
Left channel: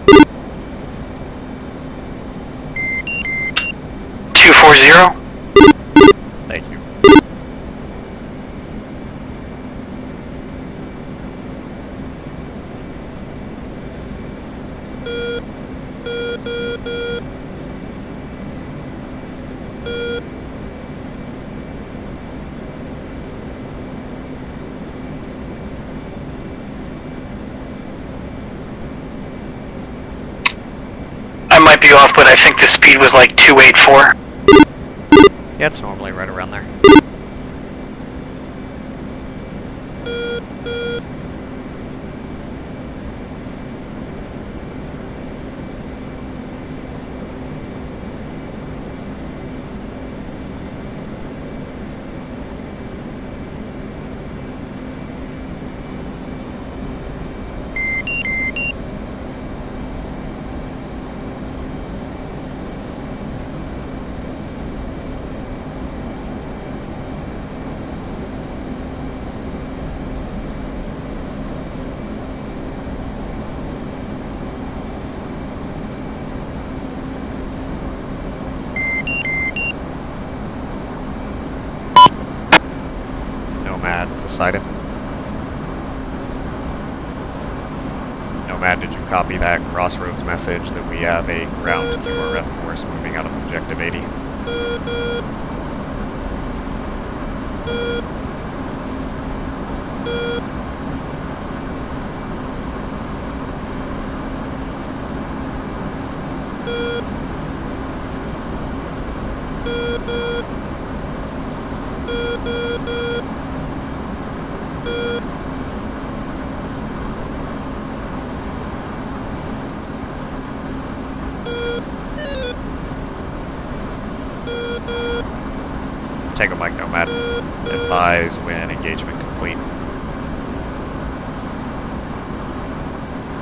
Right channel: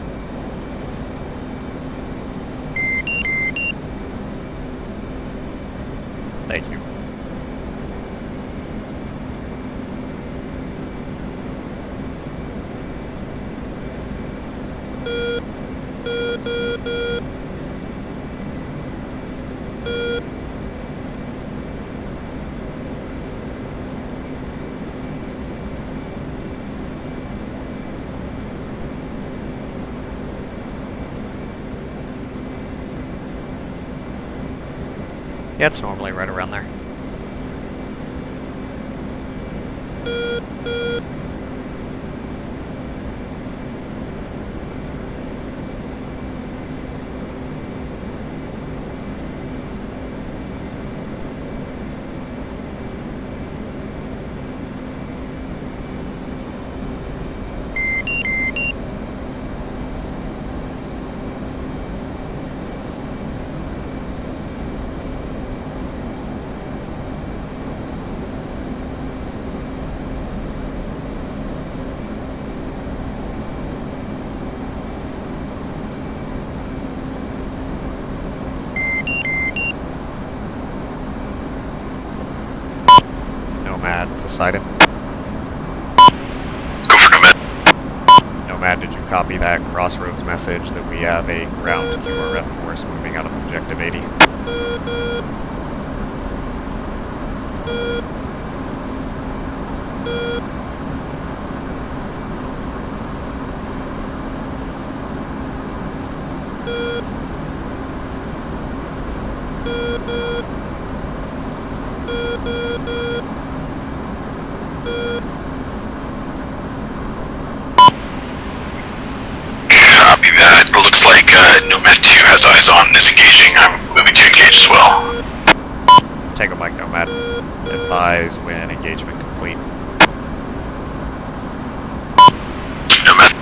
240. Thank you. I might be off, but I think the speed was like 284. Yeah, it's normally right around there. Poseidon. Go for Nomad. Nomad, did you copy that crossroads message that we have a ground QRF force moving out of Objective 80? Copy that. Looks like Nomad 2 has eyes on and is engaging. I'm moving to engage as well. Take a mic, Nomad. Advise when engagement complete. Nomad.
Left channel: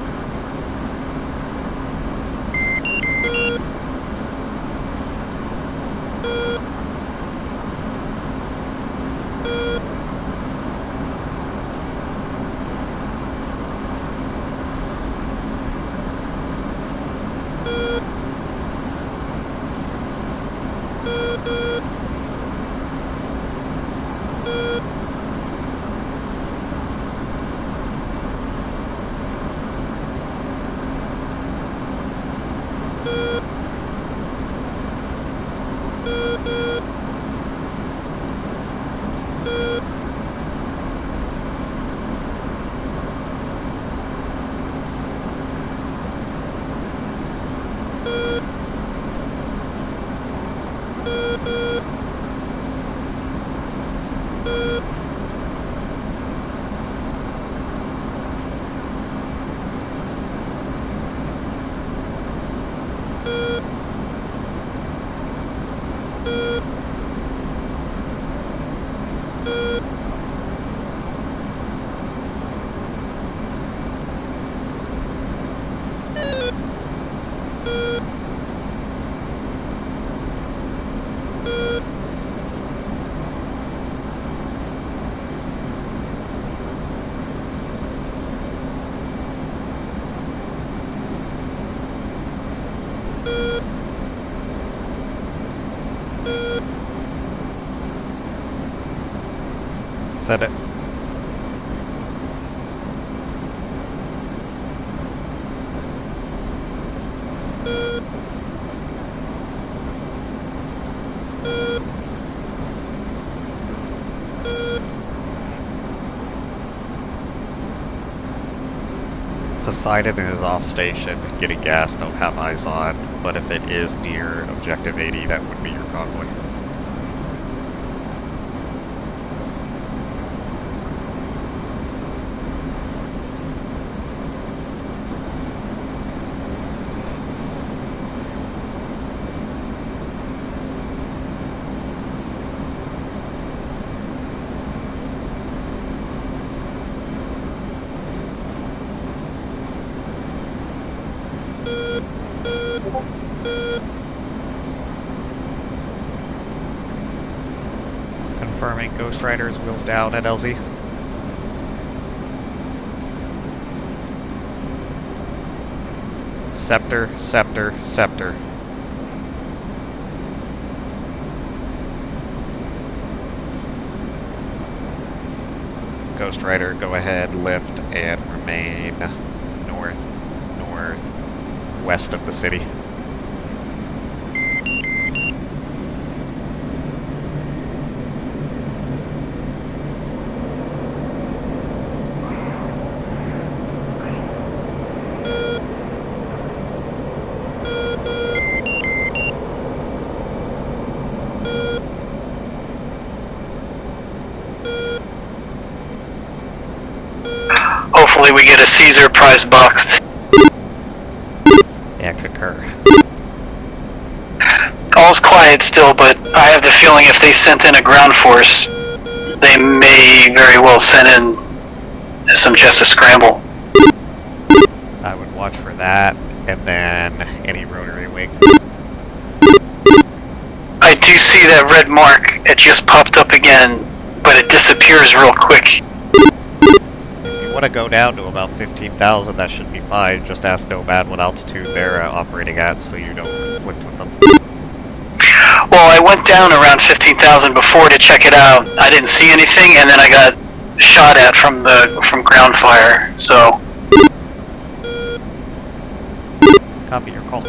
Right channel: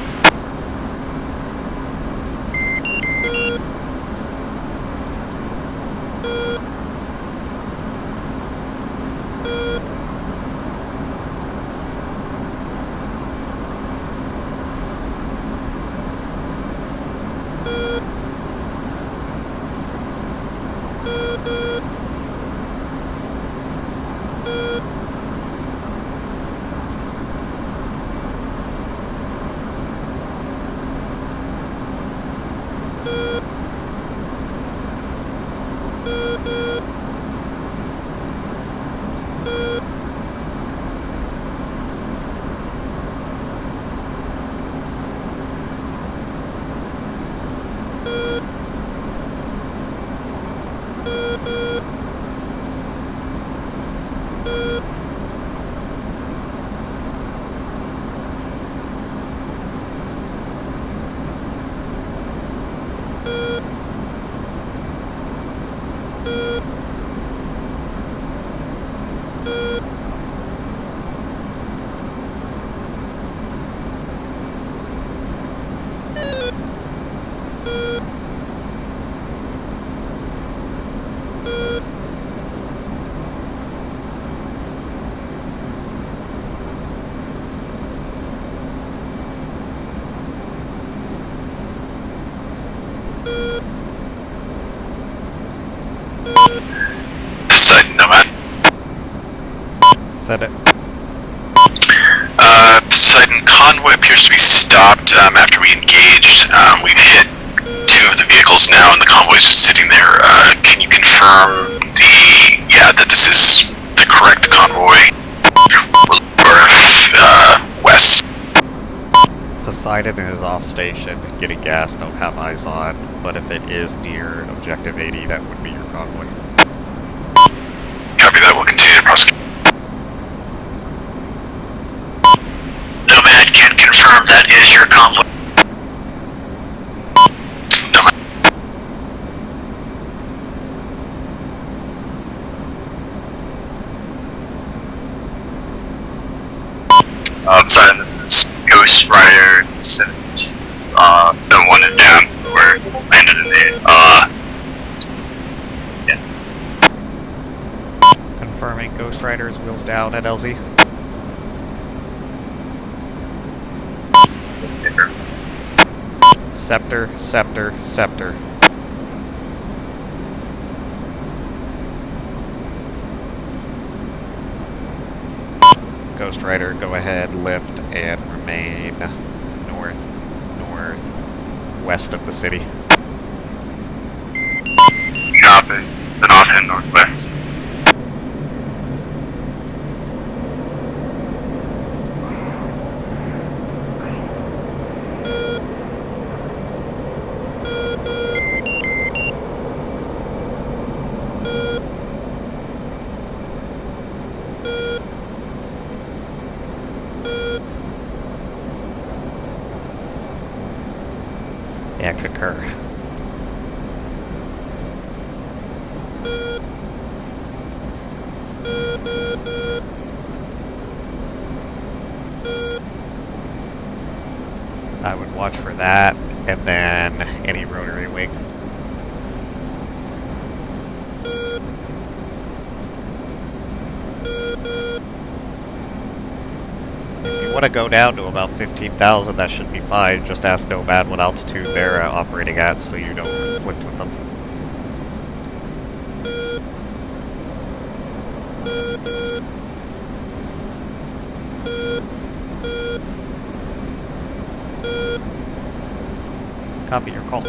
Send it. Poseidon convoy appears to be stopped after we engaged. We've hit 2 of the vehicles now, and the convoy's just sitting there. Can you confirm that this is the correct convoy? West. Poseidon is off station, getting gas, don't have eyes on, but if it is near Objective 80, that would be your convoy. Copy that, we'll continue to prosecute. Nomad can confirm that is your convoy. Nomad. Poseidon, this is Ghost Rider 7. 1 is down. We're landed in the, Confirming Ghost Rider's wheels down at LZ. Scepter, Scepter, Scepter. Ghost Rider, go ahead, lift, and remain northwest of the city. Copy. Then off and northwest. Hopefully we get a Caesar prize box. Yeah, concur. All's quiet still, but I have the feeling if they sent in a ground force, they may very well send in some just a scramble. I would watch for that, and then any rotary wing. I do see that red mark. It just popped up again, but it disappears real quick. If you want to go down to about 15,000, that should be fine. Just ask Nomad what altitude they're operating at so you don't conflict with them. Well, I went down around 15,000 before to check it out. I didn't see anything, and then I got shot at from ground fire, so... Copy your call.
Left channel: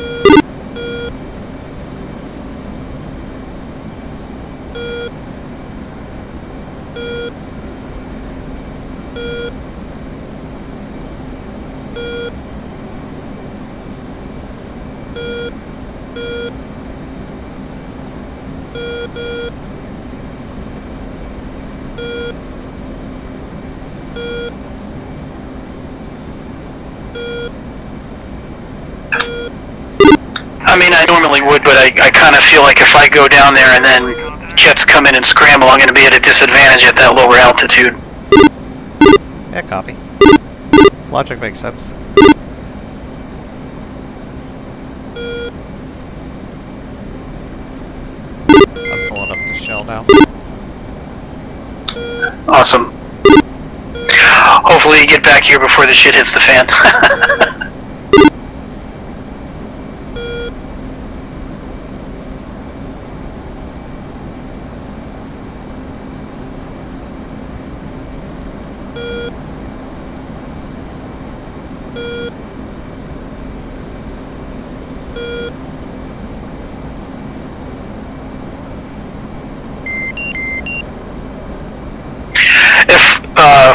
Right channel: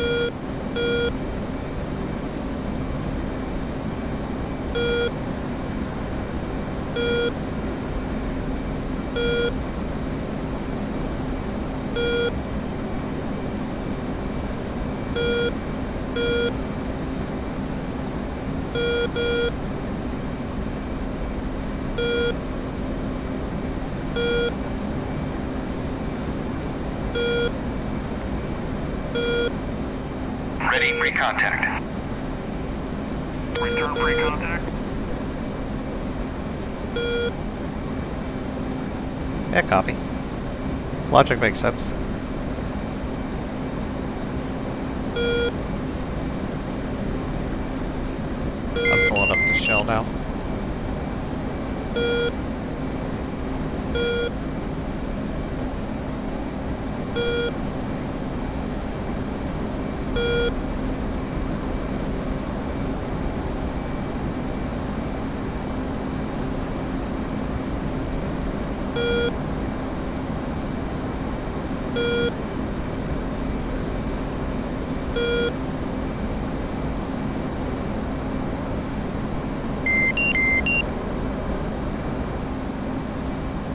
I mean, I normally would, but I kind of feel like if I go down there and then jets come in and scramble, I'm going to be at a disadvantage at that lower altitude. Yeah, copy. Logic makes sense. I'm pulling up the shell now. Awesome. Hopefully you get back here before the shit hits the fan.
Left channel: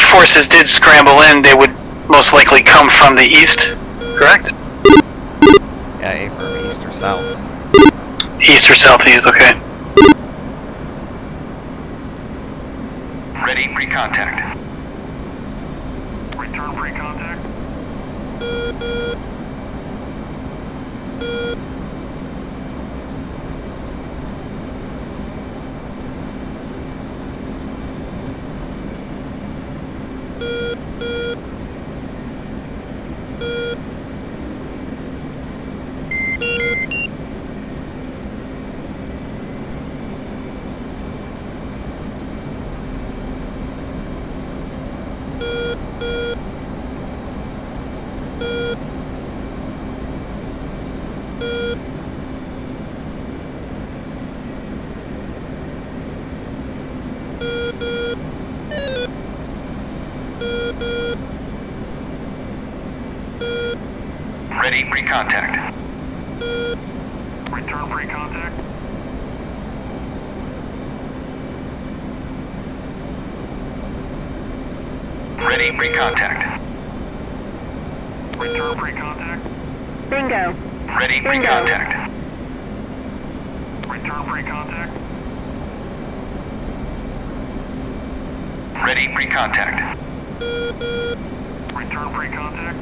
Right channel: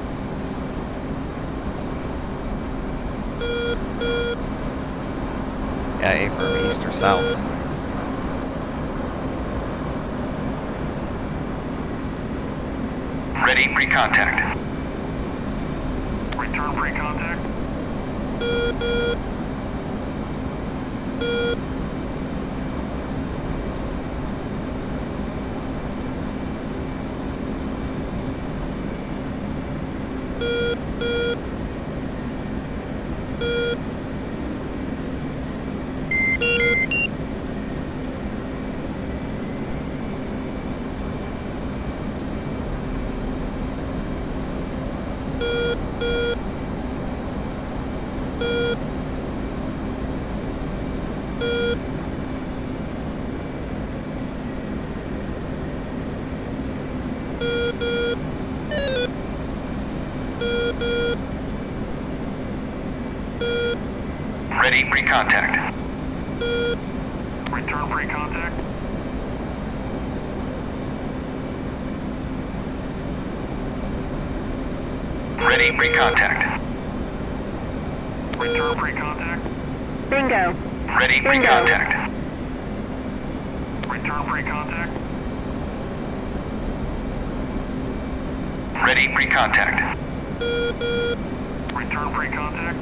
Forces did scramble in, they would most likely come from the east, correct? Yeah, affirm east or south. East or southeast, okay. Ready, pre-contact. Return pre-contact. Ready, pre-contact. Return pre-contact. Ready, pre-contact. Return pre-contact. Bingo. Ready, Bingo. pre-contact. Return pre-contact. Ready, pre-contact. Return pre-contact.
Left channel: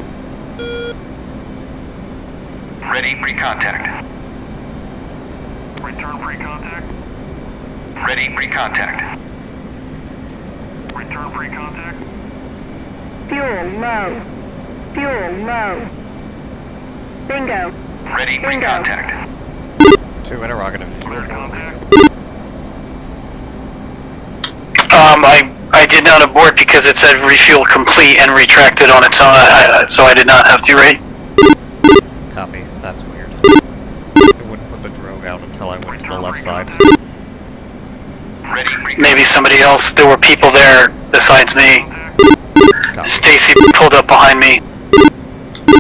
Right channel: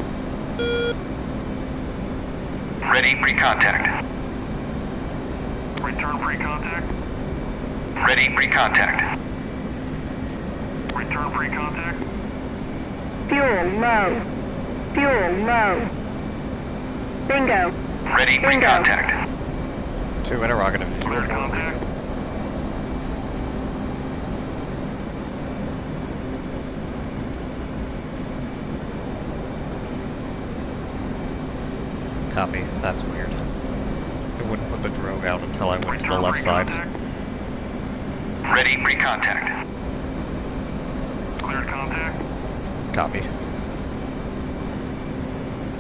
Ready, pre-contact. Return pre-contact. Ready, pre-contact. Return pre-contact. Fuel low. Fuel low. Bingo. Ready, Bingo. pre-contact. 2 interrogative. Clear contact. I did not abort because it said refuel complete and retracted on its own, so I did not have to, right? Copy. That's weird. It wouldn't put the drogue out until I went to the left side. Ready, pre-contact. Maybe somebody else. There were people there besides me. Copy. Stacy pulled up behind me.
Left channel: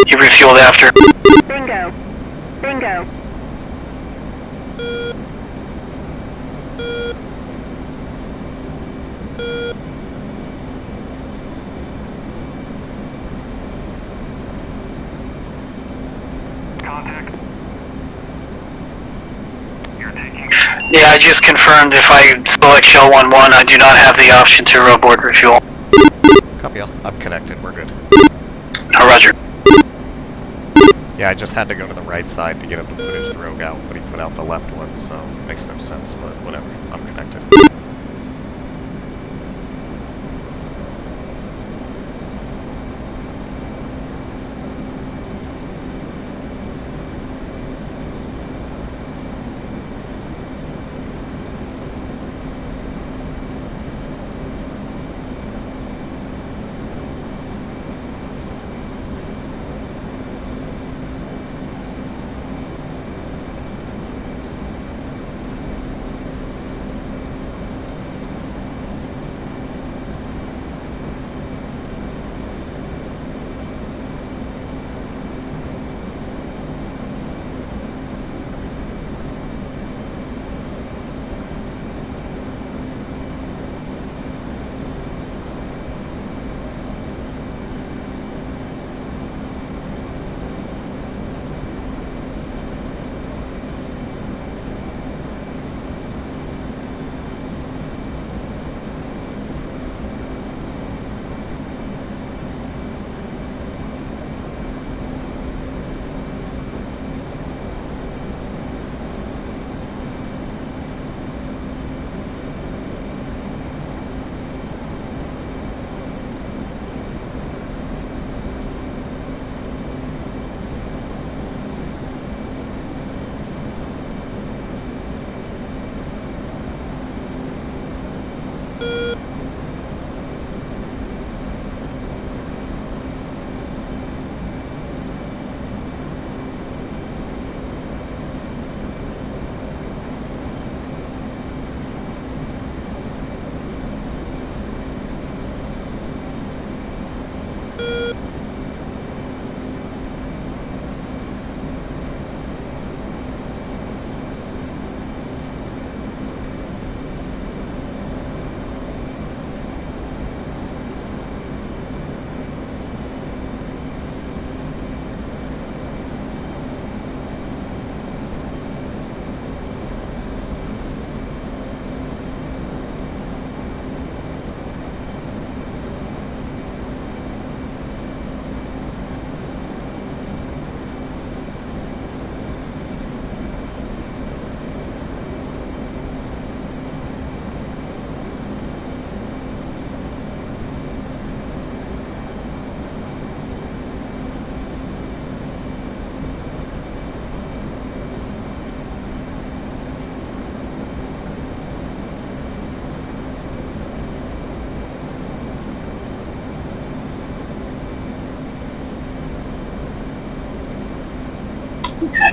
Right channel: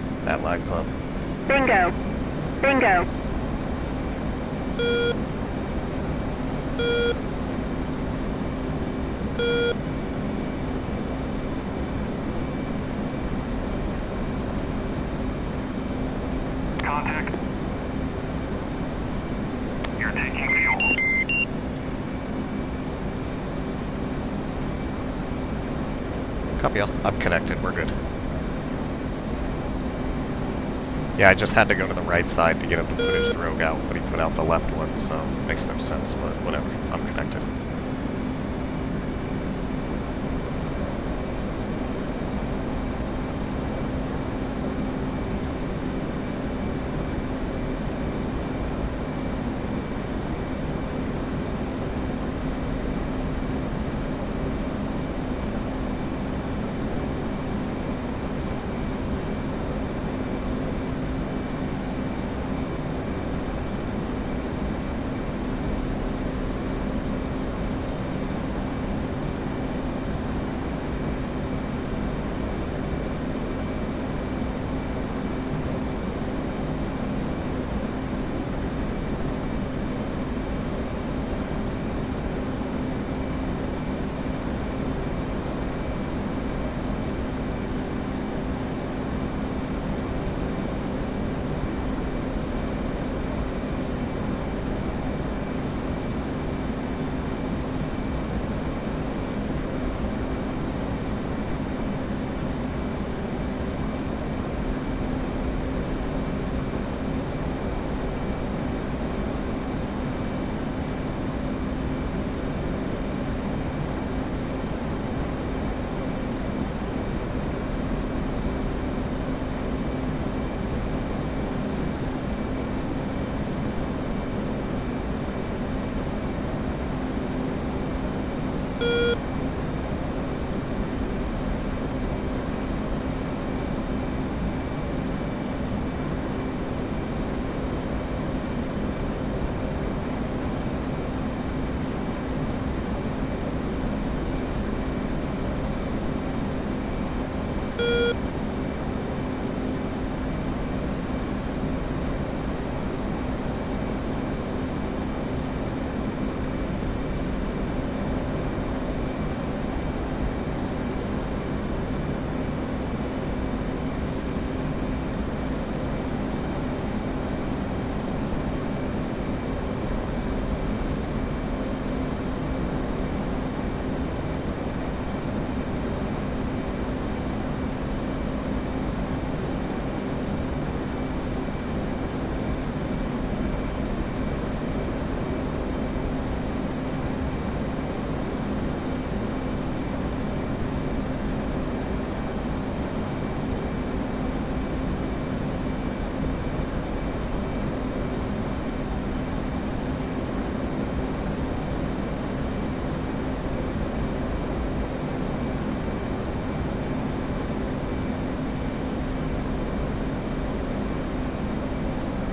He refueled after. Bingo. Bingo. Contact. You're taking. Yeah, I just confirmed if I select Shell 1-1, I do not have the option to abort refuel. Copy all. I'm connected. We're good. Oh, roger. Yeah, I just had to go to the right side to get him to put his drogue out, but he put out the left one, so it makes no sense, but whatever. I'm connected.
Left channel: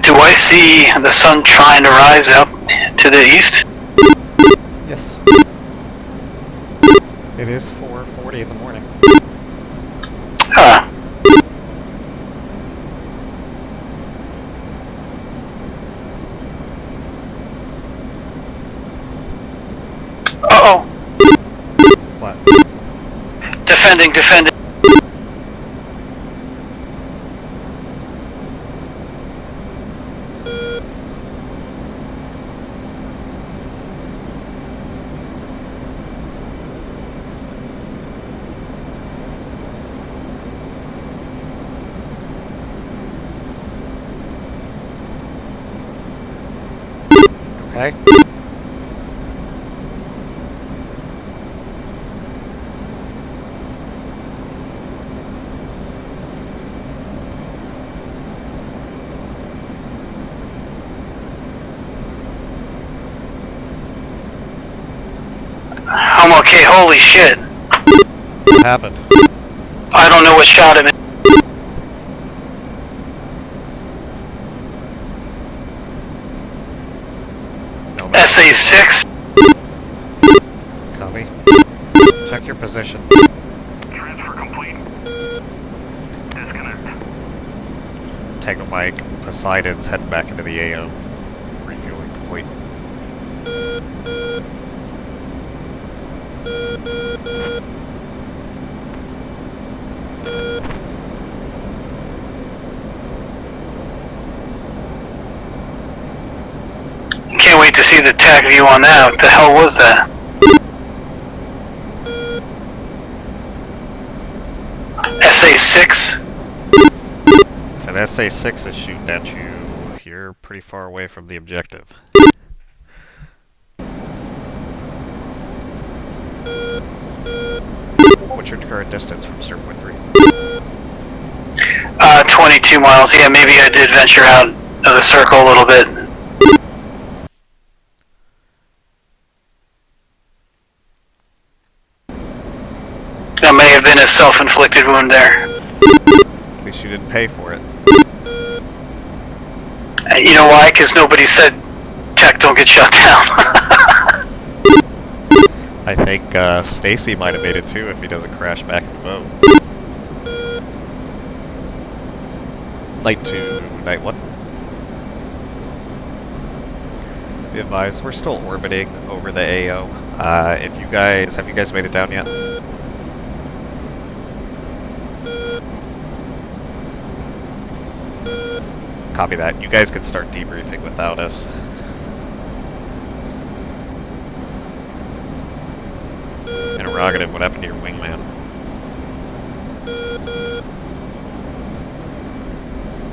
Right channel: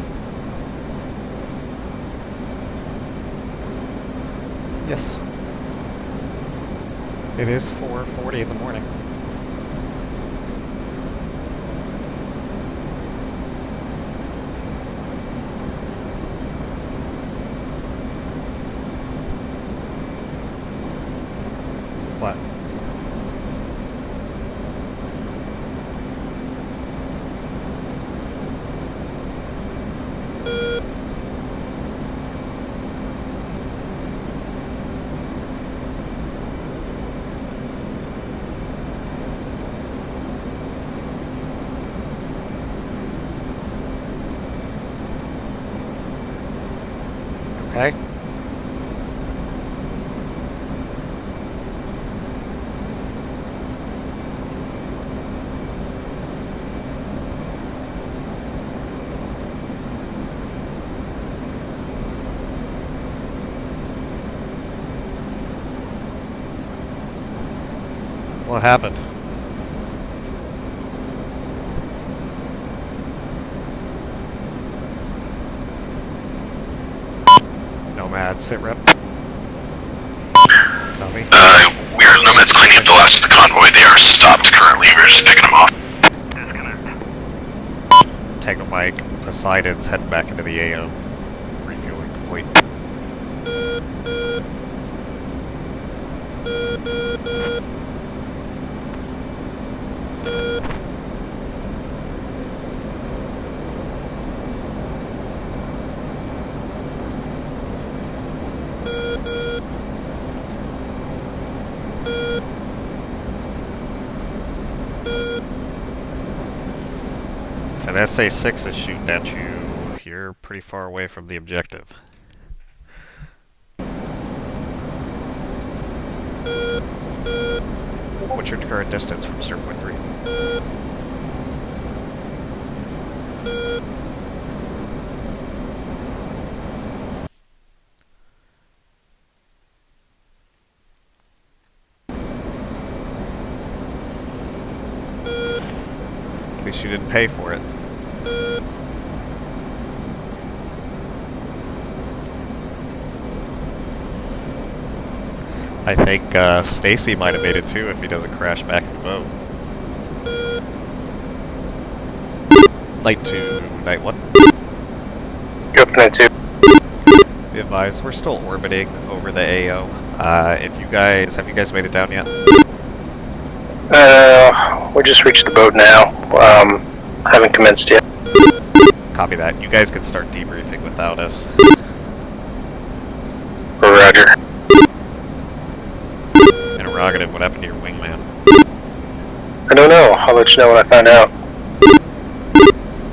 Do I see the sun trying to rise up to the east? Yes. It is 4:40 in the morning. Huh. What? Defending. Okay. I'm okay, holy shit. What happened? I don't know what shot him. No man. SA-6. Copy. We are Nomads cleaning up the last of the convoy. They are stopped currently. We're just picking them off. Tango Mike, Poseidon's heading back into the AO. Refueling complete. Can't wait to see the TAC view on that. What the hell was that? SA-6? If an SA-6 is shooting at you, you're pretty far away from the objective. What's your current distance from Stern Point 3? 22 miles. Yeah, maybe I did venture out of the circle a little bit. That may have been a self-inflicted wound there. At least you didn't pay for it. You know why? Because nobody said tech don't get shot down. I think Stacy might have made it too if he doesn't crash back at the boat. Light 2, Night 1. Go up Night 2. Be advised, we're still orbiting over the AO. Have you guys made it down yet? We just reached the boat now. Haven't commenced yet. Copy that. You guys can start debriefing without us. Roger. Interrogative, what happened to your wingman? I don't know. I'll let you know when I find out.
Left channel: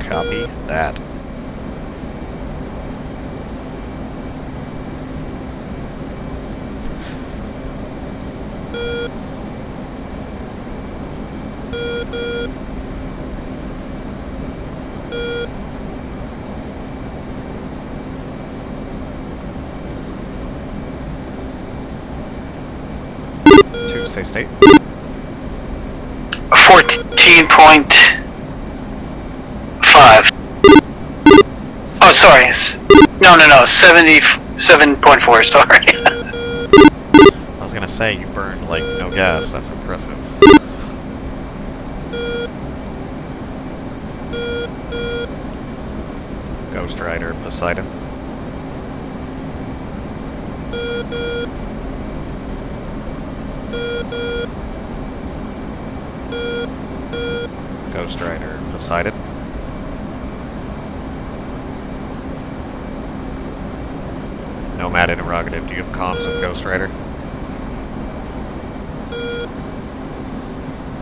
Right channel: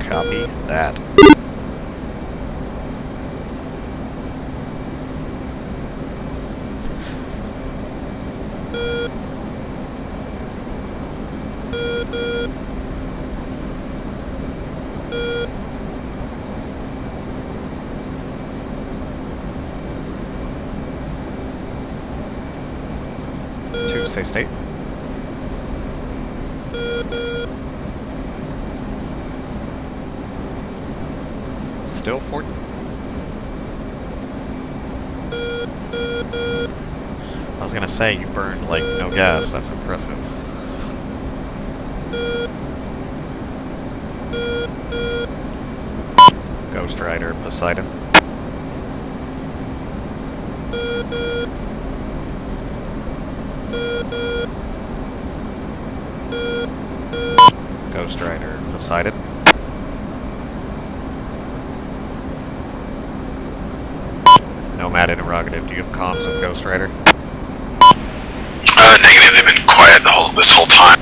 Copy that. Say state. 14.5. Oh, sorry. No, 77.4, sorry. I was gonna say, you burned like no gas, that's impressive. Ghost Rider, Poseidon. Ghost Rider, Poseidon. Nomad interrogative, do you have comms with Ghost Rider? Negative. They've been quiet this whole time.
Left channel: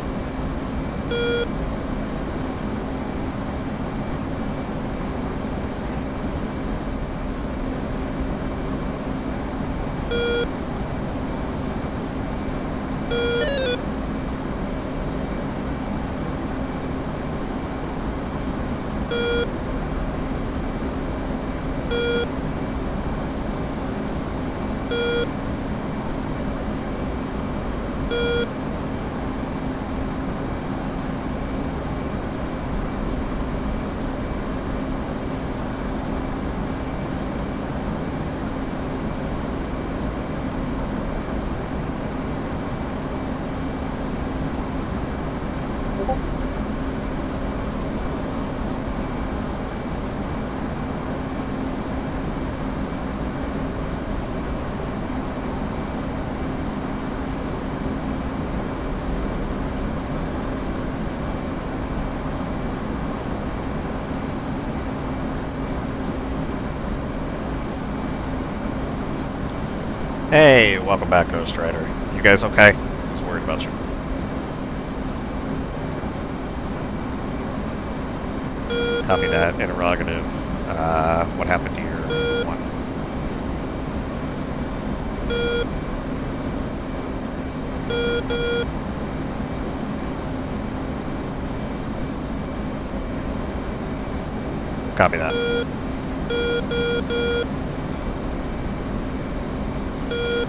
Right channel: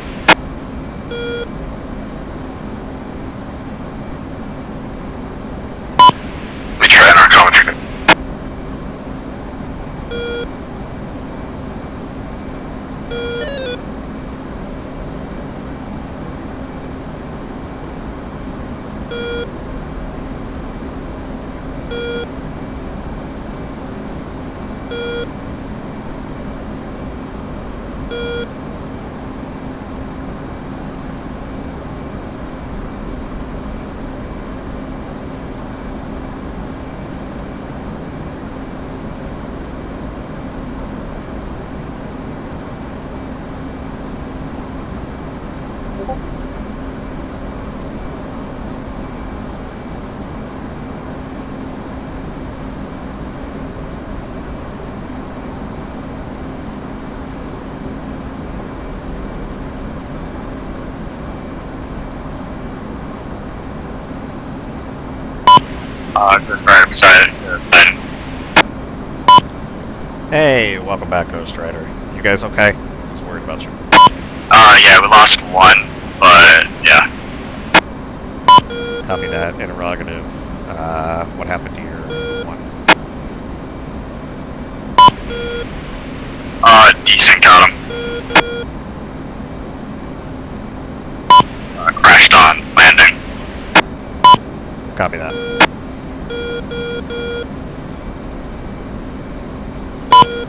We try in our commentary. Ghost Rider beside it. Hey, welcome back, Ghost Rider. You guys okay? I was worried about you. Yeah, we lost one, but yeah. Copy that. Interrogative. What happened to your one? Decent got him. Crashed on landing. Copy that.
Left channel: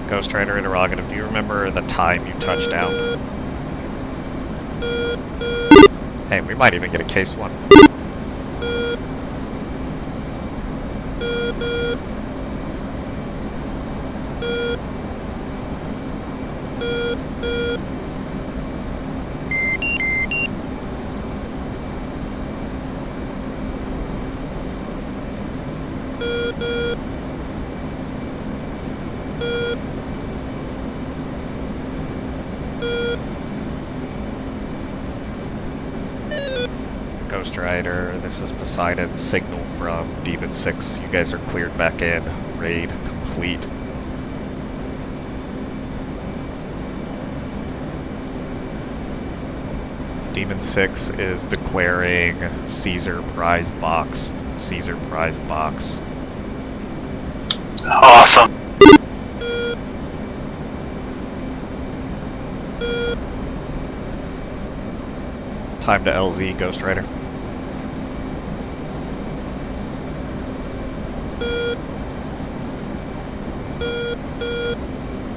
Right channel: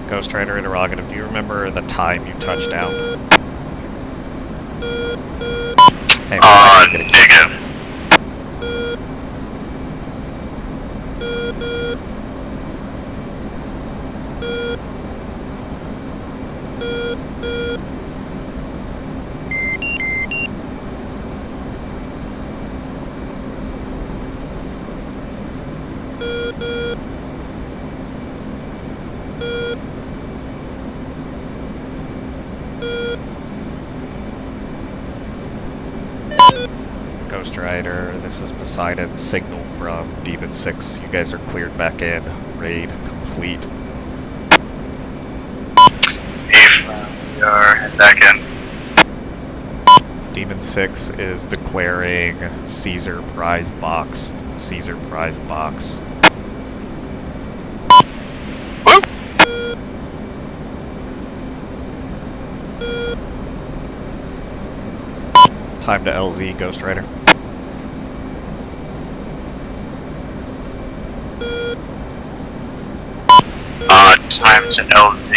Ghost Rider interrogative, do you remember the time you touched down? Hey, we might need to get a kill. Negative. Ghost Rider, this is Poseidon. Signal from Demon 6. You guys are cleared back in. Raid complete. We are heading back in. Demon 6 is declaring Caesar prized box. Caesar prized box. Awesome. Time to LZ, Ghost Rider. Time to LZ,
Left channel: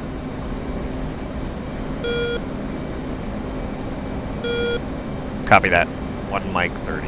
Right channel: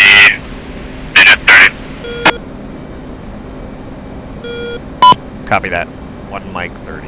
minute 30. Copy that. 1 mic 30.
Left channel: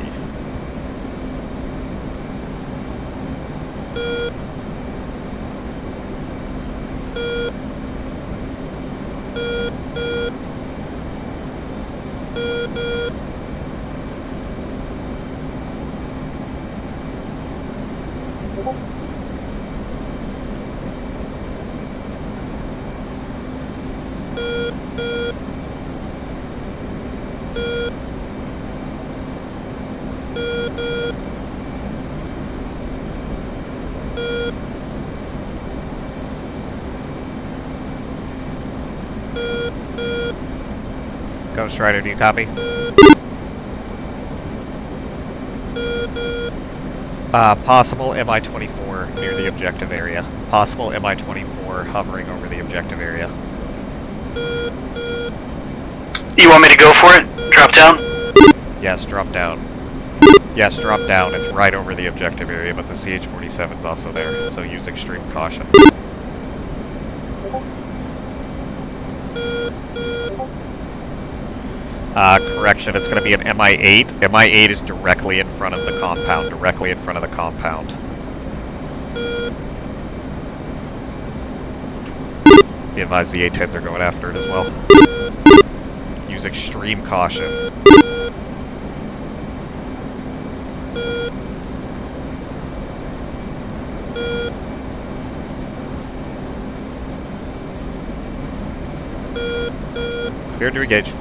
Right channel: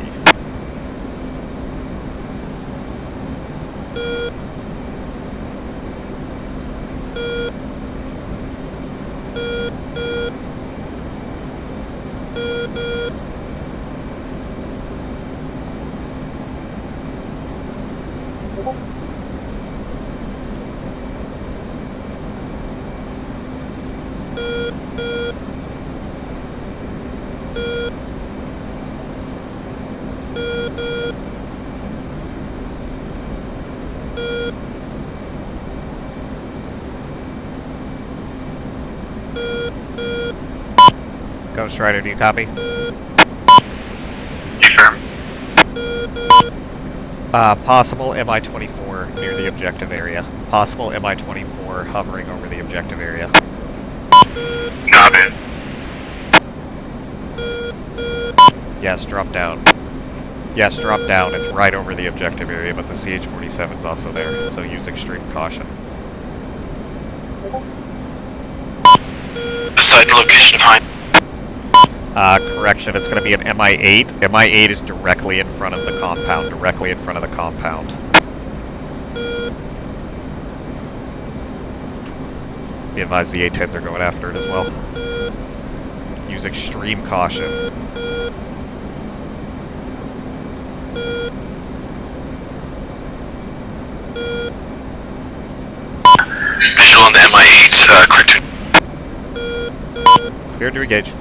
Ghost Rider, do you copy? Confirm. Possible MI-24 near the objective area. Possible MI-24 hovering over the objective area. Copy. You want me to go for it? Drop down? Yes, drop down. Yes, drop down. It's right over the objective area, but the CH-47's also there, so use extreme caution. Beside the location of Hind. Correction, it's going to be an MI-8. MI-8 is directly in front of the compound, directly in front of the compound. Be advised the A-10s are going after it as well. Use extreme caution. Visual on the MI-8, clear to... Clear to engage.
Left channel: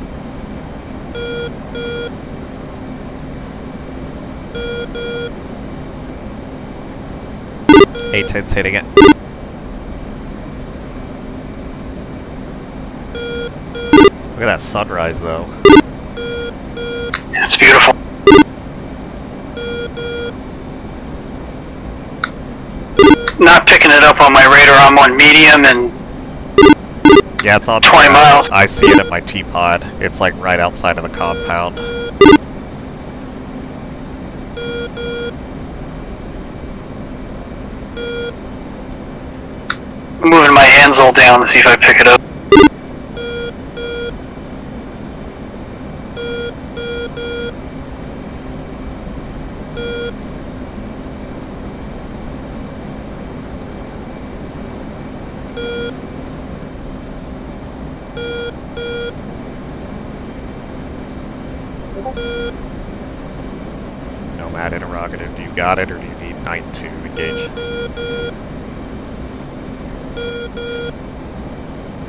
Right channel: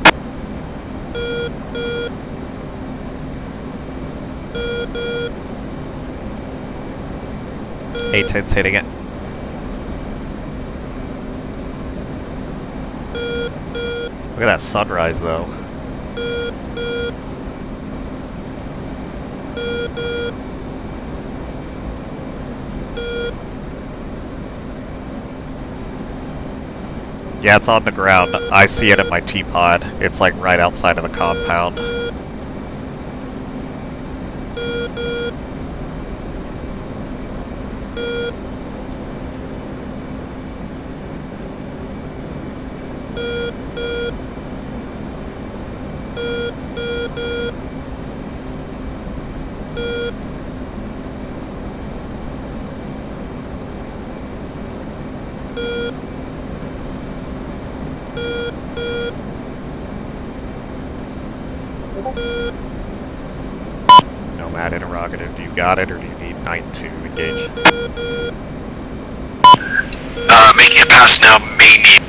A-10's hitting it. Look at that sunrise, though. It's beautiful. Not picking it up on my radar. I'm on medium and Yeah, it's on the 20 ground. miles. I see it at my T-pod. It's like right outside of the compound. I'm moving my Ansel down to see if I pick it up. Nomad interrogative, do you got it or do you need Knight to engage? Making a pass now, may need...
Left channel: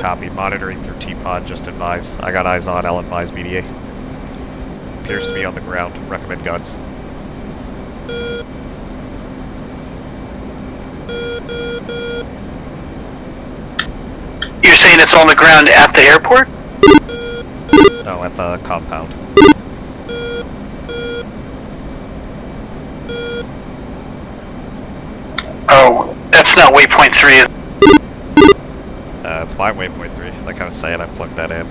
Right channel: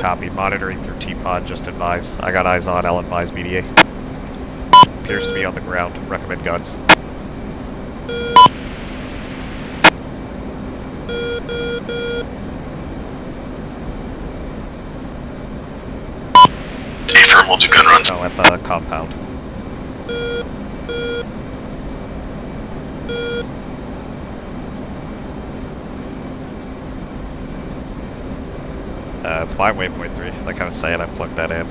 Copy, monitoring through T-pod, just advise. I got eyes on, I'll advise BDA. Appears to be on the ground, recommend guns. saying it's on the ground at the airport? Affirm, we'll do gun runs. No, at the compound. Oh, that's not waypoint 3, is it? It's my waypoint 3. Like I was saying, I plugged that in.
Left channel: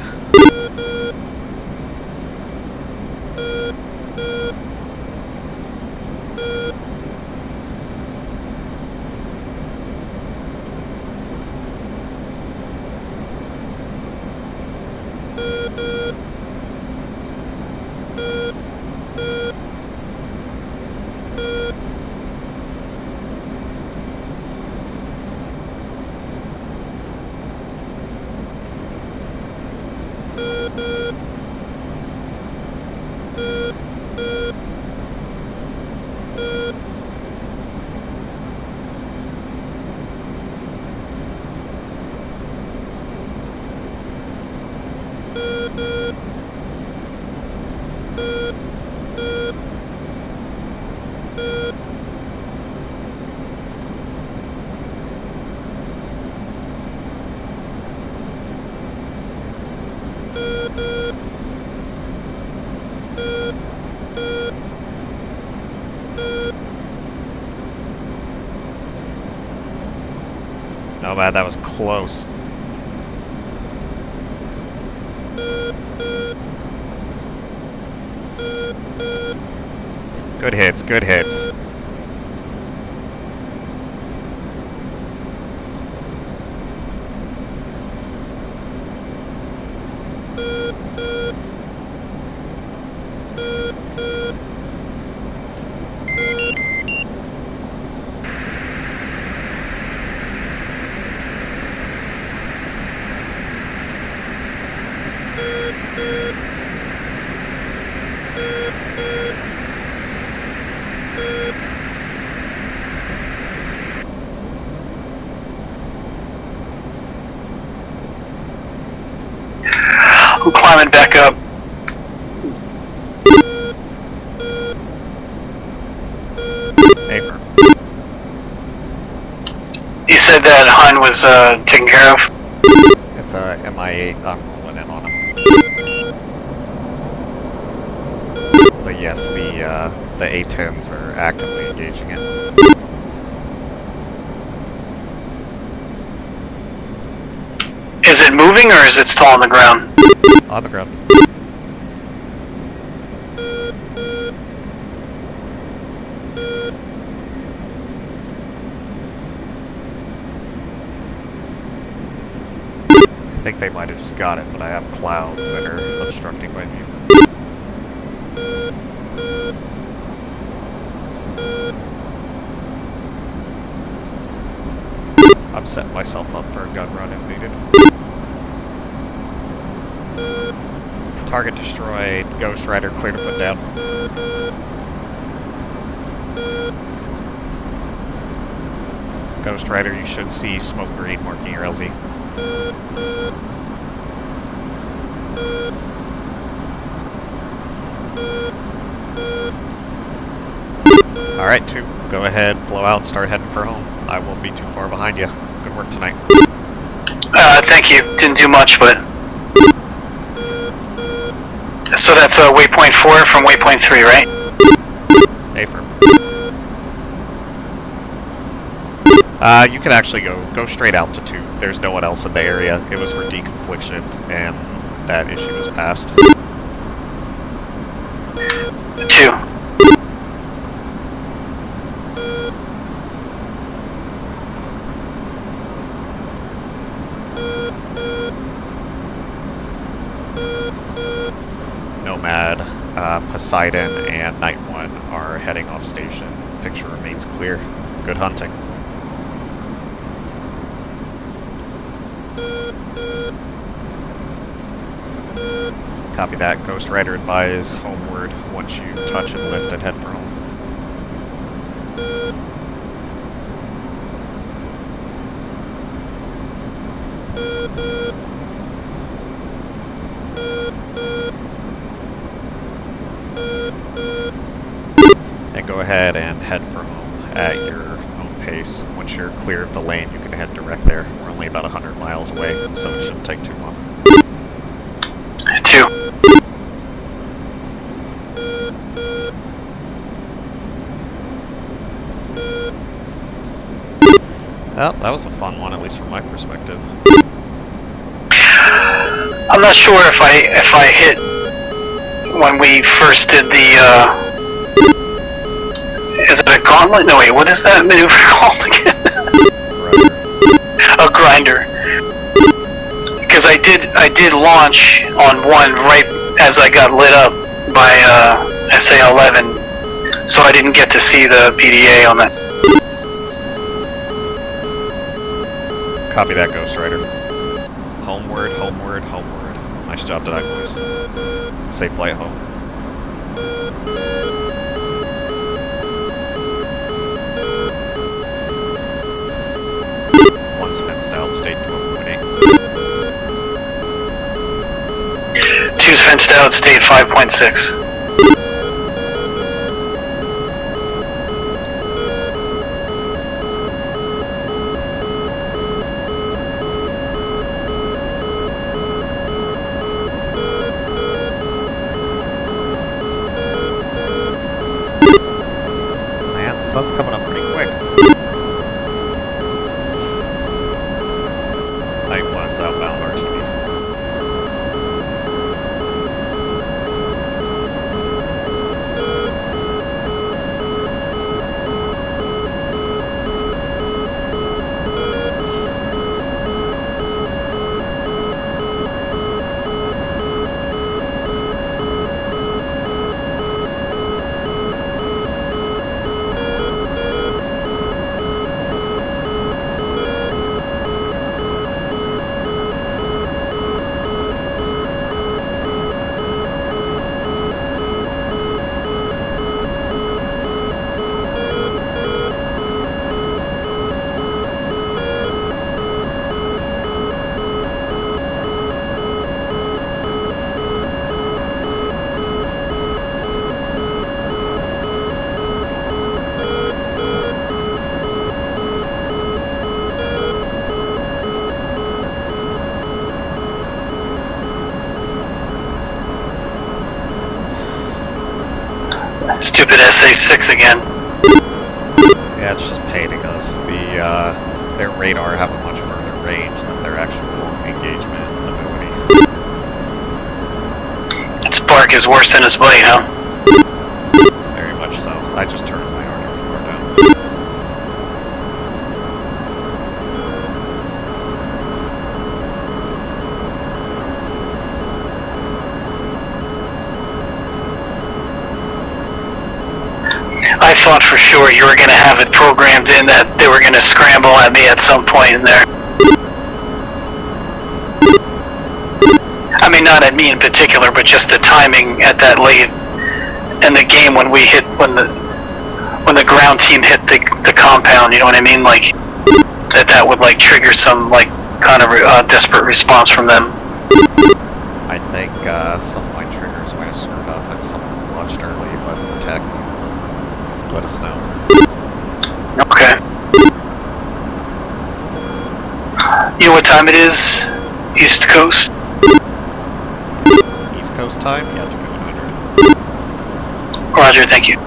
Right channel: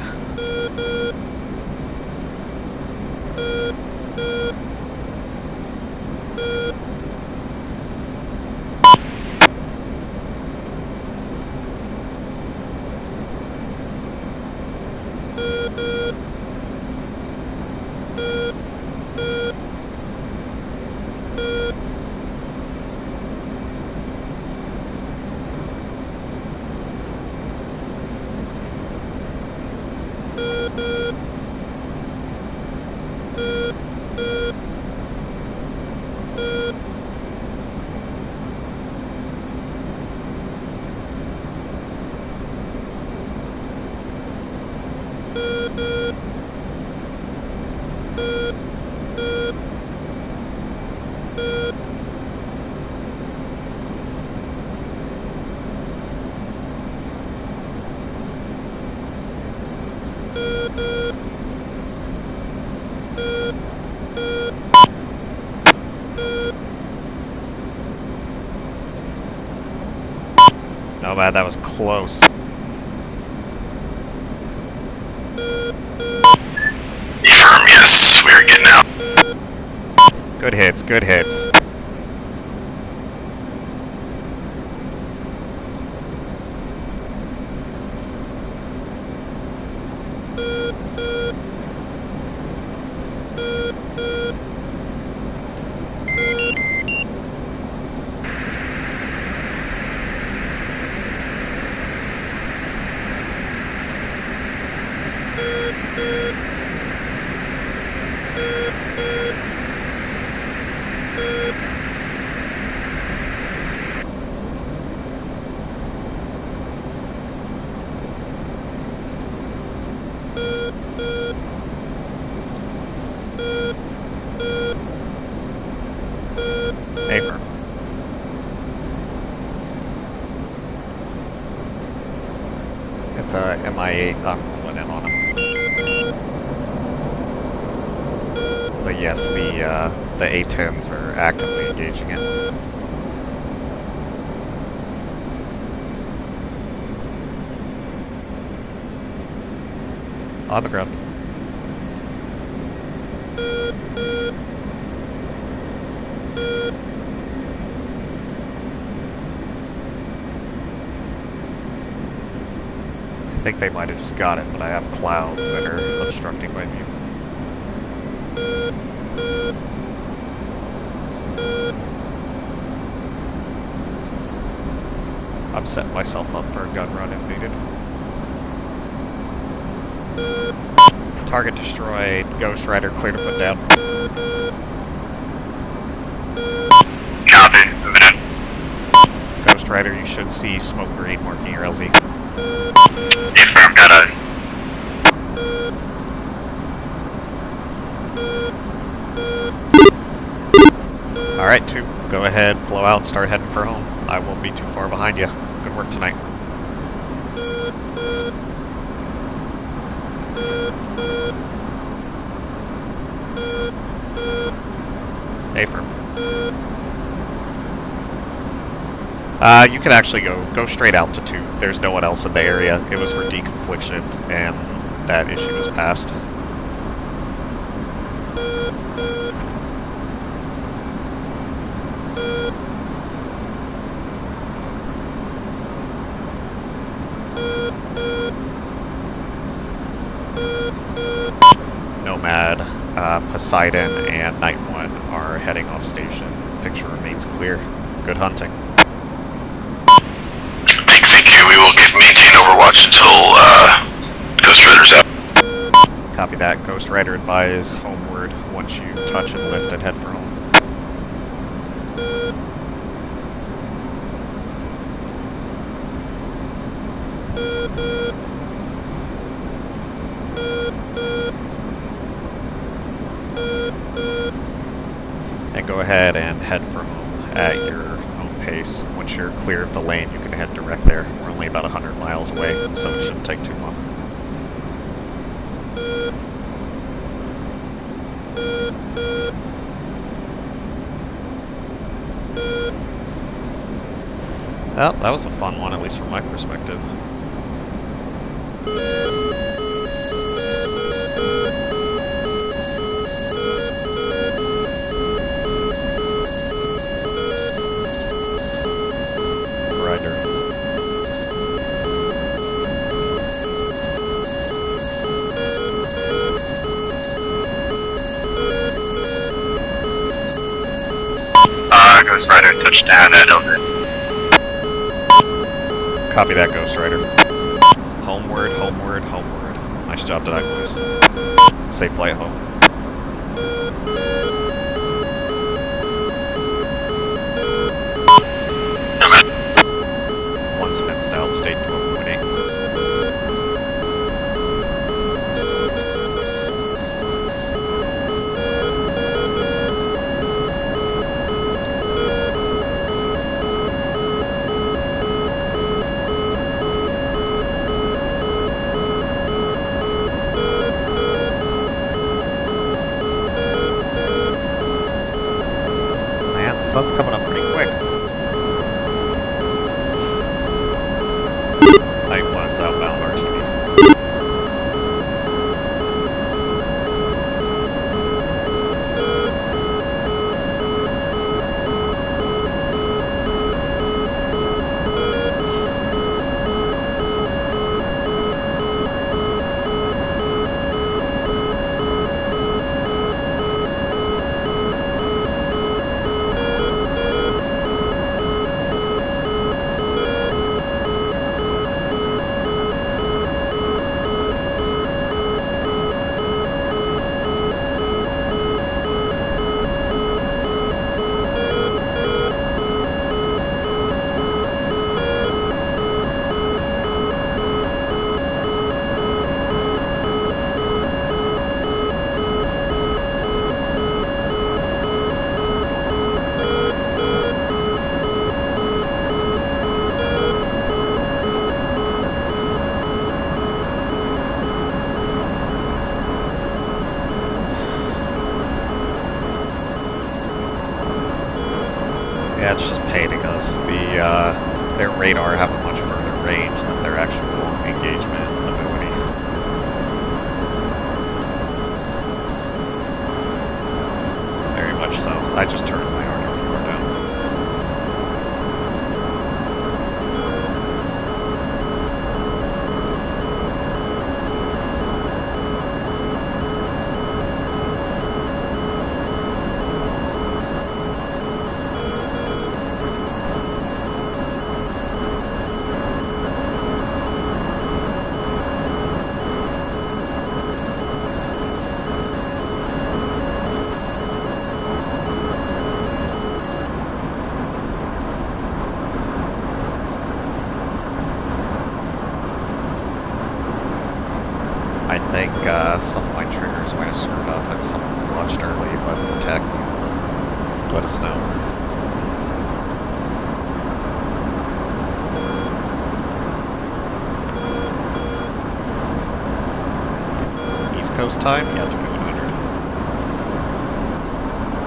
Oh man, that was close. Affirm, yes, we are getting out. Good hits, good hits. I'm climbing back up. Affirm. You said that Hun was taken care of? It's a MI8. I'm rolling in on him. But yes, the A-10s are actively engaging it. Is it moving or is it still on the ground? On the ground. I think they might have just got it, but I have clouds that are obstructing my view. I'm setting myself up for a gun run if needed. Target destroyed. Ghost Rider clear to put down. Copy, moving in. Ghost Rider, you should see smoke green marking your LZ. Affirm, got eyes. Alright, 2. Go ahead, flow out, start heading for home. I won't be too far behind you. Good work tonight. Thank you. Didn't do much, but... So that's waypoint 4 from waypoint 3, right? Affirm. You can actually go straight out to 2. There's no one else in the area. It was for deconfliction, and that issue was passed. 2. Nomad, Poseidon, and Night 1 are heading off station. Picture remains clear. Good hunting. Thank you. We will maintain Overwatch until Ghost Rider's out. Copy that. Ghost Rider advise homeward once you touch and lift and head for home. And go ahead and head for home at your own pace. Once you're clear of the lane, you can head direct there. We're only only about 100 miles away, so it shouldn't take too long. 2. Well, that was a fun one, at least from my perspective. I'm not sure if I hit when we first did the is it a gauntlet? No wait, what is that maneuver called again? A grinder. Because I did launch on one right as I got lit up by SA-11, so I didn't get to see the PDA on that. Rider touchdown, I don't know. Copy that, Ghost Rider. Homeward, homeward, homeward. Nice job tonight, boys. Safe flight home. One's fenced out, state 12.8. 2's fenced out, state 5.6. Sun's coming up pretty quick. Night one's outbound RTV. Stupid SA-6 again. Yeah, it's just painting us. Their radar have a much further range than their actual engagement ability. Its bark is worse than its bite, huh? Very much so. I just turned my artillery bar down. I thought for sure you were going to have it programmed in that they were going to scramble at me at some point in there. I mean, not at me in particular, but just the timing at that late in the game when we hit, when the ground team hit the compound, you know what I mean? Like, that would like trigger some like kind of desperate response from them. I think some of my triggers might have screwed up and someone launched early, but the tech let us know. Okay. You know what time it is? East Coast? East Coast time? Yeah, 2100. Roger, thank you.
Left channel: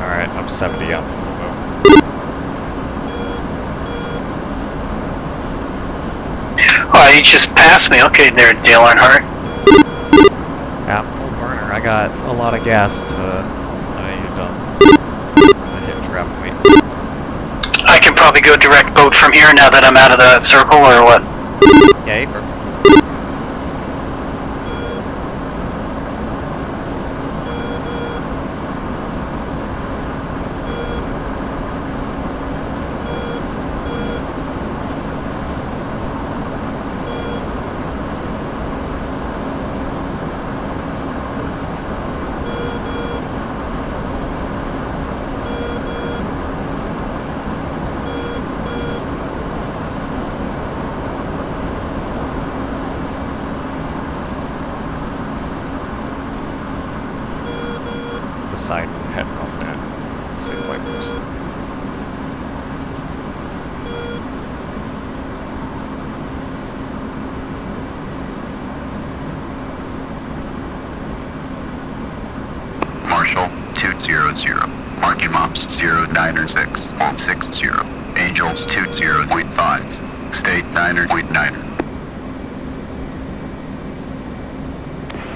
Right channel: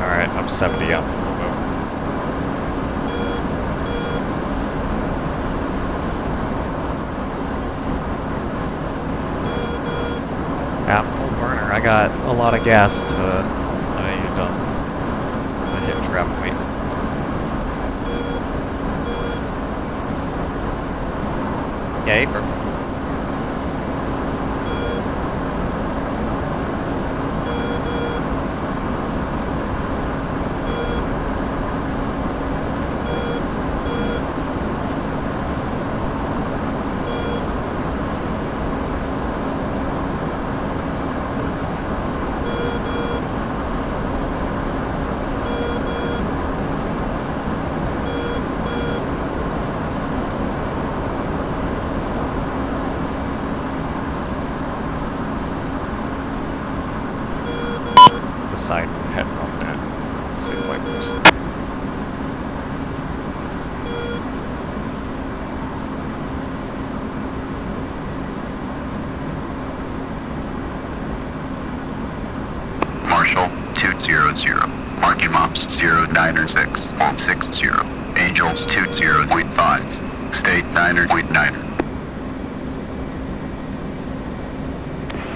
Alright, I'm 70 out full boat. Oh, you just passed me. Okay, there, Dale Earnhardt. Yeah, full burner. I got a lot of gas to hit trap weight. I can probably go direct boat from here now that I'm out of the circle, or what? Yay for. Side. works. Marshal 200, marking mops 096, hold 60, Angels 20.5, state 9.9.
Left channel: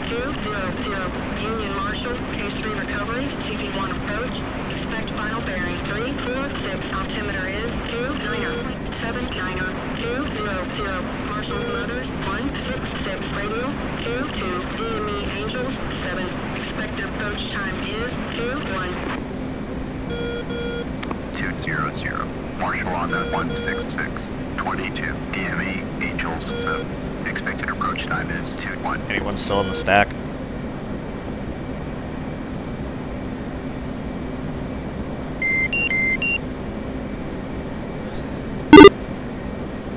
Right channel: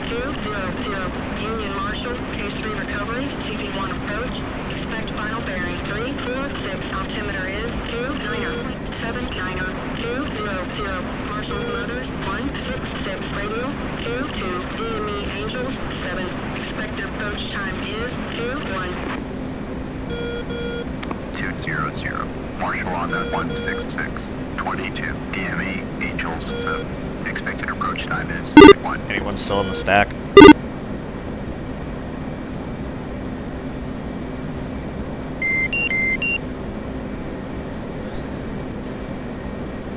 200, Union Marshal, Case 3 recovery, CP1 approach, expect final bearing 346, altimeter is 29.79, 200, Marshal motors 166, radial 22, DME Angels 7, expected approach time is 21. 200, Marshal on the 166, 22, DME, Angels 7, expected approach time is 21. Anyone still in the stack?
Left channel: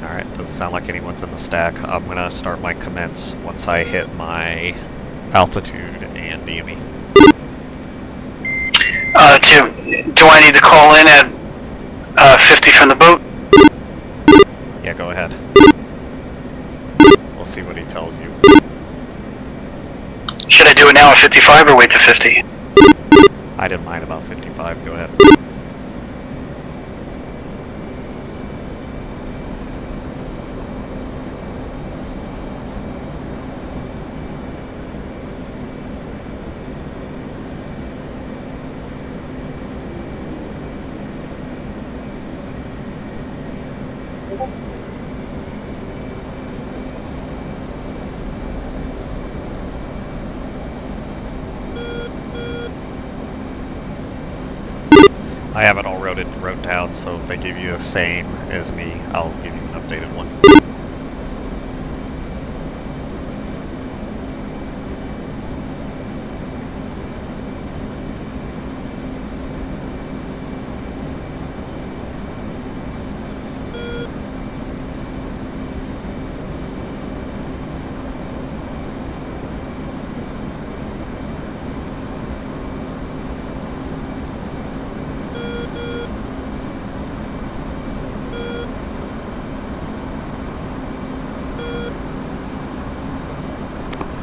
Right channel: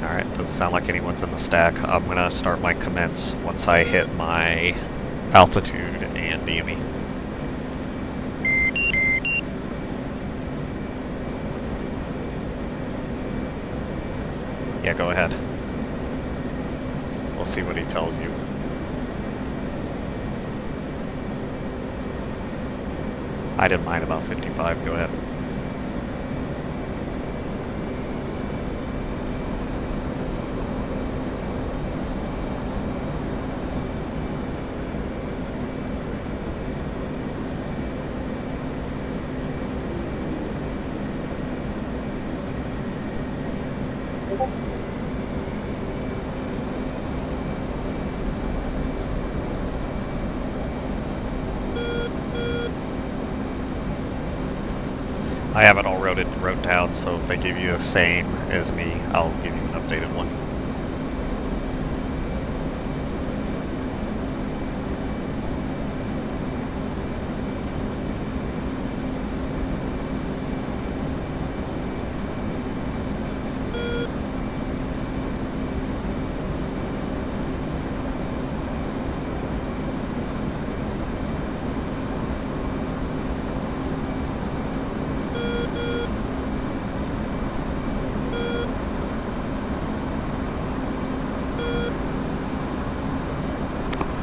Alright, doesn't sound like anyone's in the stack. I'm gonna start my commence once I hit my altitude and DME. Do I need to call in at 50 from the boat? Yeah, go ahead. We'll see what he tells you. Should I do it now at 55 or wait to 50? I didn't mind about 55, go ahead. I have it all wrote down, so if they give you the same as me, I'll give you an updated one.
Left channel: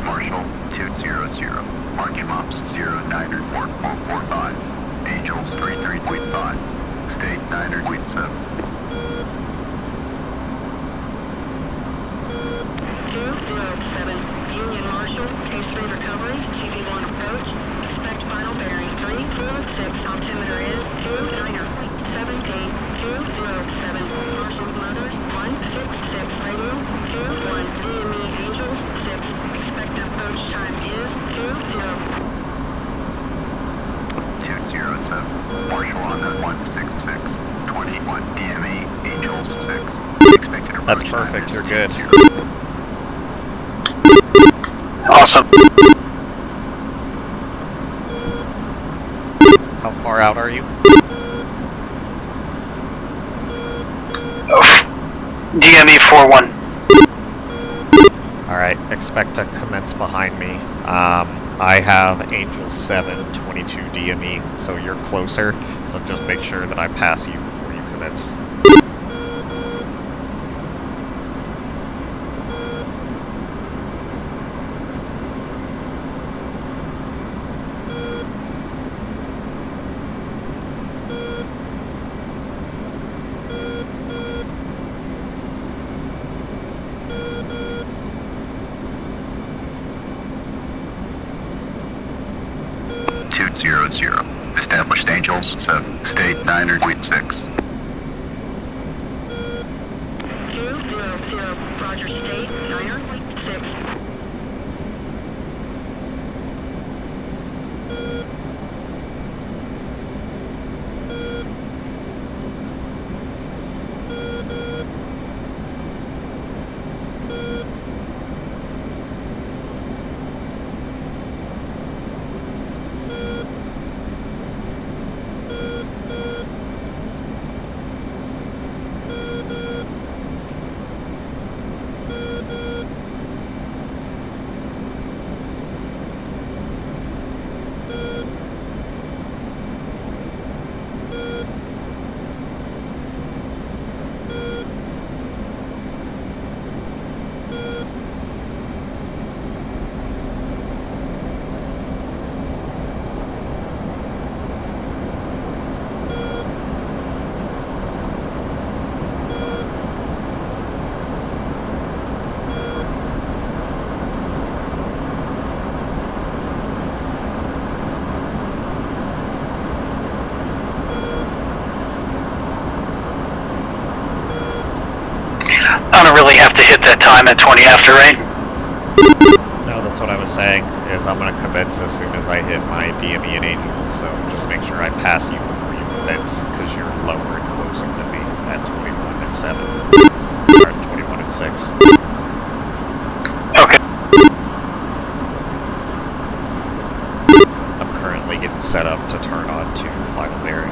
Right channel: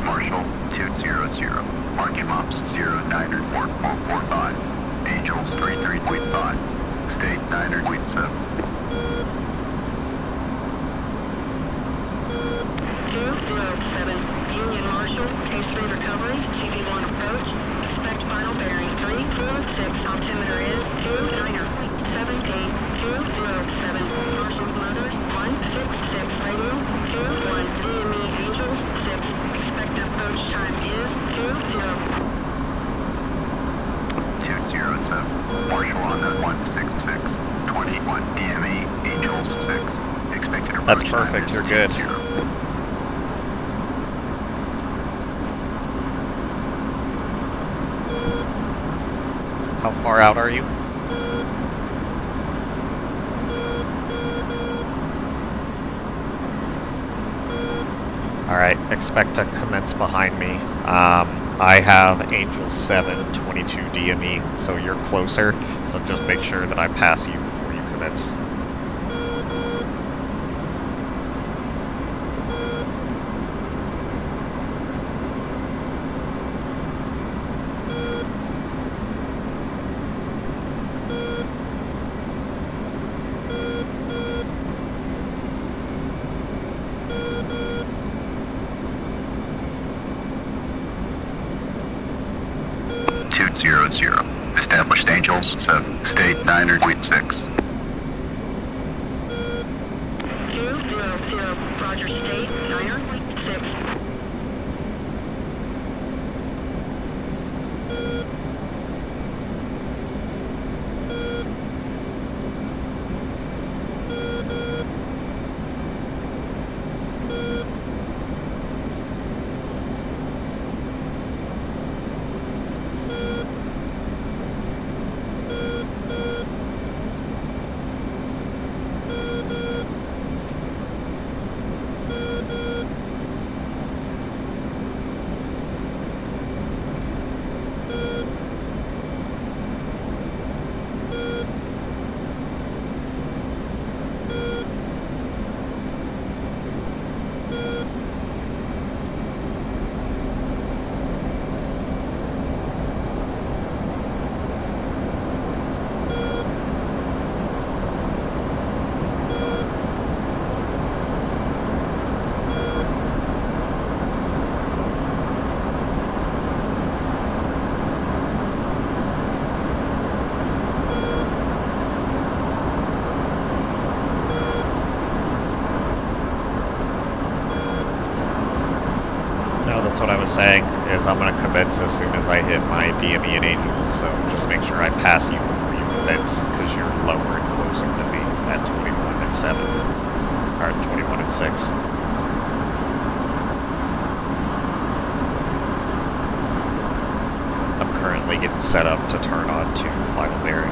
Marshal 200, marking mops 094.45, Angels 33.5, state 9.7. 207, Union Marshal, Case 3 recovery, CP1 approach, expect final bearing 346, altimeter is 29.78, 207, Marshal motors 166, radial 21, DME Angels 6, expected approach time is 207, Marshal on the 166, 21, DME, Angels 6, expected approach That's time perfect, is you're good. 20. Awesome. How far out are you? DME 41. Alright, expect to commence behind me. I have Angel 7, 22 DME, so you're closer, so just make sure that I pass you before you commence. Established Angels 7, state 9.6. 200, Roger, state 9.6. don't really have to hit that time at 20 after, right? No, that's what I was saying, is I'm going to commence as soon as I hit my DME and Angels, so just make sure I pass you before you commence, because you're lower and closer than me at 21 and 7. Or 21 and 6. Okay. I'm currently getting set up to turn on to final bearing.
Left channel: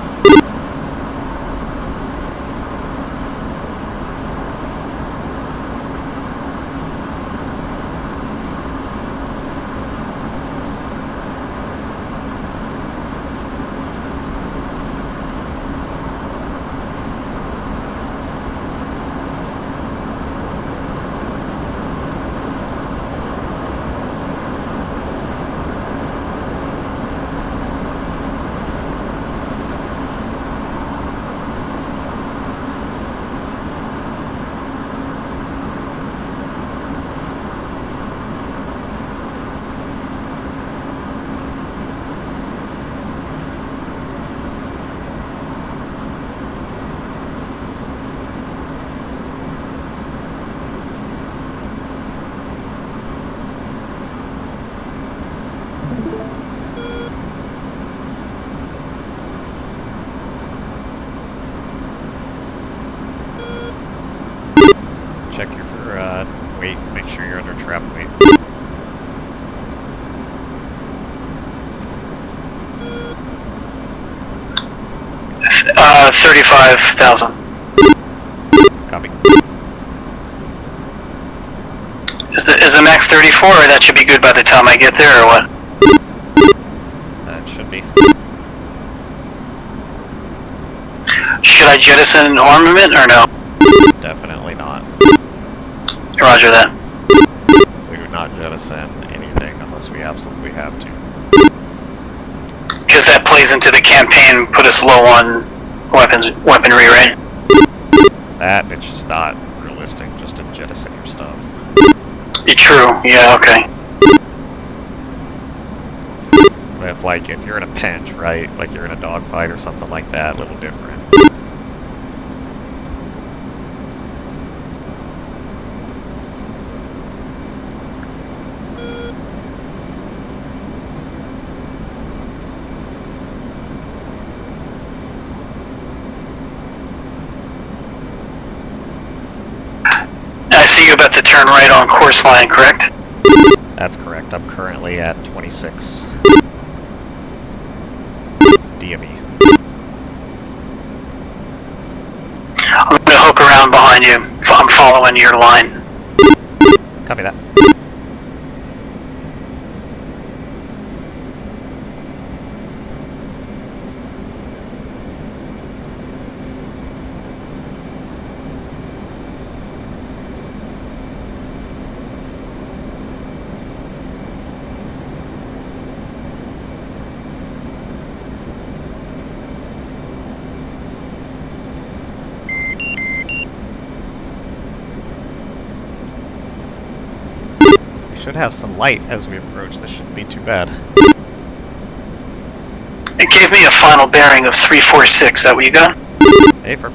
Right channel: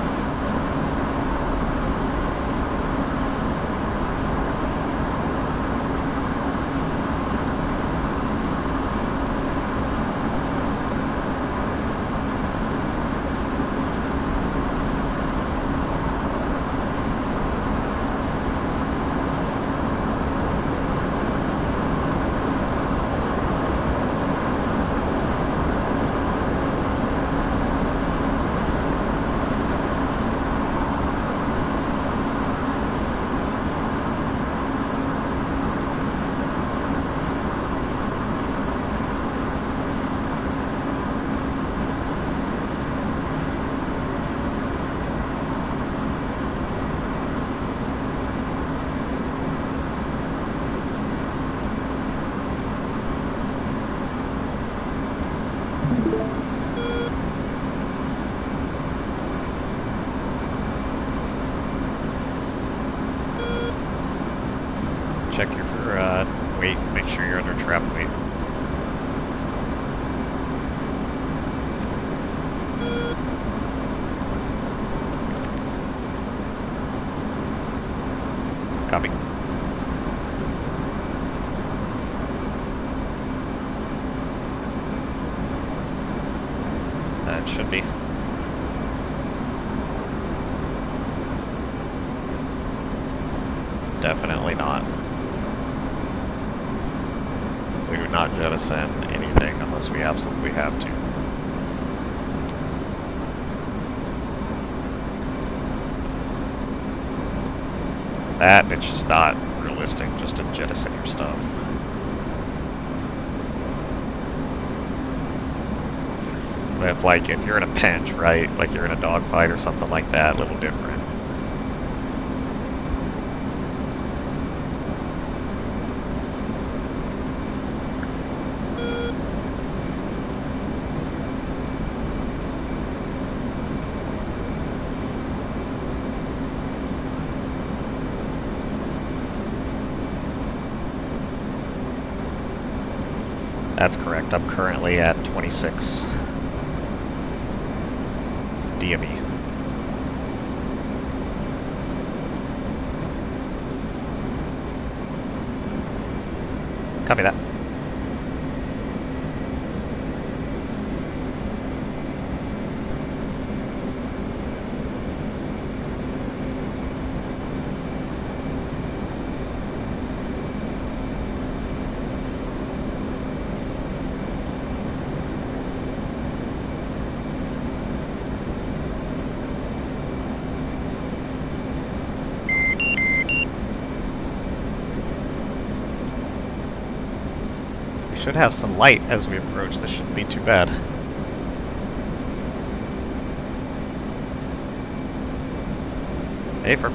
35,000. Copy. Is the max 34, or that should be good by the time I get there, or what? That should be. Should I jettison armament, or no? Definitely not. Roger that. We do not jettison anything unless we absolutely have to. Because that plays into the campaign, put us low on weaponry, right? That, it's just not realistic just to jettison your stuff. True, yeah, okay. If you're in a pinch, right? Like you're in a dogfight or something like that, a little different. I see you about to turn right on course line, correct? That's correct. I'm currently at 26 DME. I'm going to hook around behind you. I'm following your line. Copy that. Should have some light as we approach. This shouldn't be too bad. It gave me a final bearing of 346. Is that what you got? Hey, for.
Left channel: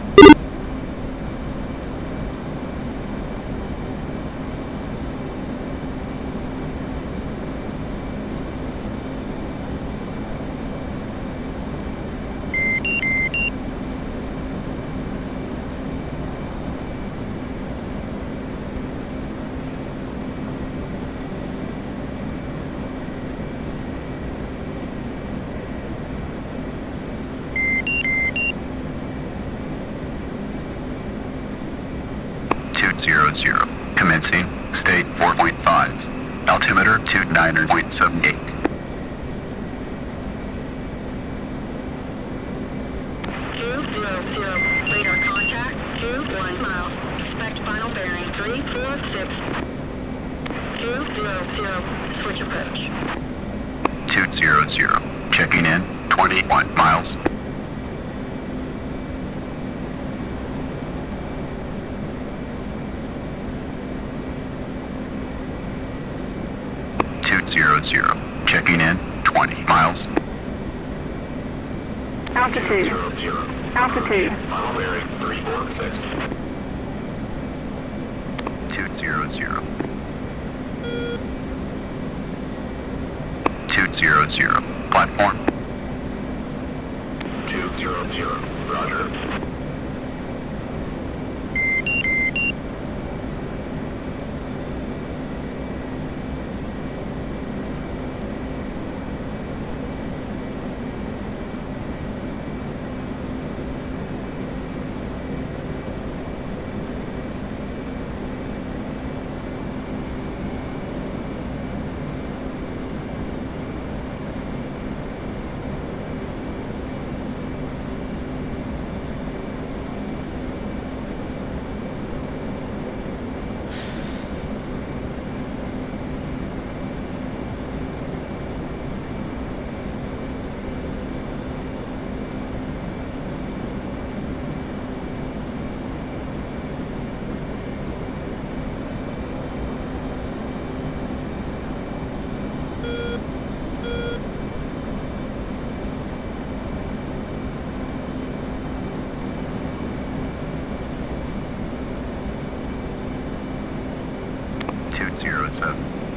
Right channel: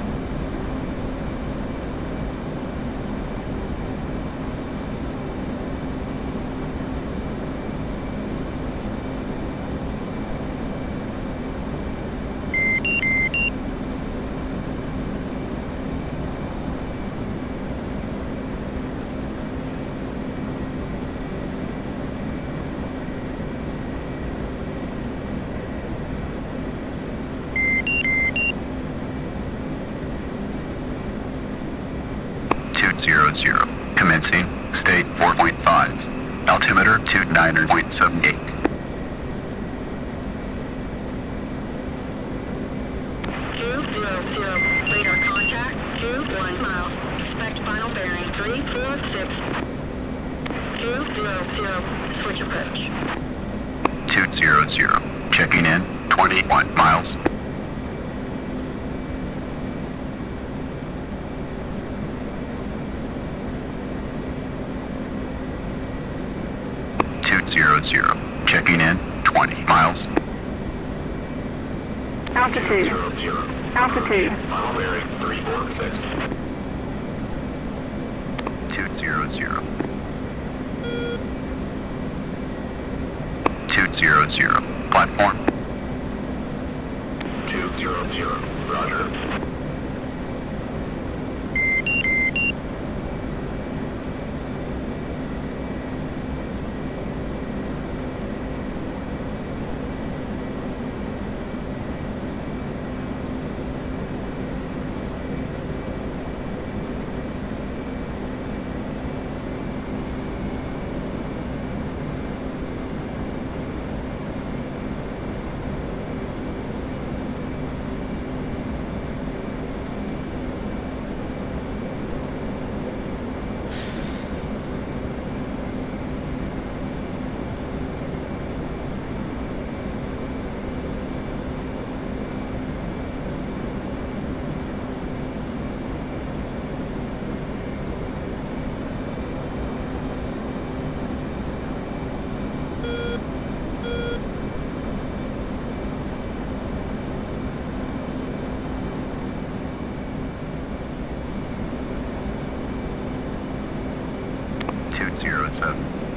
Commencing, state 4.5, altimeter 29.78. Radar contact, 21 miles. Expect final bearing 346. 200, switch approach. 200, checking in, 21 miles. Checking in, 20 miles. Altitude. Altitude. Final bearing 346. 200. 200. Platform. 200. Roger.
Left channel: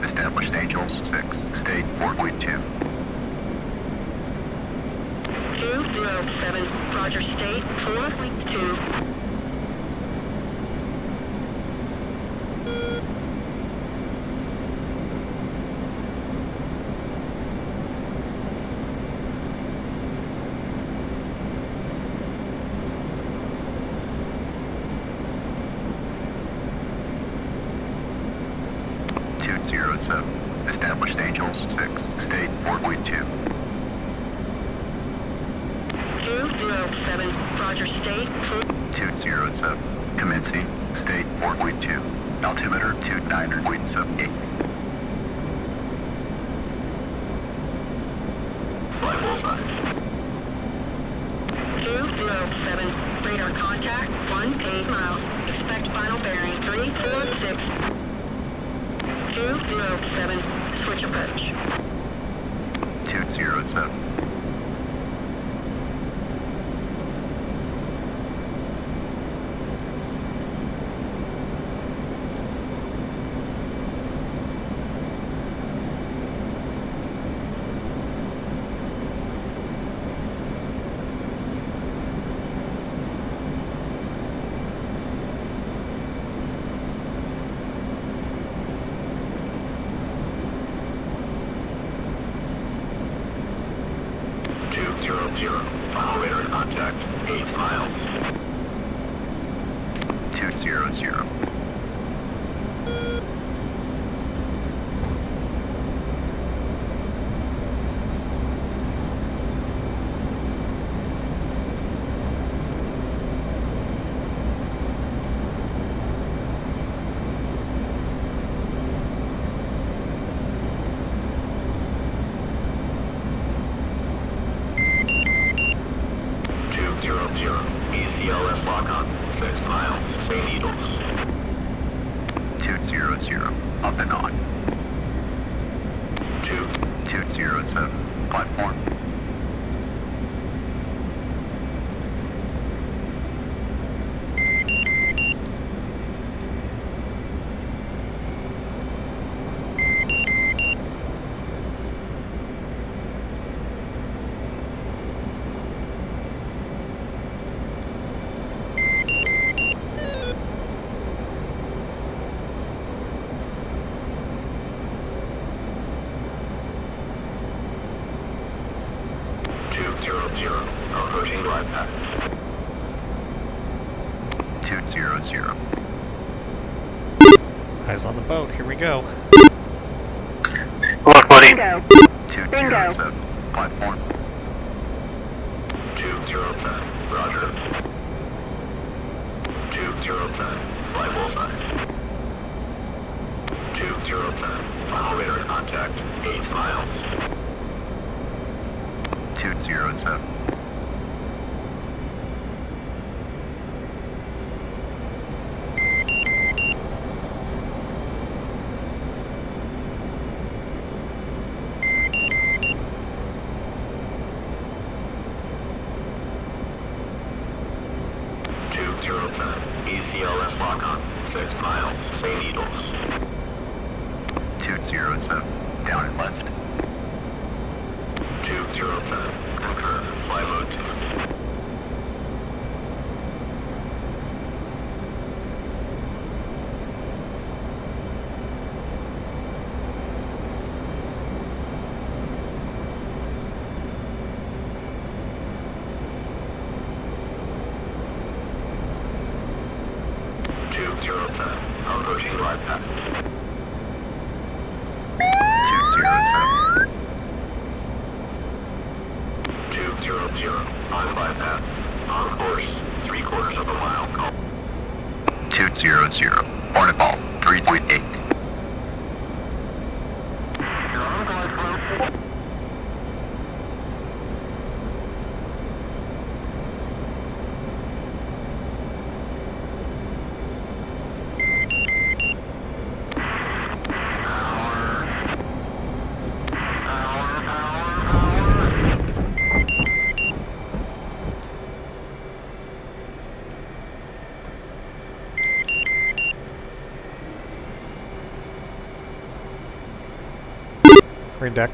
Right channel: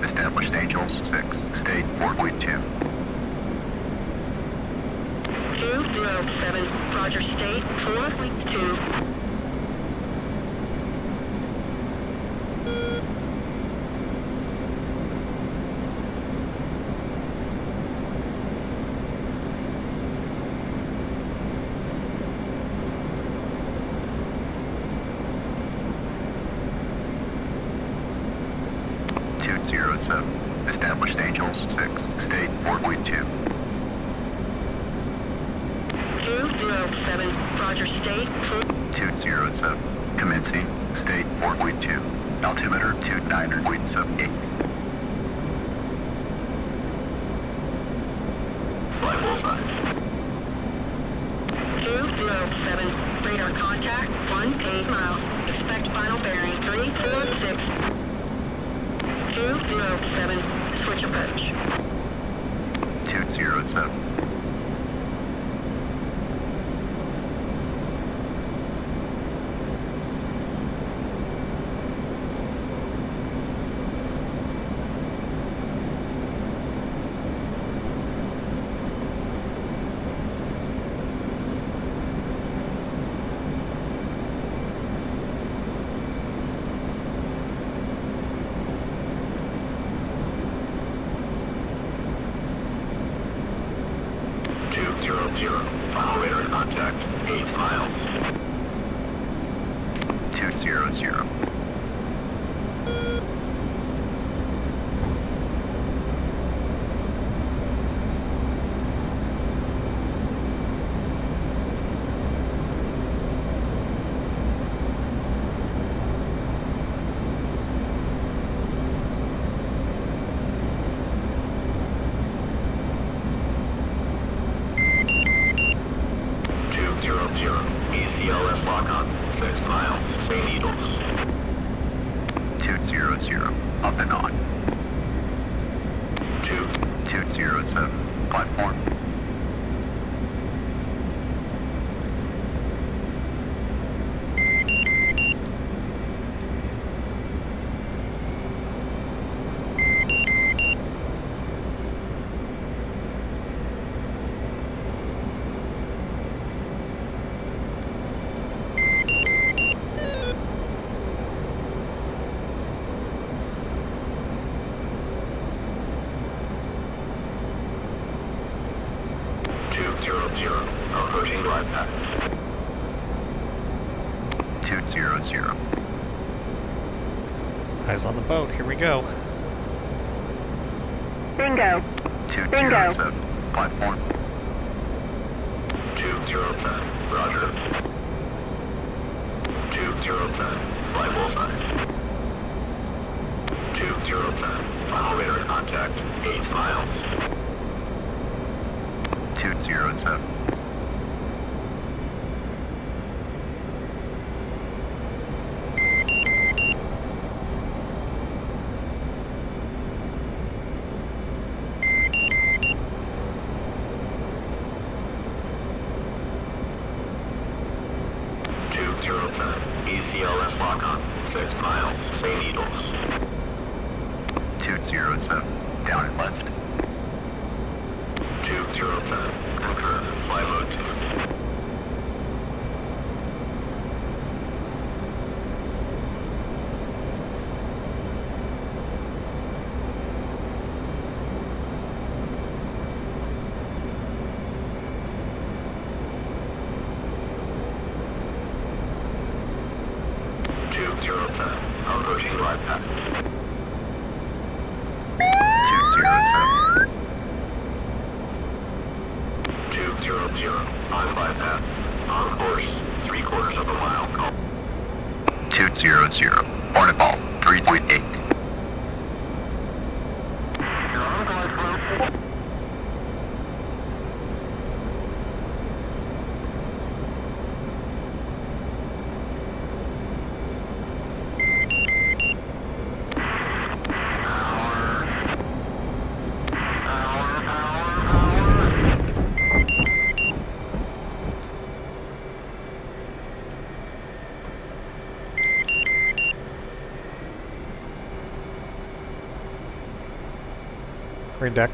Established Angels 6, state 4.2. 207, Roger, state 4.2. Established Angels 6, state 4.2. 207, Roger, state 4. 207, commencing, state 4.2. Altimeter 29.78. Fly bullseye. 207, radar contact 18 miles. Expect final bearing 346. 207, switch approach. 207. Final radar contact, 8 miles. 200. ACLS lock-on, 6 miles, St. Needles. 200, up and on. 207, platform. Approaching glide path. 200. Eyes on the boat, here we go. Look, buddy. Bingo. 207, platform. 207, roger. 207, fly bullseye. 207, final radar contact, 8 miles. 207. 207. ACLS lock on. 6 miles. St. Needles. 207. Down and left. 207. Confirm. Fly mode 2. Approaching glide path. 207. 200. On glide path. On course. 3/4 of a mile. Call. 200. Hornet ball. 3.8. You're on Glideslope. Green deck.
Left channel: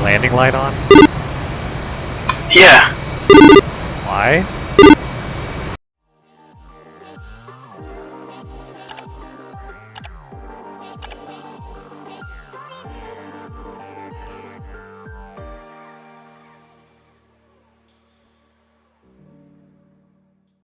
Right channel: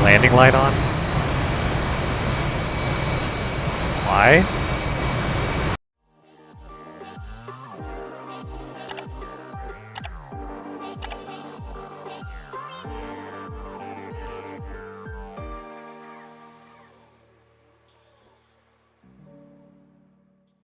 Landing light on? Yeah. Why?